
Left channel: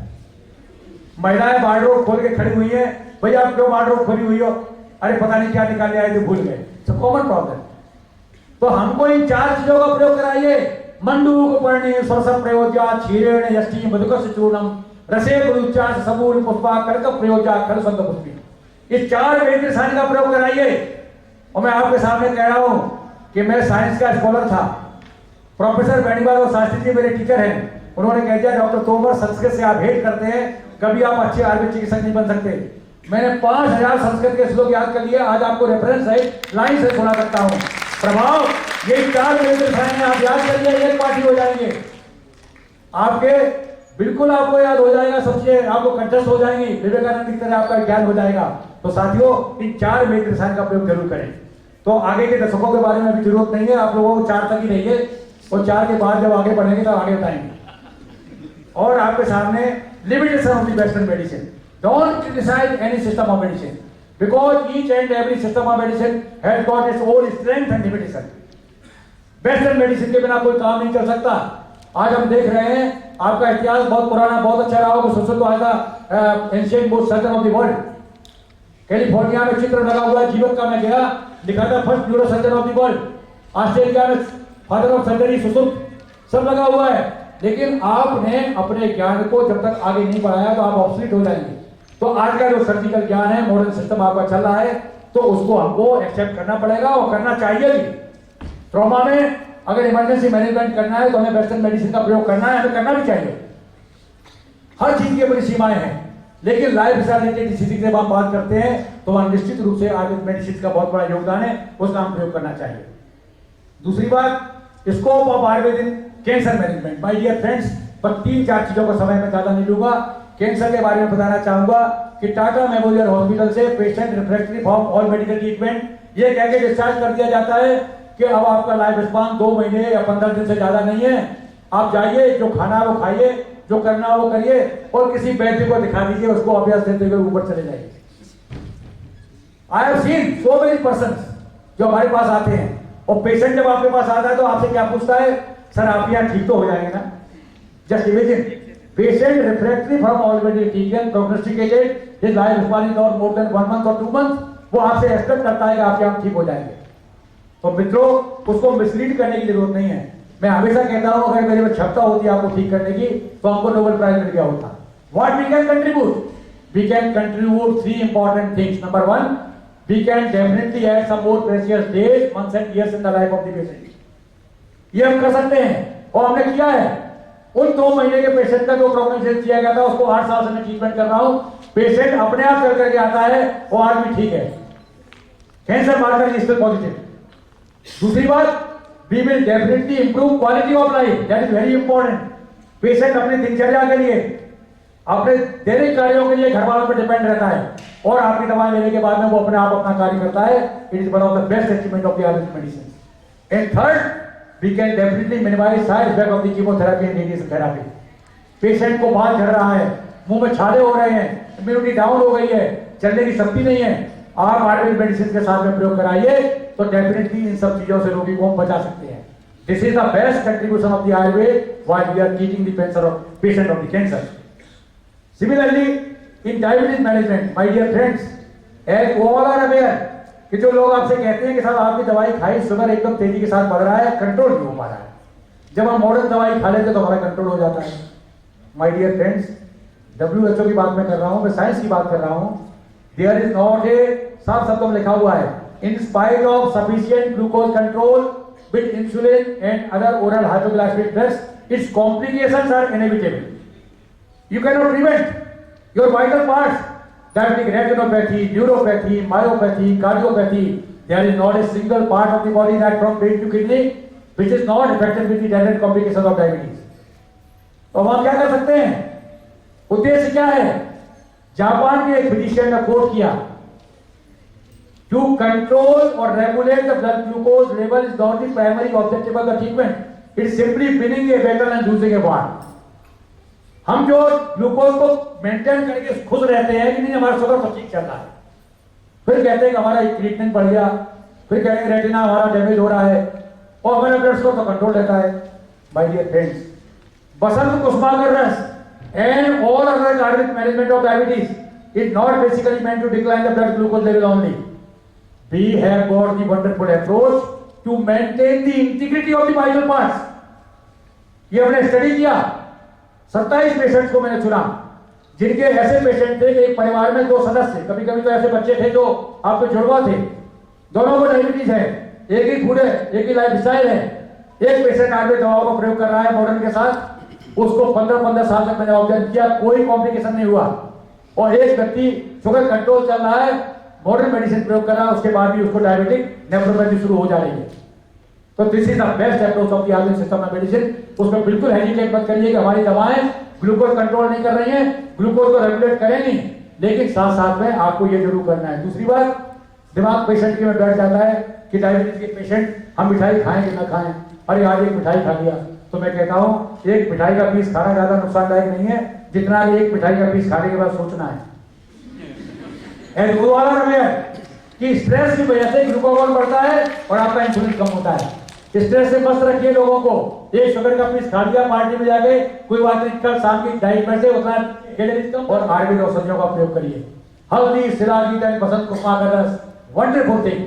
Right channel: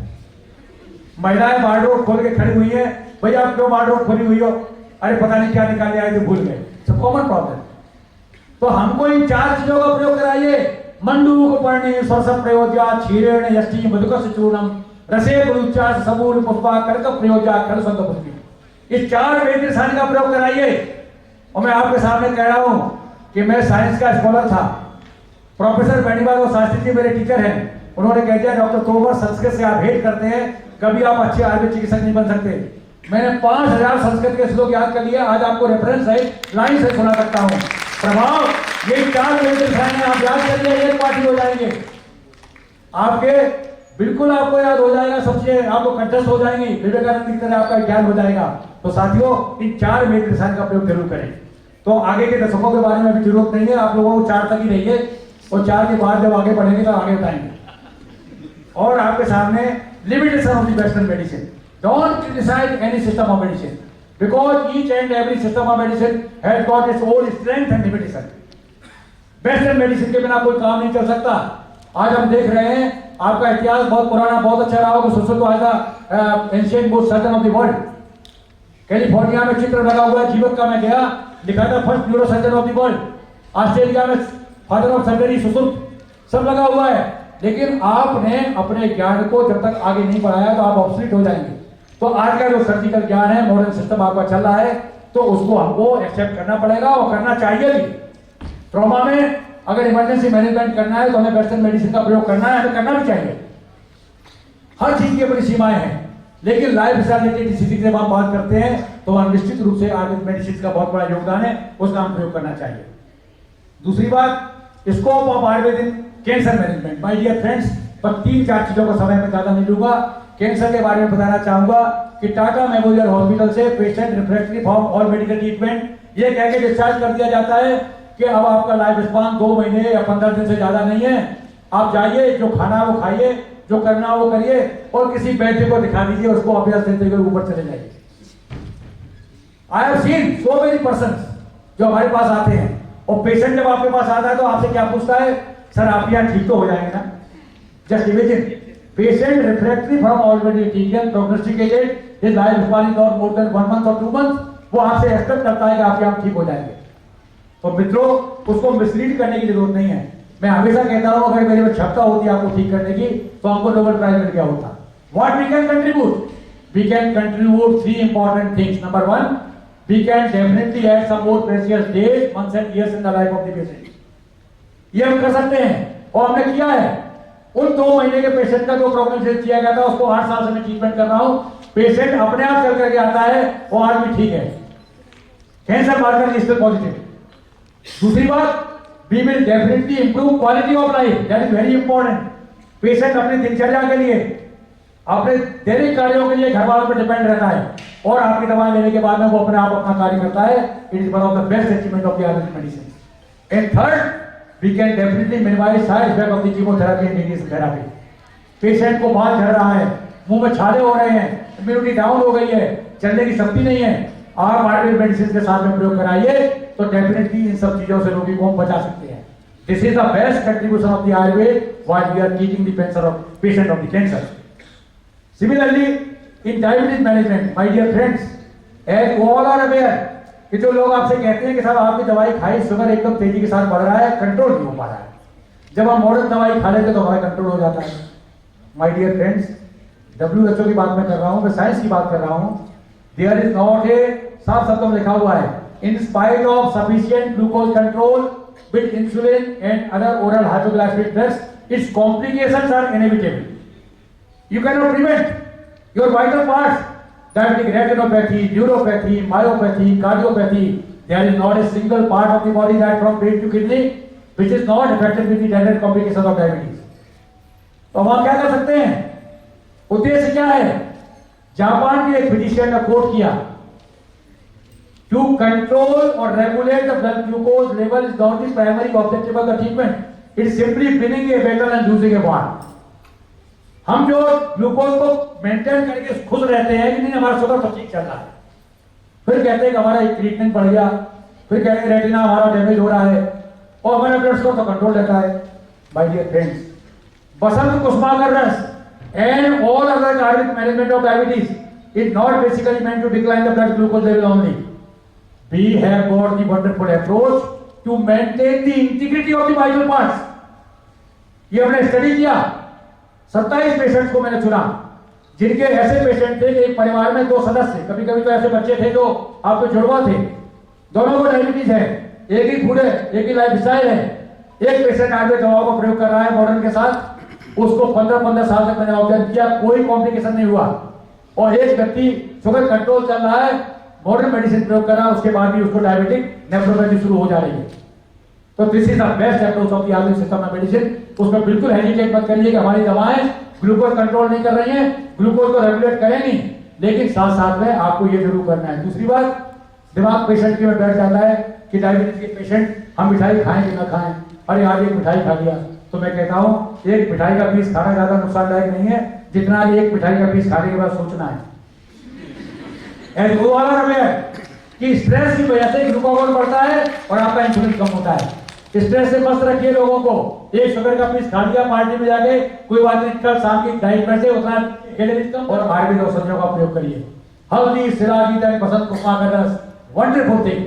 महिलाएं वार्डरोब खोल के खड़ी हुई है, भैया आप क्यों वार्डरोब खोली हुई हो? अरे पता नहीं क्या निकालने आए थे, भूल गए। Common problem. तो हमको इन 4 चीजों का प्रयोग कराइए। मंडूक पर्णे सरस प्रयोज्या क्षीरेण यष्टि मधुकस चूर्णम रसे गुरुचार सबूल पुष्पा कर्क प्रयोज्या खल संत पुष्पी। इस 4 वेद रसायन का प्रयोग कराइए। और मैं आपके सामने कह रहा हूं कि मैं साइंस का स्कॉलर था। प्रोफेसर बेनीवाल और शास्त्री जी मेरे टीचर हैं। उन्होंने कह दिया डॉक्टर तोमर संस्कृत से आप हेट करते हैं, कभी आप अच्छे आयुर्वेद चिकित्सक नहीं बन सकते। मैंने 5000 संस्कृत के श्लोक याद कर लिए, आज आपको रेफरेंस सहित लाइन से सुना सकता हूं। प्रभाव ये 4 वेद रसायन आप याद कर लिए, एक पार्टी हो जाएंगे आपके, बिल्कुल आपको याद हो जाएगा, सबसे आपको कंठस्थ हो जाएंगे, विवेकानंद की तरह आपका ज्ञान हो जाएगा। तो साथियों इन 4 वेद रसायन का प्रयोग जरूर करें। तो आगे के दशकों के बारे में अभी जरूरत नहीं है, आप लोगों को 4 तक ही रहिए और 4 के बाद जब आगे बढ़ेंगे तो आगे बताएंगे। और आपके सामने limitation of the western medicine. Don't criticize any system of medicine because each and every system of medicine has got its own strength and limitation. Western medicine के बिना कोई काम नहीं चल सकता। आज हम देख रहे हैं आपका इतिहास बहुत पुराना, बहुत अच्छा रहा होगा। सुश्रुत आएगा ancient most surgeon of the world. California में चित्र लगा हुआ है जीवक का, मैं गया, लिखा था first neuro surgeon of the world. Australia में फादर ऑफ सर्जरी सुश्रुत, सब लगा हुआ है। लेकिन आपने अपने ज्ञान को जब तक आगे नहीं बढ़ाया तो आप ऑब्सोलीट हो जाएंगे। तो आज का जो सर्जिकल ज्ञान है, मॉडर्न सिस्टम आपका चल रहा है, तो उसको हमको एक्सेप्ट करना पड़ेगा और करना चाहिए भी। ट्रॉमा में अगर इमरजेंसी मैनेजमेंट करना है तो हमें वेस्टर्न मेडिसिन का प्रयोग करना है, हमें करना भी चाहिए। हर चीज की अपनी सीमाएं हैं। लेकिन लाइफ स्टाइल रिलेटेड डिसीज की जब आप बात करते हैं तो वहां निश्चित रूप से आयुर्वेद मेडिसिन का बहुत बड़ा योगदान है, उसका हम प्रयोग करना चाहिए। दूसरी बात, scope of Ayurvedic cancer management. My dear friends, पर 3-4 चीजों का समय मैं ज्यादा नहीं लूंगा। कैंसर के बारे में बताना चाहूंगा कि टाटा मेमोरियल हॉस्पिटल से patient refractory from all medical treatment ये कह के डिस्चार्ज कर दिया जाता है कि अब आपका लाइफ स्पान 2 महीने या 15 दिन से ज्यादा नहीं है। आप जाइए, जो खाना है वो खाइए, जो करना है वो करिए, और किसी वैद्य को दिखा दीजिए, उसको अभ्यास देते हुए ऊपर चले जाइए। I have seen so many persons जो हमारे पास आते हैं, और पेशेंट जब आपके पास आता है तो आपसे क्या पूछता है, सर आप यहाँ ठीक तो हो जाएंगे ना? Just imagine, patient refractory from already treatment prognosticated, his life span is not more than 1 month और 2 मंथ, वो आपसे एक्सपेक्ट करता है कि आप यहाँ ठीक हो जाएंगे। तो मित्रों, उसको मिसलीड करने की जरूरत नहीं है। मैं हमेशा कहता हूं अगर मेरे में क्षमता होती आपको ठीक करने की तो हमको नोबेल प्राइज मिल गया होता। What we can contribute? We can contribute 3 important things. Number 1, we can definitely add some more precious days, months and years in the life of the patient. ये हम कर सकते हैं और हमने किया है। उन 2 महीने के पेशेंट का जो प्रोग्नोसिस किया गया था उसको 8 साल से मैं ट्रीटमेंट कर रहा हूं। पेशेंट अपने आप चल करके आता है और आज भी ठीक है। Cancer marker is still positive. दूसरी बात, we will definitely improve quality of life, that is very important। Patient अपनी दिनचर्या के लिए, अपने दैनिक कार्यों के लिए घर वालों पर डिपेंड रहता है, और आपकी दवाएं लेने के बाद में वो अपने आप अपना कार्य करता है। It is one of the best achievement of the Ayurvedic medicine. And third, we can definitely minimize side effect of the chemotherapy and radiation therapy. Patient को बाल झड़ रहा है, मुंह में छाले हो रहे हैं, इम्यूनिटी डाउन हो गई है, चलने की शक्ति नहीं है, आप आयुर्वेद मेडिसिन के साथ में प्रयोग कराइए तो डेफिनेटली इन सब चीजों से रोगी को हम बचा सकते हैं. This is the best contribution of the Ayurveda while we are treating the cancer of patient of the cancer. Similarly in diabetes management my dear friends, as all are aware कि जो लोग आपसे कहते हैं कि साहब आपकी दवाई खाई, शुगर एकदम तेजी के साथ बढ़ रहा है, कंट्रोल नहीं हो पा रहा है. जब हम मॉडर्न दवाई खा लेते तो हमारा कंट्रोल हो जाता है. माय डियर फ्रेंड्स, WHO की बात मैं कर रहा हूं, मैं साइंस की बात कर रहा हूं. देयर इज नॉट ए, साफ शब्दों में लिखा हुआ है, in spite of sufficient glucose control with insulin and other oral hypoglycemic drugs, its complications are inevitable. You can not prevent your vital parts, diabetic retinopathy, neuropathy, myopathy, cardiopathy. There is not a single part of the body that from brain to kidney which is not affected with the direct complications of diabetes. तो हम क्या कर सकते हैं? उद्देश्य क्या है? Japan के एक फिजिशियन ने कोट किया, to control or regulate the blood glucose level is not the primary objective of the treatment. It's simply winning a battle and losing a war. हम जो ग्लूकोज को मेंटेन करके खुश रहते हैं कि नहीं हमारा शुगर तो ठीक चल रहा है, फिर कहते हैं कि हमारा एक ट्रीटमेंट बढ़ गया, फिर कहते हैं रेटिना हमारा डैमेज हो रहा है और हमारा ब्लड शुगर तो कंट्रोल रहता है. My dear friends, Basant Kusumakar Ras and all other cardiac management of diabetes is not basically meant to decline the blood glucose level only. We have got the wonderful approach to maintain the integrity of the vital parts. ये हमने study किया. 27 patients को मैंने चुना जिनके ऐसे patient थे कि एक परिवार में 2 सदस्य, कभी कभी तो ऐसे बच्चे थे जो आपके जुड़वा थे, दोनों को डायबिटीज है, एक ही फूड है, एक ही लाइफ स्टाइल है. एक पेशेंट आगे दवाओं का प्रयोग कर रहा है मॉडर्न के साथ, उसको 15-15 साल तक मैंने ऑब्जर्व किया, कोई कॉम्प्लिकेशन नहीं हुआ. और एक व्यक्ति शुगर कंट्रोल चल रहा है, मॉडर्न मेडिसिन प्रयोग कर रहा है, उसके बाद भी उसको डायबिटिक नेफ्रोपैथी शुरू हो जा रही है. तो this is the best approach of the Ayurvedic system of medicine. उसमें बिल्कुल हेजिटेट मत करिए कि हमारी दवाएं ग्लूकोज कंट्रोल नहीं कर रही हैं, ग्लूकोज को रेगुलेट करेंगी, लेकिन साथ साथ में आपको ये जरूर करना है. दूसरी बात, दिमाग पेशेंट के में बैठ जाता है कि डायबिटीज के पेशेंट हम मिठाई खाएं कि ना खाएं, अरे आज एक मिठाई खा लिया. तो मैं कहता हूं एक मिठाई का पीस खाना ज्यादा नुकसानदायक नहीं है जितना एक मिठाई का पीस खाने के बाद सोचना है. एंड वो वाला रहे कि स्ट्रेस की वजह से ग्लूकोज बढ़ता है और आपका इंसुलिन कम होता है. स्ट्रेस से मस्त रखिए लोगों को. एक शुगर का पीस खा लिया पार्टी में जाके, कोई बात नहीं, कल शाम की डाइट में से उतना कैलोरीज कम. और आयुर्वेद औषधियों का प्रयोग करिए. हल्दी, सिराजी, बसंत कुसुमा का रस, वंडरफुल थिंग.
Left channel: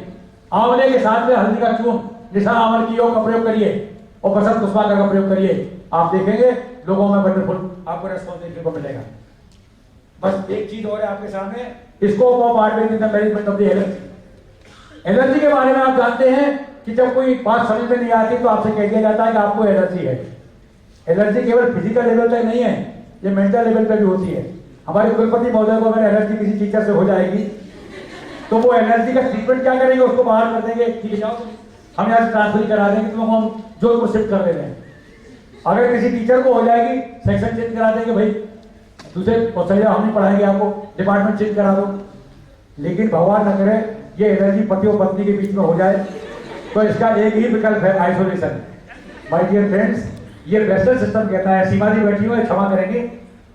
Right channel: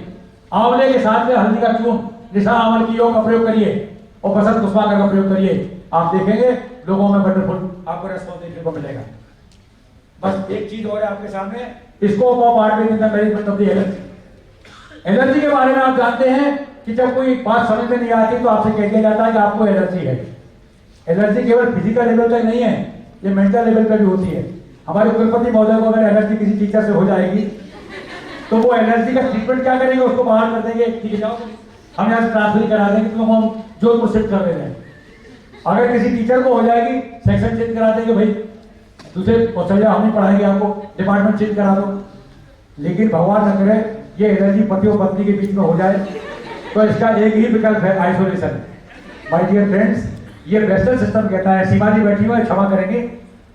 आंवले के साथ में हल्दी का चूर्ण, निशा आंवल की योग का प्रयोग करिए और बसंत कुसुमा का प्रयोग करिए. आप देखेंगे लोगों में वंडरफुल आपको रेस्पॉन्स देखने को मिलेगा. बस एक चीज और है आपके सामने, scope of Ayurveda in the management of the allergy. Allergy के बारे में आप जानते हैं कि जब कोई बात समझ में नहीं आती तो आपसे कह दिया जाता है कि आपको एलर्जी है. एलर्जी केवल फिजिकल लेवल तक नहीं है, ये मेंटल लेवल पे भी होती है. हमारे कुलपति महोदय को अगर एलर्जी किसी टीचर से हो जाएगी तो वो एलर्जी का ट्रीटमेंट क्या करेंगे, उसको बाहर कर देंगे, ठीक है जाओ हम यहाँ से ट्रांसफर करा देंगे, तुमको हम जोधपुर शिफ्ट कर दे रहे हैं. अगर किसी टीचर को हो जाएगी सेक्शन चेंज करा देंगे, भाई दूसरे हम नहीं पढ़ाएंगे, आपको डिपार्टमेंट चेंज करा दो. लेकिन भगवान न करे ये एलर्जी पति और पत्नी के बीच में हो जाए तो इसका एक ही विकल्प है, आइसोलेशन. माय डियर फ्रेंड्स, ये वेस्टर्न सिस्टम कहता है, सीमा जी बैठी हुई क्षमा करेंगे,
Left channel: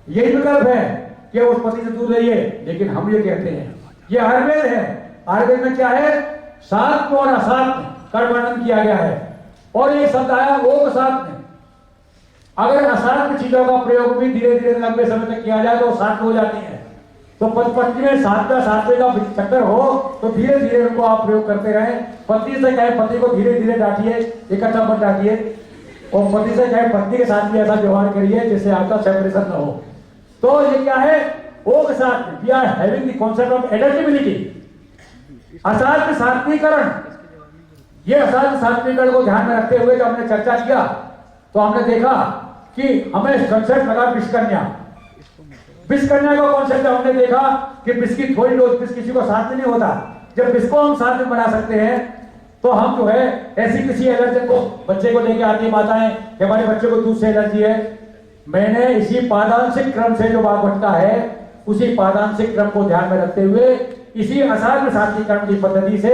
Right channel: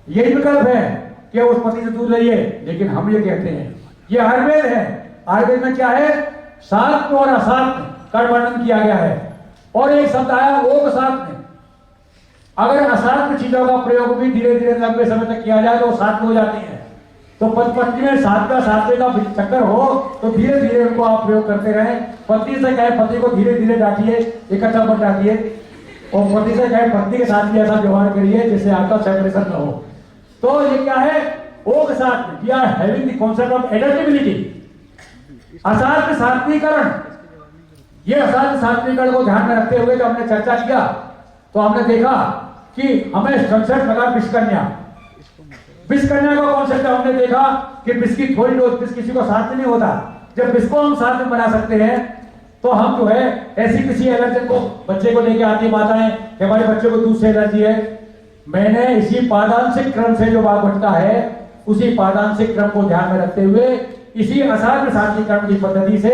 यही विकल्प है कि उस पति से दूर रहिए. लेकिन हम ये कहते हैं ये आयुर्वेद है. आयुर्वेद में क्या है, सात्व और असात्व का वर्णन किया गया है और एक शब्द आया ओक सात्व. अगर असात्व चीजों का प्रयोग भी धीरे धीरे लंबे समय तक किया जाए तो सात्व हो जाती है. तो पत्नी में सात्वे का चक्कर हो तो धीरे धीरे उनको आप प्रयोग करते रहें. पति से कहे पति को धीरे धीरे डांटिए, इकट्ठा मत डांटिए. और पति से कहे पत्नी के साथ भी ऐसा व्यवहार करिए जिससे आपका सेपरेशन न हो. तो ये क्या है, ओक सात्व. We are having the concept of adaptability, असात्व सात्वीकरण. ये असात्व सात्वीकरण को ध्यान में रखते हुए जब हमने चर्चा किया तो हमने देखा कि हमें कंसेप्ट लगा विषकन्या. विषकन्या का कॉन्सेप्ट हमने देखा कि विष की थोड़ी डोज, विष किसी को साथ में नहीं होता. जब विष को हम साथ में बना सकते हैं तो हम जो है ऐसी किसी एलर्जी को बच्चे को लेके आती है माताएं कि हमारे बच्चे को दूध से एलर्जी है. मैंने इसी पादांशिक क्रम से जो भाग बटता है उसी पादांशिक क्रम को ध्यान में रखते हुए इसी असाध्य सात्वीकरण की पद्धति से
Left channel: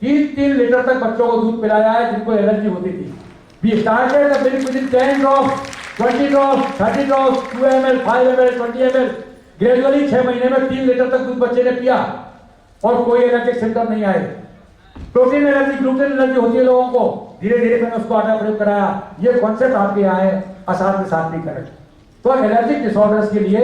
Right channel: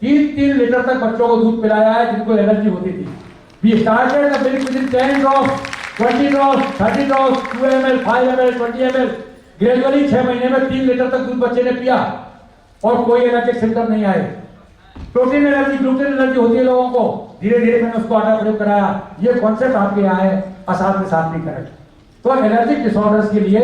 3-3 लीटर तक बच्चों को दूध पिलाया है जिनको एलर्जी होती थी. We started the milk within 10 drops, 20 drops, 30 drops, 2 ml, 5 ml, 20 ml. Gradually 6 महीने में 3 लीटर तक दूध बच्चे ने पिया और कोई एलर्जिक सिम्टम नहीं आए। प्रोटीन एलर्जी, ग्लूटेन एलर्जी होती है लोगों को, धीरे धीरे मैंने उसको आटा प्रयोग कराया। ये कॉन्सेप्ट आपके यहाँ है असाध्य सात्विकरण। तो एलर्जिक डिसऑर्डर्स के लिए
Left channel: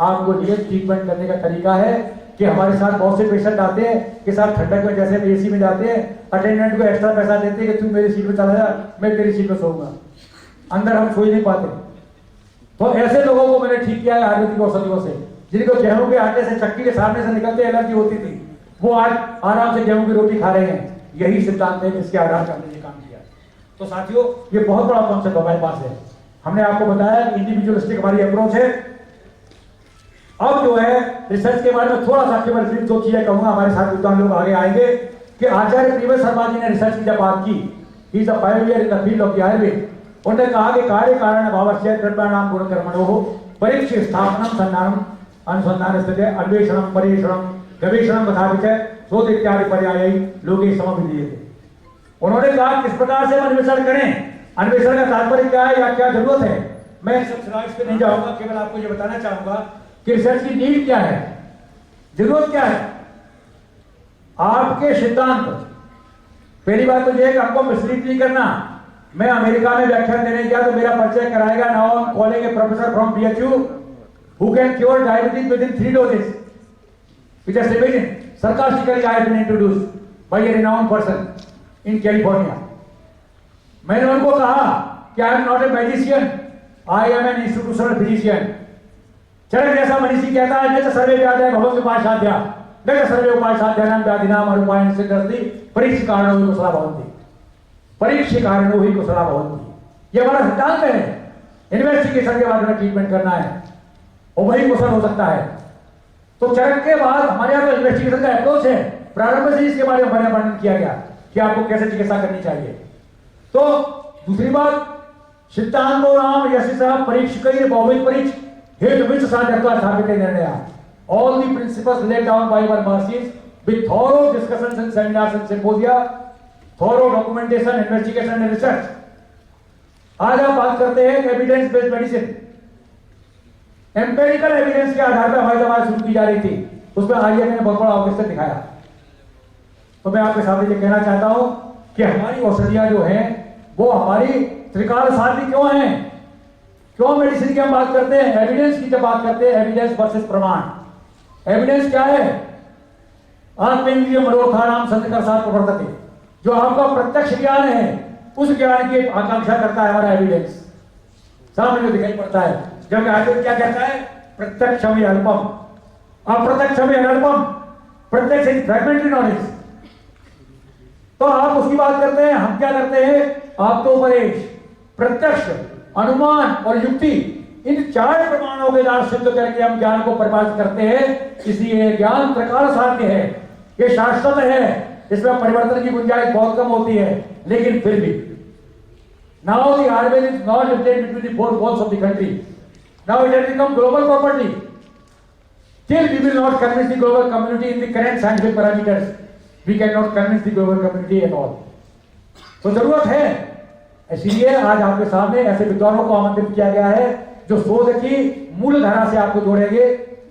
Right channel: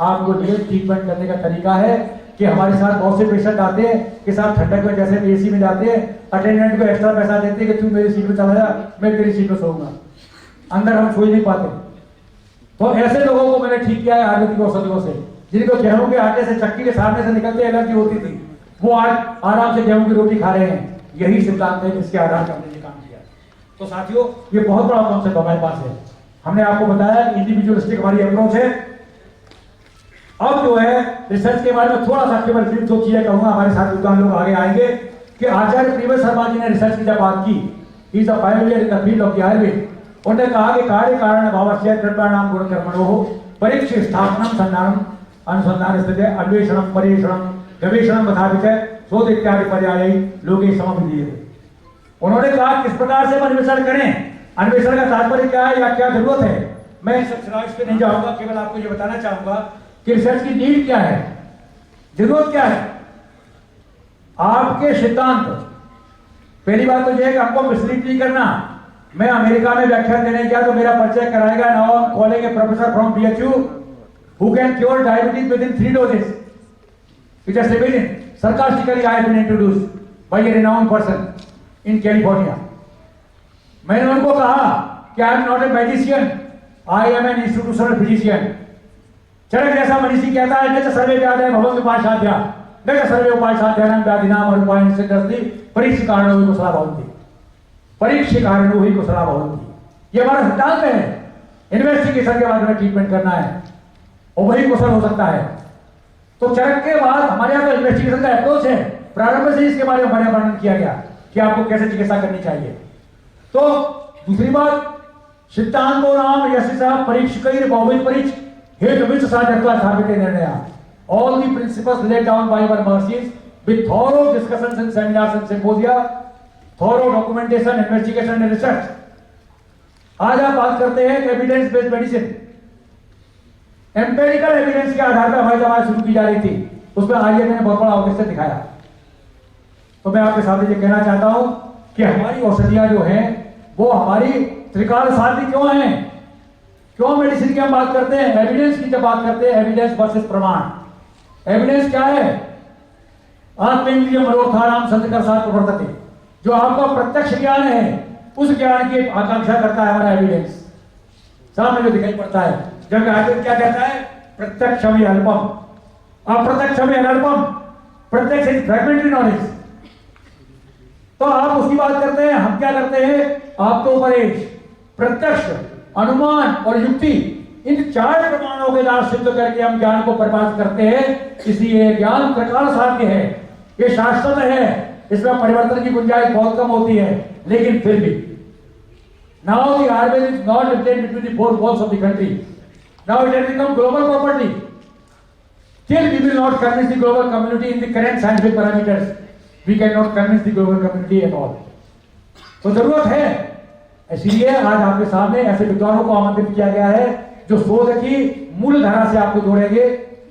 आपको लिए ट्रीटमेंट करने का तरीका है कि हमारे साथ बहुत से पेशेंट आते हैं कि साहब ठंडक में जैसे एसी में जाते हैं, अटेंडेंट को एक्स्ट्रा पैसा देते हैं कि तू मेरी सीट में चला जा, मैं तेरी सीट में सोऊंगा, अंदर हम सो ही नहीं पाते। तो ऐसे लोगों को मैंने ठीक किया है आयुर्वेदिक औषधियों से। जिनको गेहूं के आटे से, चक्की के सामने से निकलते एलर्जी होती थी, वो आज आराम से गेहूं की रोटी खा रहे हैं। यही सिद्धांत है जिसके आधार पर हमने ये काम किया। तो साथियों, ये बहुत बड़ा कॉन्सेप्ट हमारे पास है। हमने आपको बताया इंडिविजुअलिस्टिक हमारी अप्रोच है। अब जो है रिसर्च के बारे में थोड़ा सा केवल फिर 2 चीजें कहूंगा, हमारे साथ विद्वान लोग आगे आएंगे कि आचार्य प्रियव्रत शर्मा जी ने रिसर्च की जब बात की, he is a pioneer in the field of Ayurveda. उन्होंने कहा कि कार्य कारण भावस्य कर्मणाम गुण कर्मणोः परीक्ष स्थापनम संधानम अनुसंधान स्थिति अन्वेषणम परीक्षणम गवेषणम तथा विचय शोध इत्यादि पर्याय लोगे समभिधीयते। उन्होंने कहा किस प्रकार से हम अन्वेषण करें, अन्वेषण का तात्पर्य क्या है या क्या जरूरत है। मैं सब स्लाइड्स पे नहीं जाऊंगा, केवल आपको ये बताना चाहूंगा कि रिसर्च की नीड क्या है, जरूरत क्या है। आपके सिद्धांत, पहली बात तो यह है कि हमको मिसलीड नहीं करना। मैं अमेरिका में व्याख्यान देने गया तो मेरा परिचय कराएगा, now I am calling A professor from BHU who can cure diabetes within 3 doses. It has been sarcastically I have been introduced by a renowned person in California. मैंने उनको कहा कि I am not a magician, I am an institutional physician. चरक जैसा मनीषी कहता है न च सर्वे व्याधय भवन्ति उपासाध्या न च सर्वे उपासाध्यानां व्याधिनां रूपायण सिद्ध्यति परीक्ष कारणो हि कुशला भवन्ति। परीक्ष कारणो हि कुशला भवन्ति, ये हमारा सिद्धांत है। इन्वेस्टिगेशन के बाद में ट्रीटमेंट करना है और वही कुशल हो सकता है। तो चरक के बाद हमारे यहाँ इन्वेस्टिगेशन का अप्रोच है। प्रारंभ से इसके बारे में हमारे वर्णन किया गया कि आपको कैसे चिकित्सा करनी चाहिए। तो दूसरी बात, सिद्धांतो नाम यशसा परीक्षकैर बहुविध परीक्ष हेतु विच साध्यत्वा स्थापिते निर्णया। All the principles laid down by our masters with thorough discussions and seminars and symposia, thorough documentation, investigation and research। आज आप बात करते हैं evidence based medicine, empirical evidence के आधार पर हमारी दवाएं शुरू की जा रही थी। उसमें आइए मैंने बहुत बड़ा ऑर्केस्ट्रा दिखाया। तो मैं आपके सामने ये कहना चाहता हूं कि हमारी औषधियां जो हैं वो हमारी त्रिकाल साध्य क्यों हैं, क्यों मेडिसिन की हम बात करते हैं, एविडेंस की जब बात करते हैं, एविडेंस वर्सेस प्रमाण। एविडेंस क्या है, आत्मेन्द्रिय मनोर्थानाम संतकर्षात् प्रवर्तते, जो आपका प्रत्यक्ष ज्ञान है उस ज्ञान की आकांक्षा करता है हमारा एविडेंस, सामने जो दिखाई पड़ता है। जब आयुर्वेद क्या कहता है, प्रत्यक्षम अल्पम अप्रत्यक्षम अल्पम, प्रत्यक्ष इज फ्रैगमेंटरी नॉलेज। तो आप उसकी बात करते हैं, हम क्या करते हैं, आप तो उपदेश, प्रत्यक्ष, अनुमान और युक्ति, इन 4 प्रमाणों के द्वारा सिद्ध करके हम ज्ञान को परिभाषित करते हैं। इसलिए ज्ञान प्रकार साध्य है, ये शाश्वत है, इसमें परिवर्तन की गुंजाइश बहुत कम होती है। लेकिन फिर भी now the Ayurveda is not limited between the 4 walls of the country. Now it has become global property. Still we will not convince the global community in the current scientific parameters. We cannot convince the global community at all. तो जरूरत है, इसलिए आज आपके सामने ऐसे विद्वानों को आमंत्रित किया गया है जो शोध की मूल धारा से आपको जोड़ेंगे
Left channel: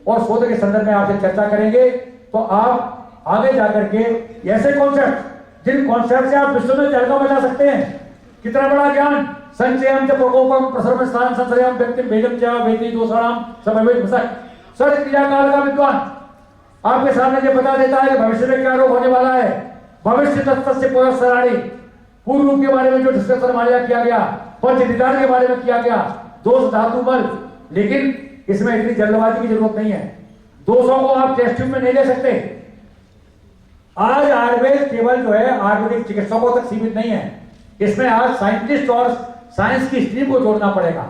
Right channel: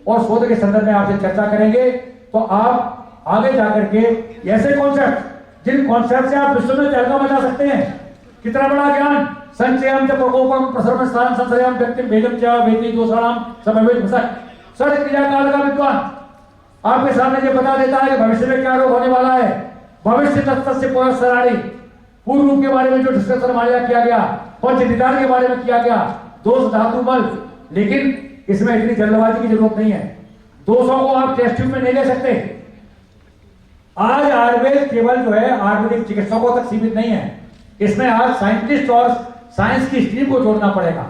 और शोध के संदर्भ में आपसे चर्चा करेंगे। तो आप आगे जाकर के ऐसे कॉन्सेप्ट, जिन कॉन्सेप्ट से आप विश्व में तहलका मचा सकते हैं, कितना बड़ा ज्ञान, संचयम च प्रकोपम प्रसर्व स्थान संशयम व्यक्ति भेदम च वेदी दोषाणाम समवेत भसक, षड क्रिया काल का विद्वान आपके सामने ये बता देता है कि भविष्य में क्या रोग होने वाला है। भविष्य तत्व से पुरस्सराणी, पूर्व रूप के बारे में जो डिस्कशन हमारे किया गया, पंच निदान के बारे में किया गया, दोष धातु बल। लेकिन इसमें इतनी जल्दबाजी की जरूरत नहीं है, दोषों को आप टेस्ट ट्यूब में नहीं ले सकते। आज आयुर्वेद केवल जो है आयुर्वेदिक चिकित्सकों तक सीमित नहीं है, इसमें आज साइंटिस्ट और साइंस की स्ट्रीम को जोड़ना पड़ेगा।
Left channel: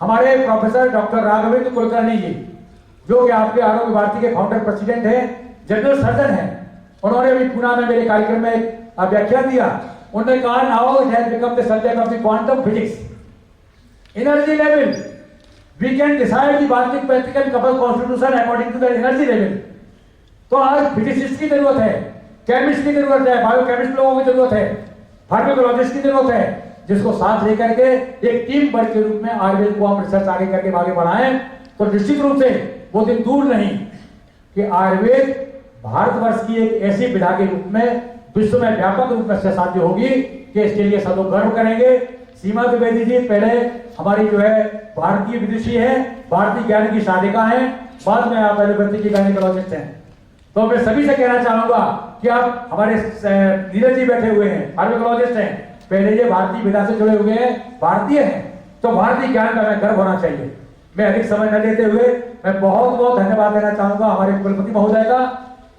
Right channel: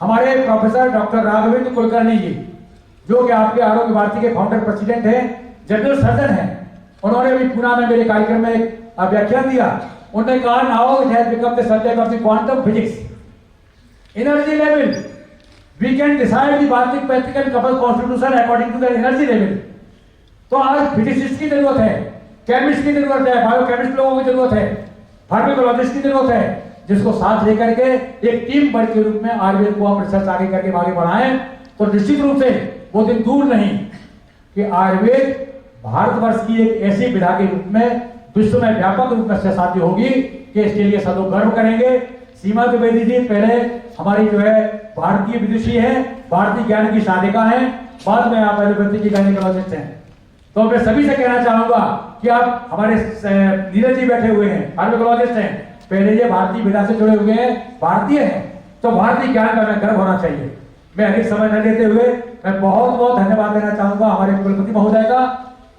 हमारे प्रोफेसर डॉक्टर राघवेंद्र कुलकर्णी जी, जो कि आपके आरोग्य भारती के फाउंडर प्रेसिडेंट हैं, जनरल सर्जन हैं, उन्होंने अभी पुणे में मेरे कार्यक्रम में एक व्याख्यान दिया। उन्होंने कहा now it has become the subject of the quantum physics, energy level, we can decide the बार्टिक पैथिक एंड कपल constitution according to the energy level. तो आज फिजिसिस्ट की जरूरत है, केमिस्ट की जरूरत है, बायोकेमिस्ट लोगों की जरूरत है, फार्माकोलॉजिस्ट की जरूरत है, जिसको साथ लेकर के एक टीम वर्क के रूप में आयुर्वेद को हम रिसर्च आगे करके आगे बढ़ाएं, तो निश्चित रूप से वो दिन दूर नहीं कि आयुर्वेद भारतवर्ष की एक ऐसी विधा के रूप में विश्व में व्यापक रूप में सहसाध्य होगी कि इसके लिए सब लोग गर्व करेंगे। सीमा द्विवेदी जी पहले हमारी जो है भारतीय विदुषी है, भारतीय ज्ञान की साधिका है, बाद में आप एलोपैथी की गायनेकोलॉजिस्ट हैं। तो मैं सभी से कहना चाहूंगा कि आप हमारे नीरज जी बैठे हुए हैं, आयुर्वेदोलॉजिस्ट हैं, पहले ये भारतीय विधा से जुड़े हुए हैं, भारतीय हैं, तो भारतीय ज्ञान का हमें गर्व होना चाहिए। मैं अधिक समय न लेते हुए मैं बहुत बहुत धन्यवाद देना चाहूंगा हमारे कुलपति महोदय का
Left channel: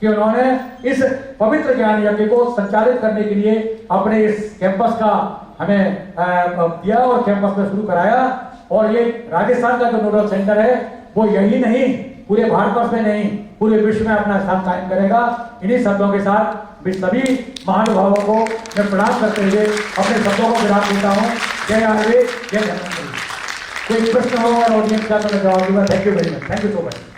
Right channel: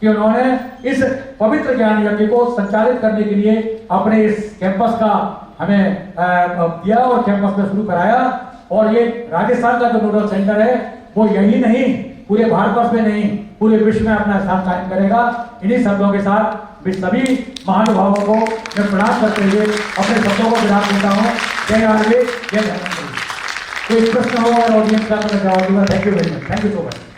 कि उन्होंने इस पवित्र ज्ञान यज्ञ को संचालित करने के लिए अपने इस कैंपस का हमें दिया और कैंपस में शुरू कराया। और ये राजस्थान का जो नोडल सेंटर है वो यही नहीं, पूरे भारतवर्ष में नहीं, पूरे विश्व में अपना स्थान कायम करेगा। इन्हीं शब्दों के साथ मैं सभी महानुभावों को मैं प्रणाम करते हुए अपने शब्दों को विराम देता हूँ। जय आयुर्वेद, जय धन्वंतरि। कोई प्रश्न हो और ऑडियंस का तो मैं जवाब दूंगा। Thank you very much, thank you so much.